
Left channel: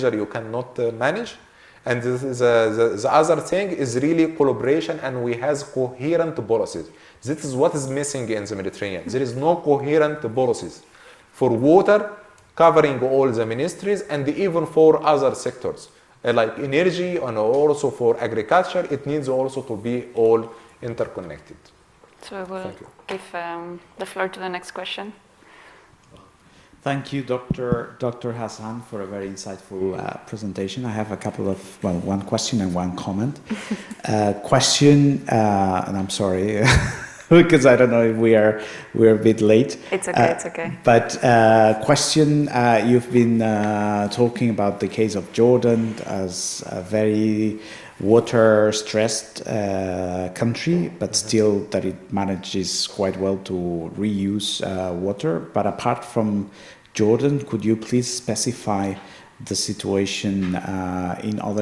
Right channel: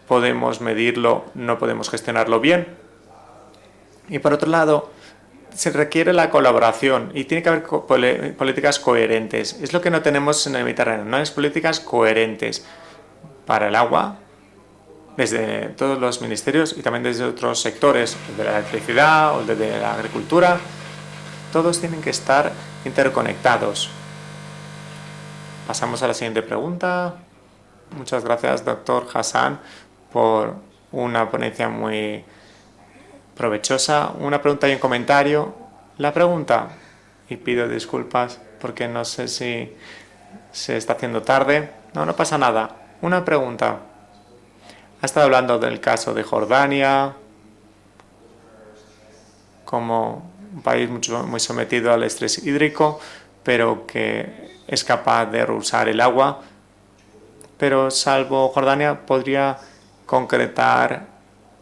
podemos medirlo, no podemos gestionarlo bien. Y por otro lado, se requiere la colaboración y tiene que haber políticas coherentes. Es lo que no tenemos en el Mediterráneo, no hay políticas coherentes para el agua desde todos los ministerios y también desde otros sectores, de la electricidad o desde la agricultura. Todos tienen que estar interconectados. Pasamos a la siguiente pregunta. Muchas gracias, Dr. Hassan, por una ponencia muy provechosa. Una pregunta y un comentario. La pregunta. Because I don't know if we're a bit late. It's okay. But question, no nada. You've una been pregunta. Talking about the case of Jordan del caso de Jordania, water-stressed país country, muy sometido al estrés hídrico, pero que es capaz de usar el agua Pero salvo Jordania, podría concretar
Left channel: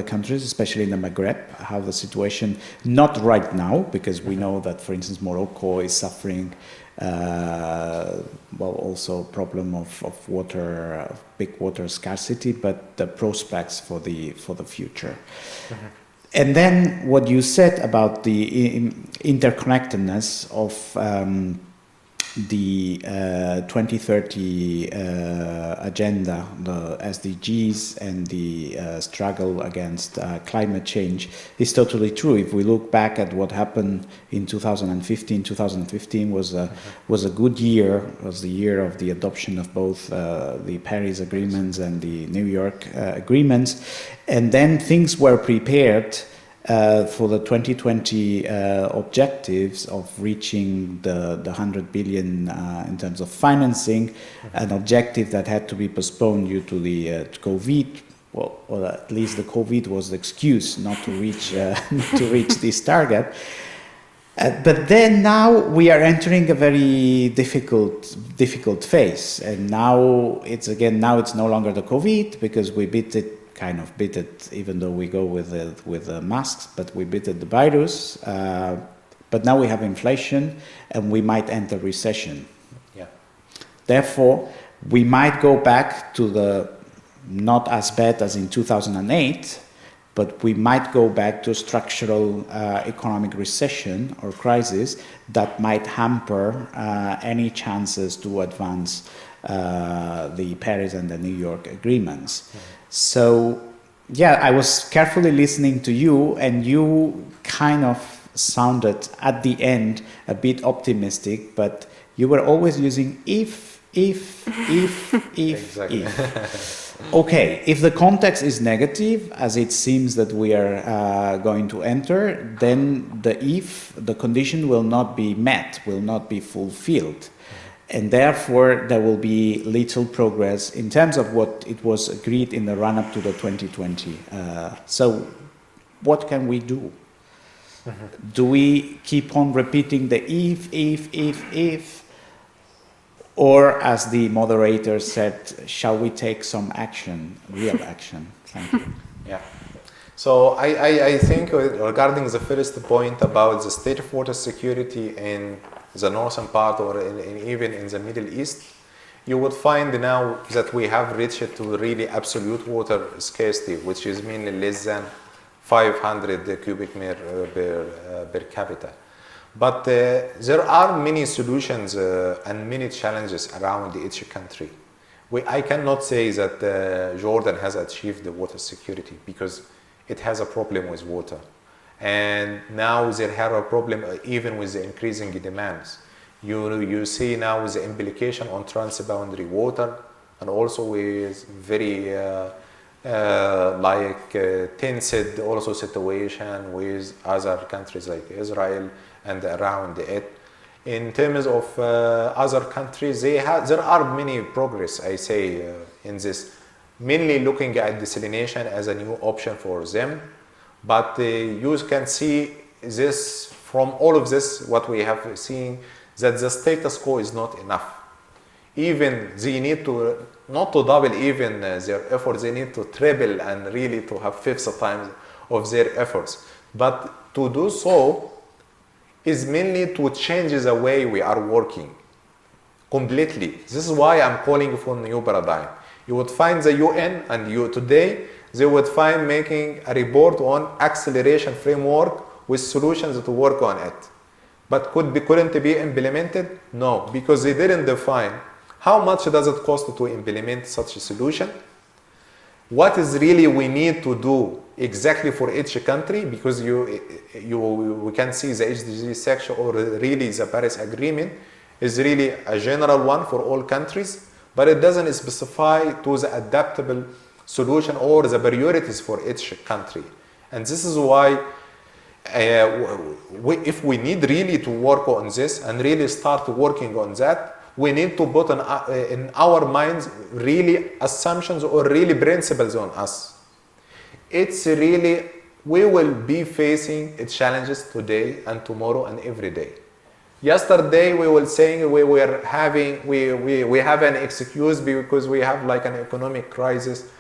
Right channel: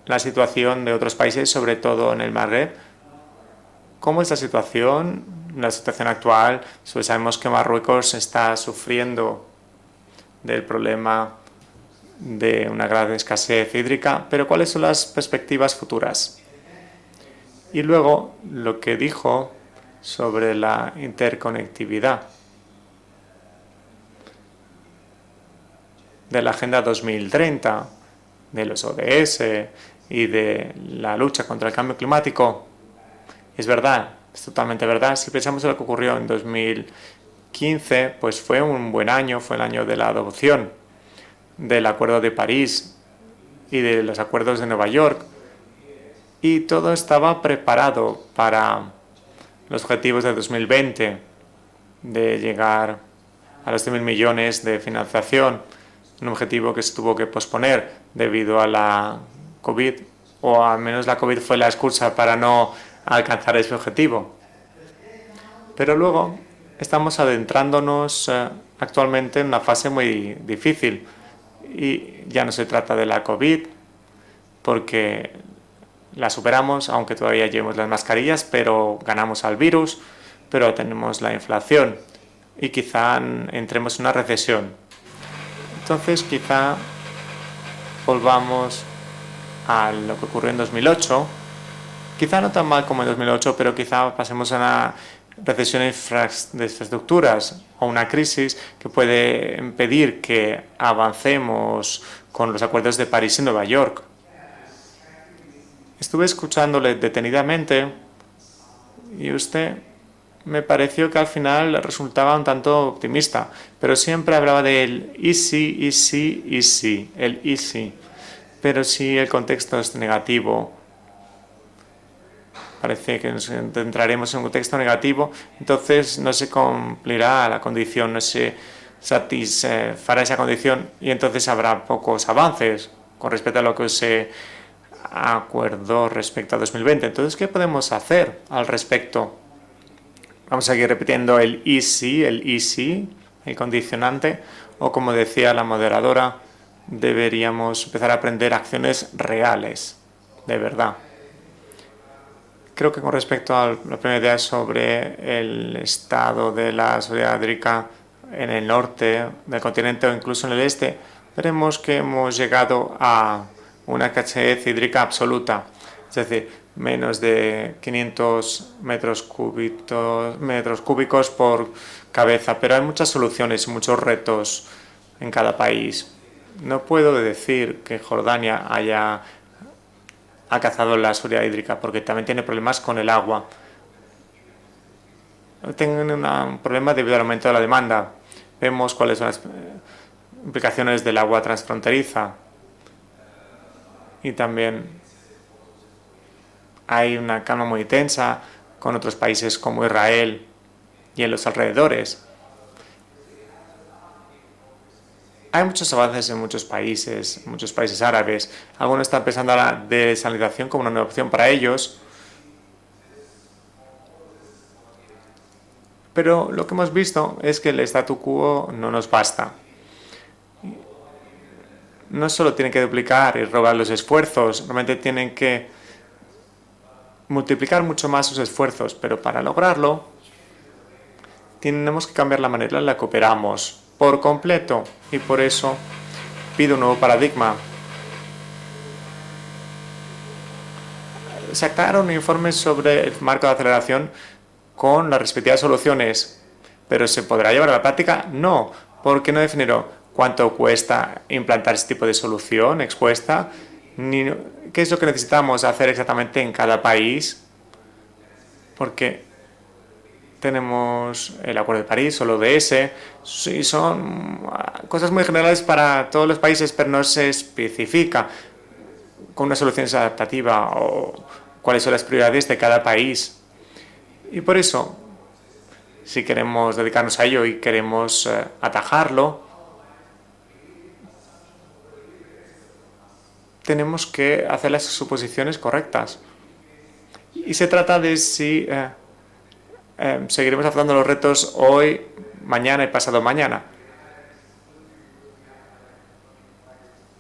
la situación de otros países, sobre todo en el Magreb. ¿Cómo es la situación? La situación actual, pues sabemos que Marruecos está sufriendo del problema de una gran escasez hídrica, pero ¿cuáles son las perspectivas futuras? Y luego, lo que dijo sobre la interconectividad de la Agenda 2030, de los ODS y de la lucha contra el cambio climático. Es verdad, es totalmente verdad. Si pensamos en lo que ocurrió en 2015, pues fue un buen año, fue el año de la adopción del Acuerdo de París y de los acuerdos de Nueva York. Y todo estaba preparado para los objetivos de 2020, de llegar a los 100.000 millones de financiación, un objetivo que se tuvo que posponer debido a la COVID, o al menos la COVID fue la excusa para no alcanzar ese objetivo. Pero luego estamos adentrándonos actualmente en una fase muy difícil, y ya no se trata de la COVID, porque la superamos, aunque todavía llevamos las mascarillas, pero ganamos al virus, pero tenemos la inflación y quizá entremos en una recesión. Entonces quizá volvamos a lo que ocurrió en 2008, quizá no tan mal como en 2008, pero quizá pasemos a una recesión de infraestructuras o una crisis que puede impedir que avancemos con los acuerdos de París y Nueva York. Estuve escuchándole detenidamente. Y usted me pareció que al final resultaba un tanto optimista, pero siempre hablaba de easy. Pero si el contexto es negativo, parece que entraremos en un contexto negativo, entonces no se cumplirá la condición, no se satisfará esa condición, y entonces habrá pocos avances con respecto a lo que se acordó respecto a 2020. Entonces, ¿qué podemos hacer al respecto? Vamos a seguir repitiendo el easy, condicionante, o como decía la moderadora, deberíamos empezar a aprender acciones reales. Creo que con respecto a la primera idea sobre el estado de la seguridad hídrica en el norte del continente o incluso en el este, veremos que hemos llegado a una escasez hídrica absoluta, es decir, menos de 500 metros cúbicos por cabeza. Pero hay muchas soluciones, muchos retos en cada país. No puedo decir que Jordania haya alcanzado la seguridad hídrica, porque también tiene problemas con el agua. Tienen un problema debido al aumento de la demanda. Vemos cuáles son las implicaciones del agua transfronteriza. Y también hay una calma muy tensa con otros países como Israel y en los alrededores. Hay muchos avances en muchos países árabes. Algunos están pensando en la desalinización como una opción para ellos. Pero lo que hemos visto es que el statu quo no nos basta. No solo tienen que duplicar y robar los esfuerzos, solamente tienen que multiplicar mucho más sus esfuerzos, pero para lograrlo tenemos que cambiar la manera en la que operamos por completo, y por eso pido un nuevo paradigma. Sacaron un informe sobre el marco de aceleración con las respectivas soluciones, pero ¿se podrá llevar a la práctica? No. ¿Por qué no definieron cuánto cuesta implantar este tipo de solución? ¿Qué es lo que necesitamos hacer exactamente en cada país? Porque tenemos el Acuerdo de París o el ODS, y son cosas muy generales para todos los países, pero no se especifica una solución adaptativa o cuáles son las prioridades de cada país. Por eso, si queremos dedicarnos a ello y queremos atajarlo, tenemos que hacer las suposiciones correctas. Y se trata de si seguiremos tratando los retos hoy, mañana y pasado mañana.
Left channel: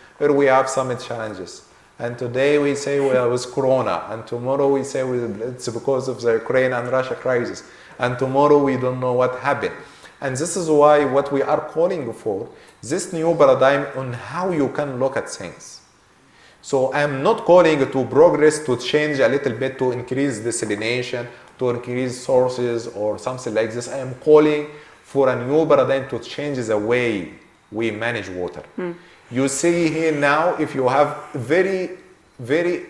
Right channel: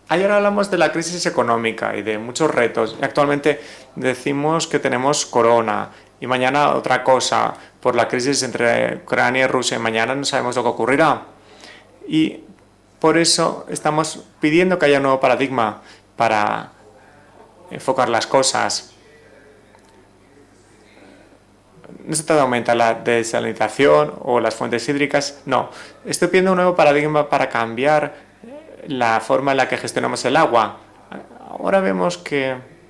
Ayer hablamos de la crisis económica y de muchos retos. Actualmente decimos que tenemos corona y mañana otra cosa por la crisis entre Ucrania y Rusia. Y mañana no sabemos lo que ocurrirá. Y por eso estamos pidiendo que haya un nuevo paradigma para enfocar las cosas. No se trata de aumentar la desalinización o las fuentes hídricas, no. Estoy pidiendo un nuevo paradigma para cambiar la forma en la que gestionamos el agua. Ahora vemos que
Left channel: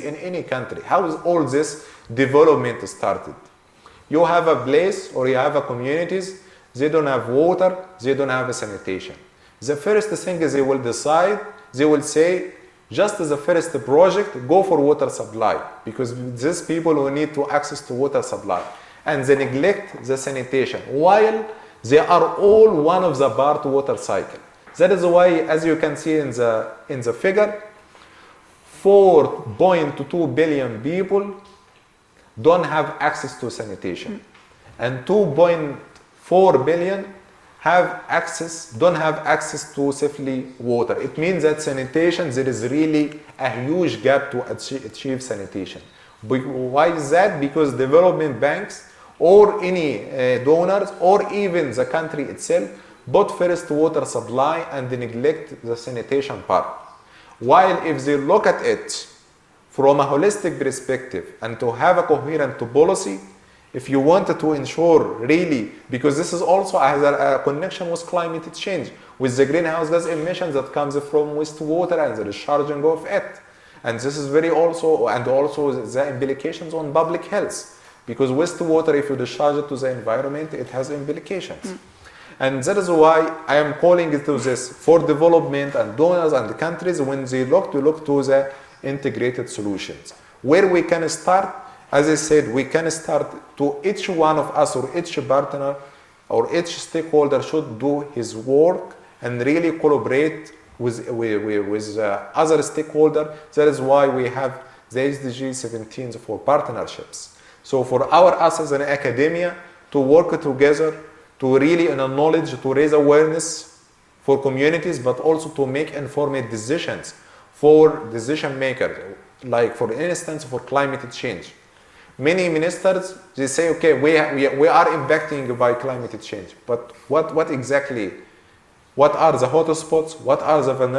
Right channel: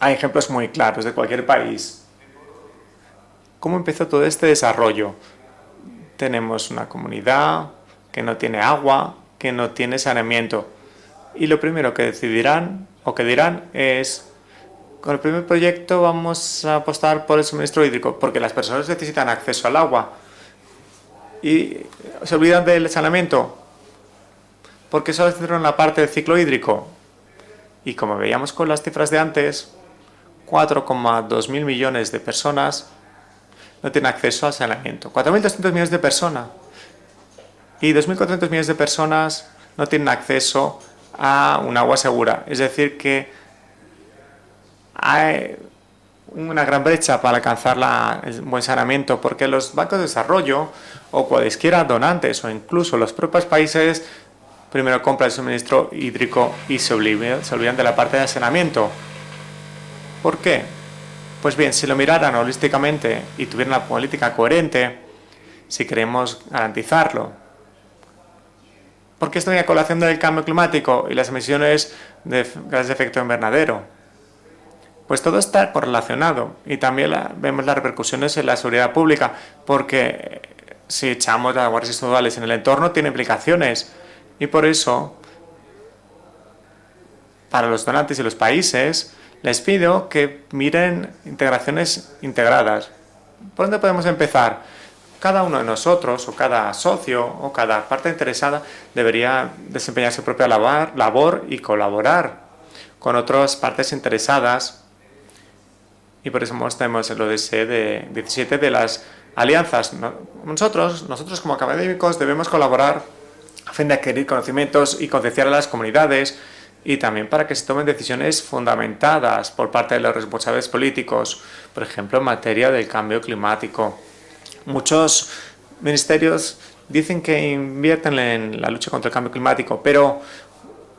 hay ejemplos muy claros de cualquier país. ¿Cómo empezó todo este desarrollo? Tenemos una comunidad que no tiene agua, que no tiene saneamiento. Y lo primero que decidirán o que dirán es, con el primer proyecto vamos a apostar por el suministro hídrico, porque las personas necesitan acceso al agua. Y se olvidan del saneamiento, porque eso es una parte del ciclo hídrico. Y como veíamos con las cifras de antes, 4,2 mil millones de personas no tienen acceso al saneamiento. 4.200 millones de personas y 2.400 millones de personas no tienen acceso a un agua segura. Es decir, que hay una gran brecha para alcanzar el buen saneamiento, porque los bancos de desarrollo, o cualesquiera donantes, o incluso los propios países, primero compran el suministro hídrico y se olvidan de la parte del saneamiento. ¿Por qué? Pues bien, si lo miraran holísticamente y tuvieran una política coherente, si queremos garantizarlo, porque esta vinculación del cambio climático y las emisiones de gases de efecto invernadero, pues todo está correlacionado y también vemos las repercusiones en la seguridad pública, porque si echamos aguas residuales en el entorno tiene implicaciones y por eso para los donantes y los países les pido que miren integraciones integradas. ¿Por dónde podemos empezar? Cada uno de nosotros, o cada socio, o cada parte interesada debería desempeñar su propia labor y colaborar con otras partes interesadas. Y por eso tenemos el ODS de 17 de las alianzas. Nosotros como académicos debemos colaborar a fin de adquirir conocimientos y concienciar a las comunidades y también para que se tomen decisiones fundamentadas por parte de los responsables políticos. Por ejemplo, en materia de cambio climático. Muchos ministerios dicen que invierten en la lucha contra el cambio climático, pero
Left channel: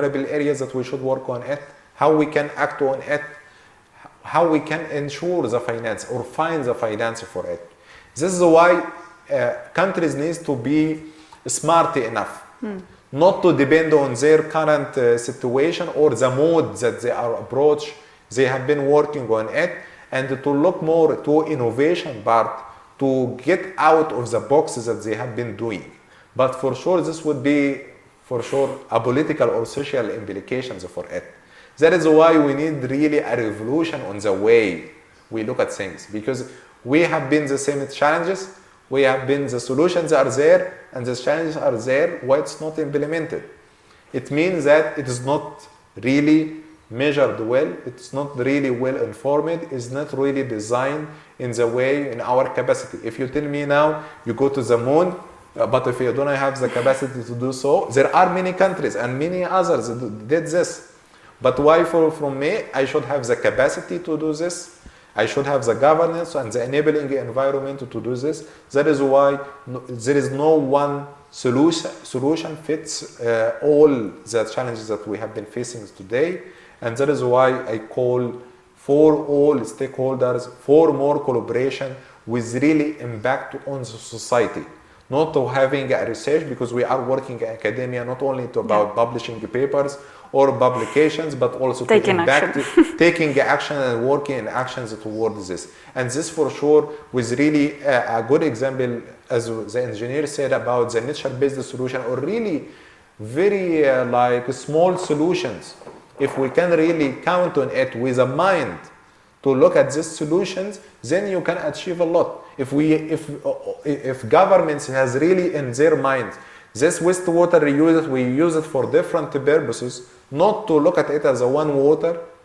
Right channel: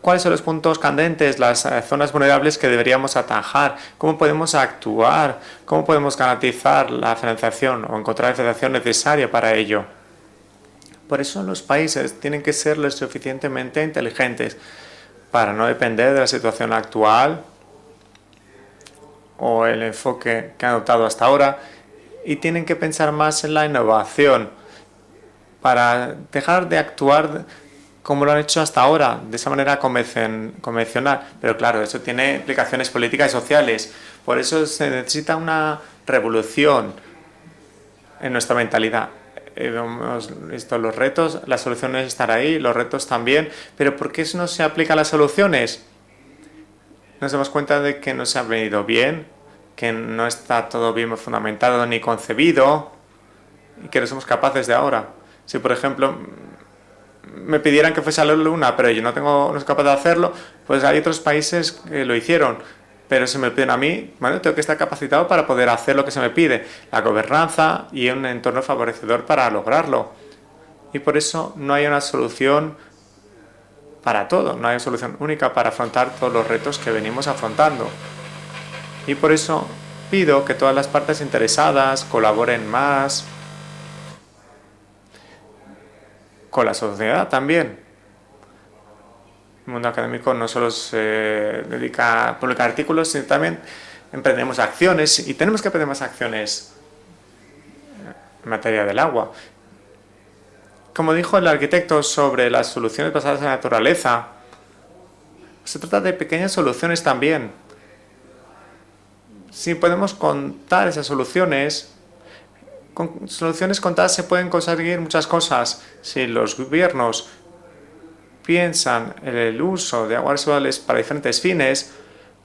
¿cuáles son los puntos candentes, las zonas vulnerables que deberíamos atajar? ¿Cómo podemos actuar? ¿Cómo podemos garantizar la financiación o encontrar la financiación necesaria para ello? Por eso los países tienen que ser lo suficientemente inteligentes para no depender de la situación actual o el enfoque que han adoptado hasta ahora, y tienen que pensar más en la innovación para dejar de actuar como lo han hecho hasta ahora, de esa manera convencional. Pero claro, eso tiene implicaciones políticas y sociales. Por eso se necesita una revolución en nuestra mentalidad. Los retos, las soluciones están ahí, los retos también, pero ¿por qué no se aplican las soluciones? Nos damos cuenta de que no se ha medido bien, que no está todo bien fundamentado ni concebido, que no somos capaces de ahora. Si, por ejemplo, me pidieran que fuese a la Luna, pero yo no tengo capacidad de hacerlo, pues hay otros países que lo hicieron. Pero si me piden a mí, bueno, tengo que estar capacitado para poder hacer lo que se me pide. La gobernanza y un entorno favorecedor para lograrlo. Y por eso no hay una solución para todo, no hay una solución única para afrontar todos los retos que venimos afrontando. Y por eso pido que todas las partes interesadas colaboren más con la sociedad también. Un académico no solo se dedica a publicar artículos, sino también emprendemos acciones y tenemos que emprender más acciones en materia del agua. Como dijo el arquitecto sobre las soluciones basadas en la naturaleza, se trata de pequeñas soluciones también. Si podemos contar esas soluciones, con soluciones contadas se pueden conseguir muchas cosas. Si los gobiernos piensan en el uso de aguas residuales para diferentes fines,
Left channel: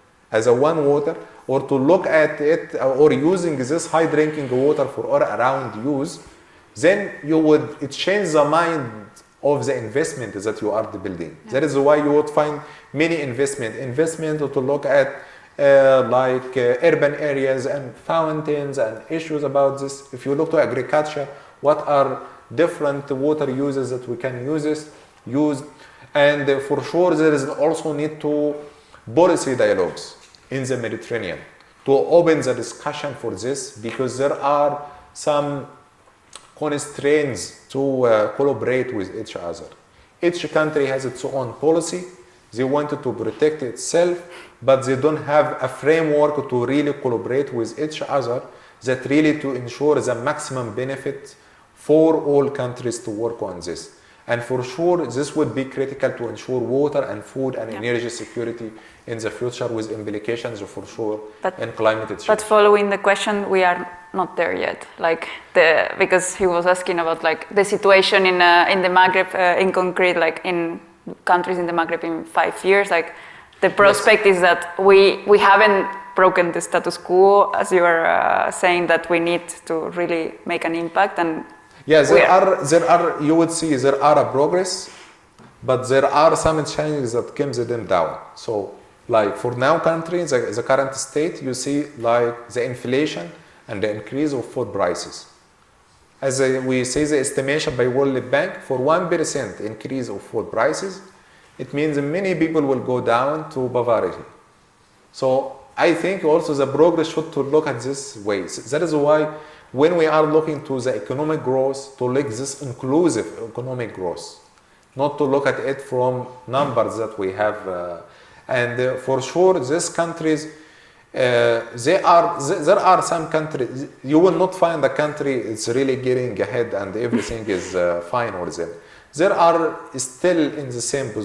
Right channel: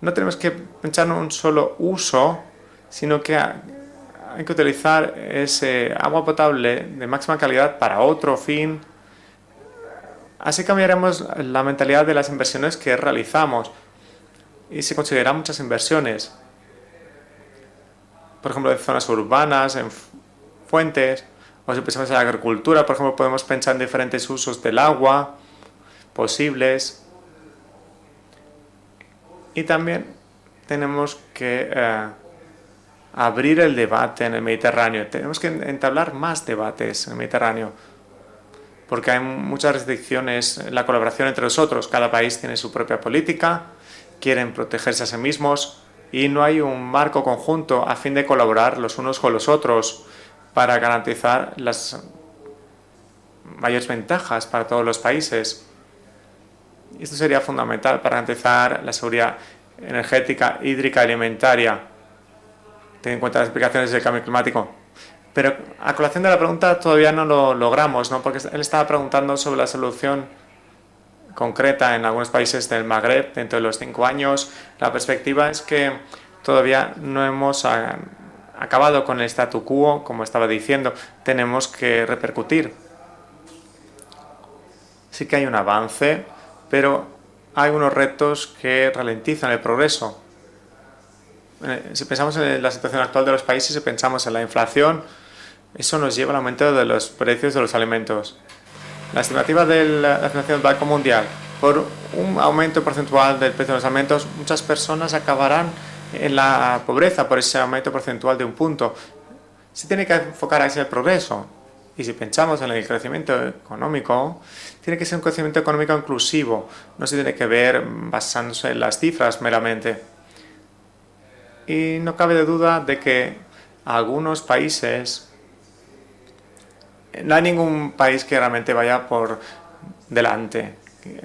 no tenemos que pensar en un solo uso, sino que hay que utilizar ese agua potable de máxima calidad para otro fin. Así cambiaremos la mentalidad de las inversiones que realizamos y se consideran muchas inversiones, por ejemplo, en zonas urbanas, en fuentes, o si pensamos en la agricultura, por ejemplo, podemos pensar en diferentes usos del agua posibles. Y también tenemos que abrir el debate en el Mediterráneo. Tenemos que entablar más debates en el Mediterráneo, porque hay muchas restricciones en la colaboración entre nosotros. Cada país tiene su propia política, quieren protegerse a sí mismos y no hay un marco conjunto a fin de colaborar los unos con los otros para garantizar las mayores ventajas para todos los países. Esto sería fundamental para garantizar la seguridad energética, hídrica, alimentaria. But following the question, we are not there yet. Like because he was asking about the situation in the Maghreb in concrete, like in countries in the Maghreb in 5 years. Like the prospect is that we haven't broken the status quo, as you were saying, that we need to really make an impact, and you would see there are a progress. Sí que hay un avance, pero hay unos retos que ralentizan el progreso. Si pensamos en la situación actual de los países y pensamos en la inflación, eso nos lleva a un aumento de los precios de los alimentos. La estimativa de la Financiación del Banco Mundial, por un aumento porcentual del precio de los alimentos, muchas personas acabarán en la pobreza por ese aumento porcentual de un punto. Se tiene que enfocar en el progreso, y si pensamos en el crecimiento económico, tiene que ser un crecimiento económico inclusivo, no se tiene que ver basándose en las cifras meramente. Y no cabe duda de que algunos países, no hay ningún país que realmente vaya por delante,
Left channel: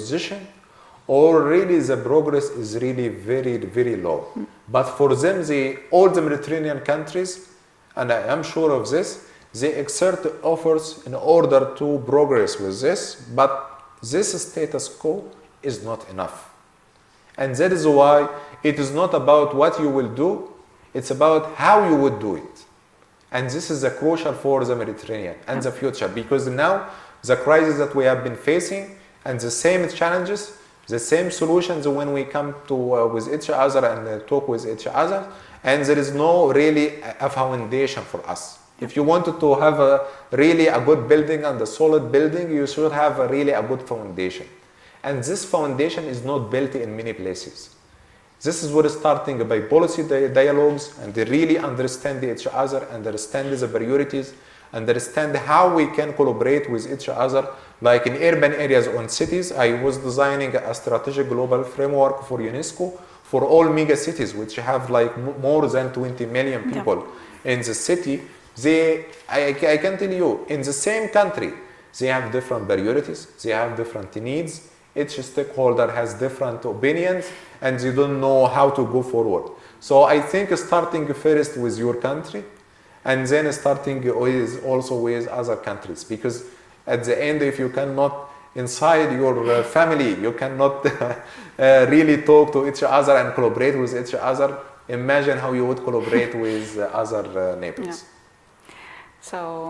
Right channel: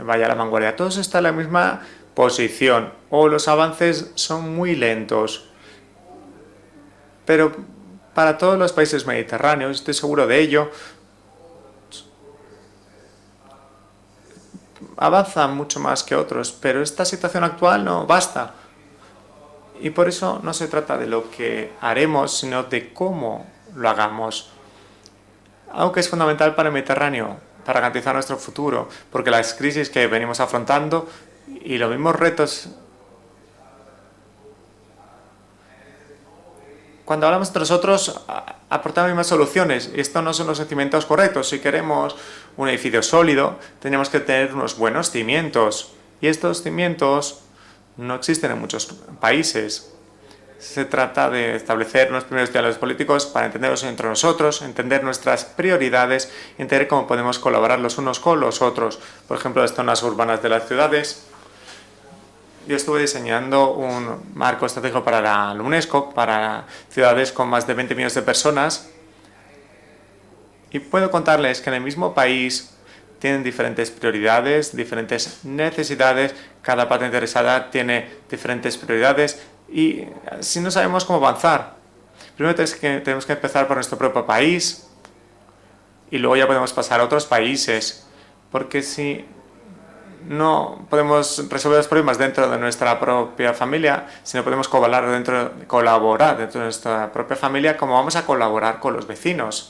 vaya a la vanguardia. Todos están en la misma posición, o los avances son muy lentos. Pero para todos los países mediterráneos, estoy seguro de ello, avanzan mucho más que otros, pero esta situación actual no basta. Y por eso no se trata de lo que haremos, sino de cómo lo hagamos. Aunque es fundamental para el Mediterráneo, para garantizar nuestro futuro, porque las crisis que venimos afrontando y los mismos retos. Cuando hablamos entre nosotros, aportamos más soluciones. Estos no son los cimientos correctos. Si queremos un edificio sólido, tenemos que tener unos buenos cimientos. Y estos cimientos no existen en muchos países. Se trata de establecer unos primeros diálogos políticos para entendernos entre nosotros, entender nuestras prioridades, entender cómo podemos colaborar los unos con los otros. Por ejemplo, las zonas urbanas de las ciudades. Yo estuve diseñando un marco estratégico para la UNESCO, para ciudades con más de 20 millones de personas. Y puedo contarles que en el mismo país tienen diferentes prioridades, diferentes necesidades, cada parte interesada tiene diferentes prioridades y si no sabemos cómo avanzar, primero tenemos que empezar por nuestro propio país y luego ya podemos pasar a otros países. Porque si no podemos resolver los problemas dentro de nuestra propia familia, si no podemos colaborar dentro de nuestra propia familia, ¿cómo vamos a colaborar con los vecinos?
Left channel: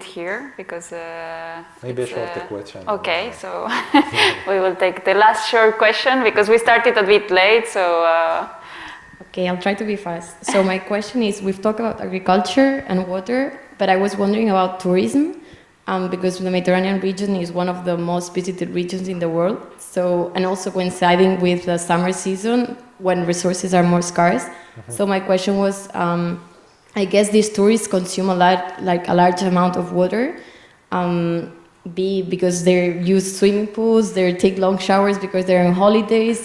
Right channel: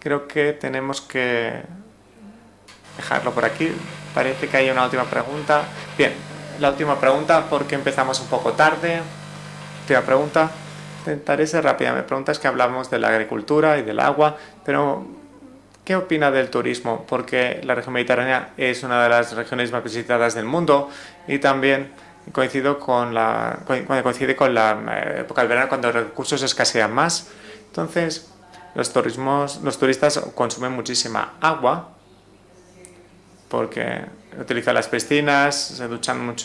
Creo que tenemos que dejarlo por aquí. Parece que hay una última pregunta. Porque empezamos un poco tarde. Okay, I'll try to be fast. So my question is, we talk about agriculture and water, but I was wondering about tourism. Because the Mediterranean region is one of the most visited regions in the world, so, and also coinciding with the summer season when resources are more scarce. So my question was, I guess these tourists consume a large amount of water, because they use swimming pools, they take long showers because they're on holidays.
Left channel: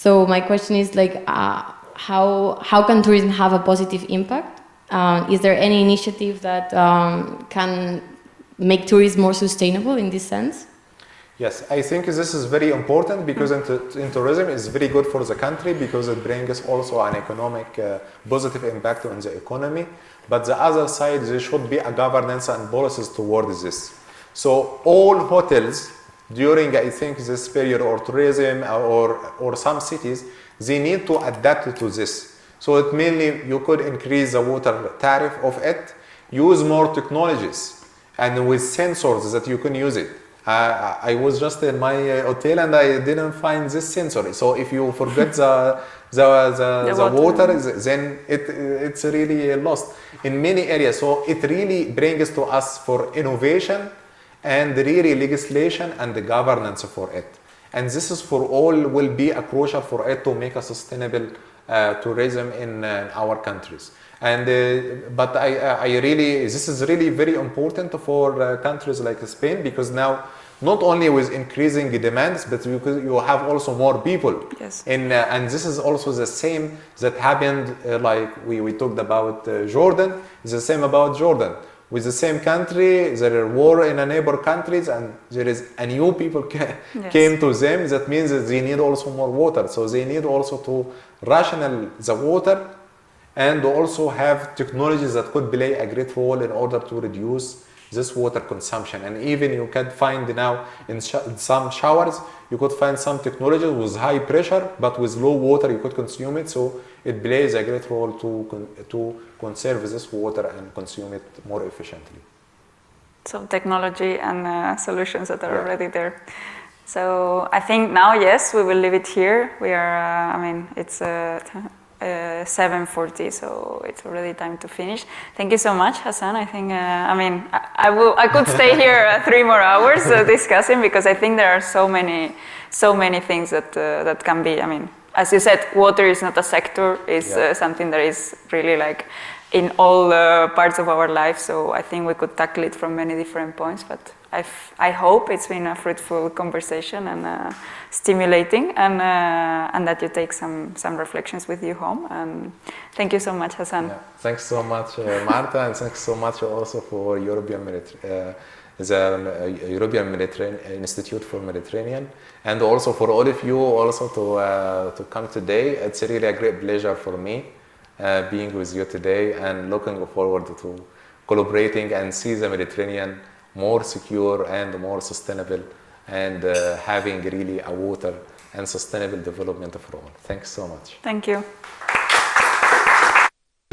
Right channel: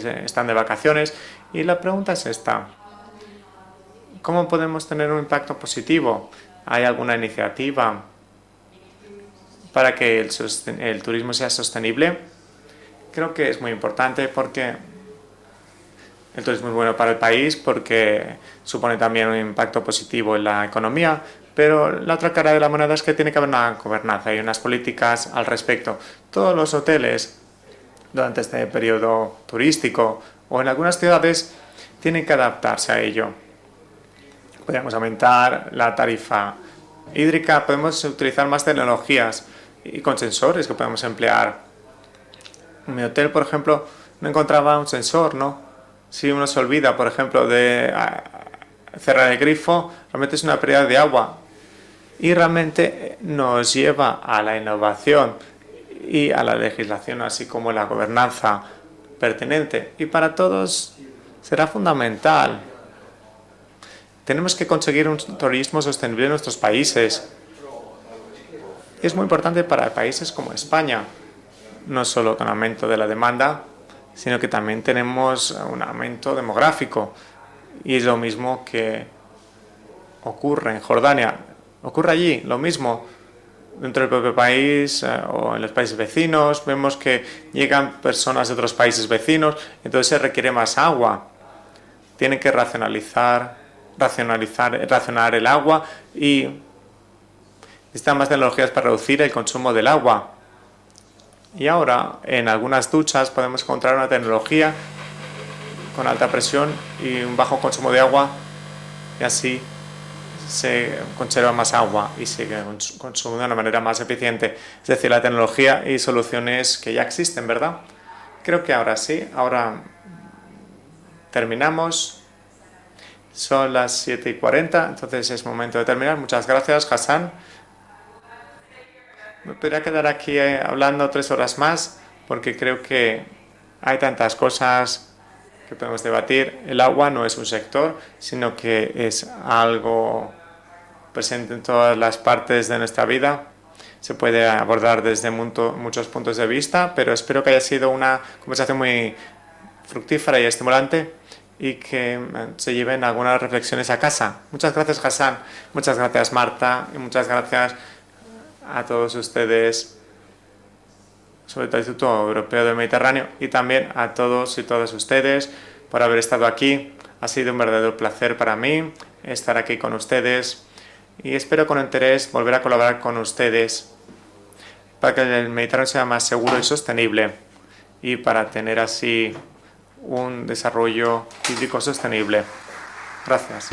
So my question is like, how can tourism have a positive impact? Is there any initiative that can make tourism more sustainable para que el turismo sea sostenible? Creo que es muy importante porque esto es muy bueno para el país porque supone también un impacto positivo en la economía, pero la otra cara de la moneda es que tiene que haber una gobernanza y unas políticas al respecto. todos los hoteles durante este periodo turístico o en algunas ciudades tienen que adaptarse a ello. Podemos aumentar la tarifa hídrica, podemos utilizar más tecnologías y con sensores que podemos emplear. En mi hotel, por ejemplo, me encontraba un sensor, ¿no? Si uno se olvida, por ejemplo, de cerrar el grifo, realmente es una pérdida de agua y realmente nos lleva a la innovación y a la legislación, así como la gobernanza pertinente. Y para todos será fundamental. Tenemos que conseguir un turismo sostenible en nuestros países. Y es muy importante para países como España, no solo con aumento de la demanda, sino que también tenemos un aumento demográfico. Y lo mismo que ocurre en Jordania. Ocurre allí lo mismo. Dentro del propio país o en los países vecinos vemos que llegan personas de otros países vecinos, entonces se requiere más agua. Tienen que racionar el agua y necesitan más tecnologías para reducir el consumo del agua. Y ahora, en algunas duchas podemos encontrar una tecnología con alta presión y un bajo consumo de agua, y así se conserva más agua y se consume de una manera más eficiente. Es decir, la tecnología y soluciones que ya existen, ¿verdad? Creo que ahora sí, ahora terminamos. Son las 7:40, entonces es momento de terminar. Muchas gracias, Hassan. I could stay here 3 more hours discussing, because I think there are so many things that can be. As you said, water is not a sector, it's something that is really es in all parts of our lives, en todas las partes de nuestra vida. Se puede abordar desde muchos puntos de vista, pero espero que haya sido una conversación muy fructífera y estimulante y que se lleven algunas reflexiones a casa. Muchas gracias, Hassan. Muchas gracias, Marta. Muchas gracias a todos ustedes, sobre el Instituto Europeo del Mediterráneo, y también a todos y todas ustedes por haber estado aquí. Ha sido un verdadero placer para mí estar aquí con ustedes y espero con interés volver a colaborar con ustedes para que el Mediterráneo sea más seguro y sostenible y para tener así un desarrollo hídrico sostenible. Gracias.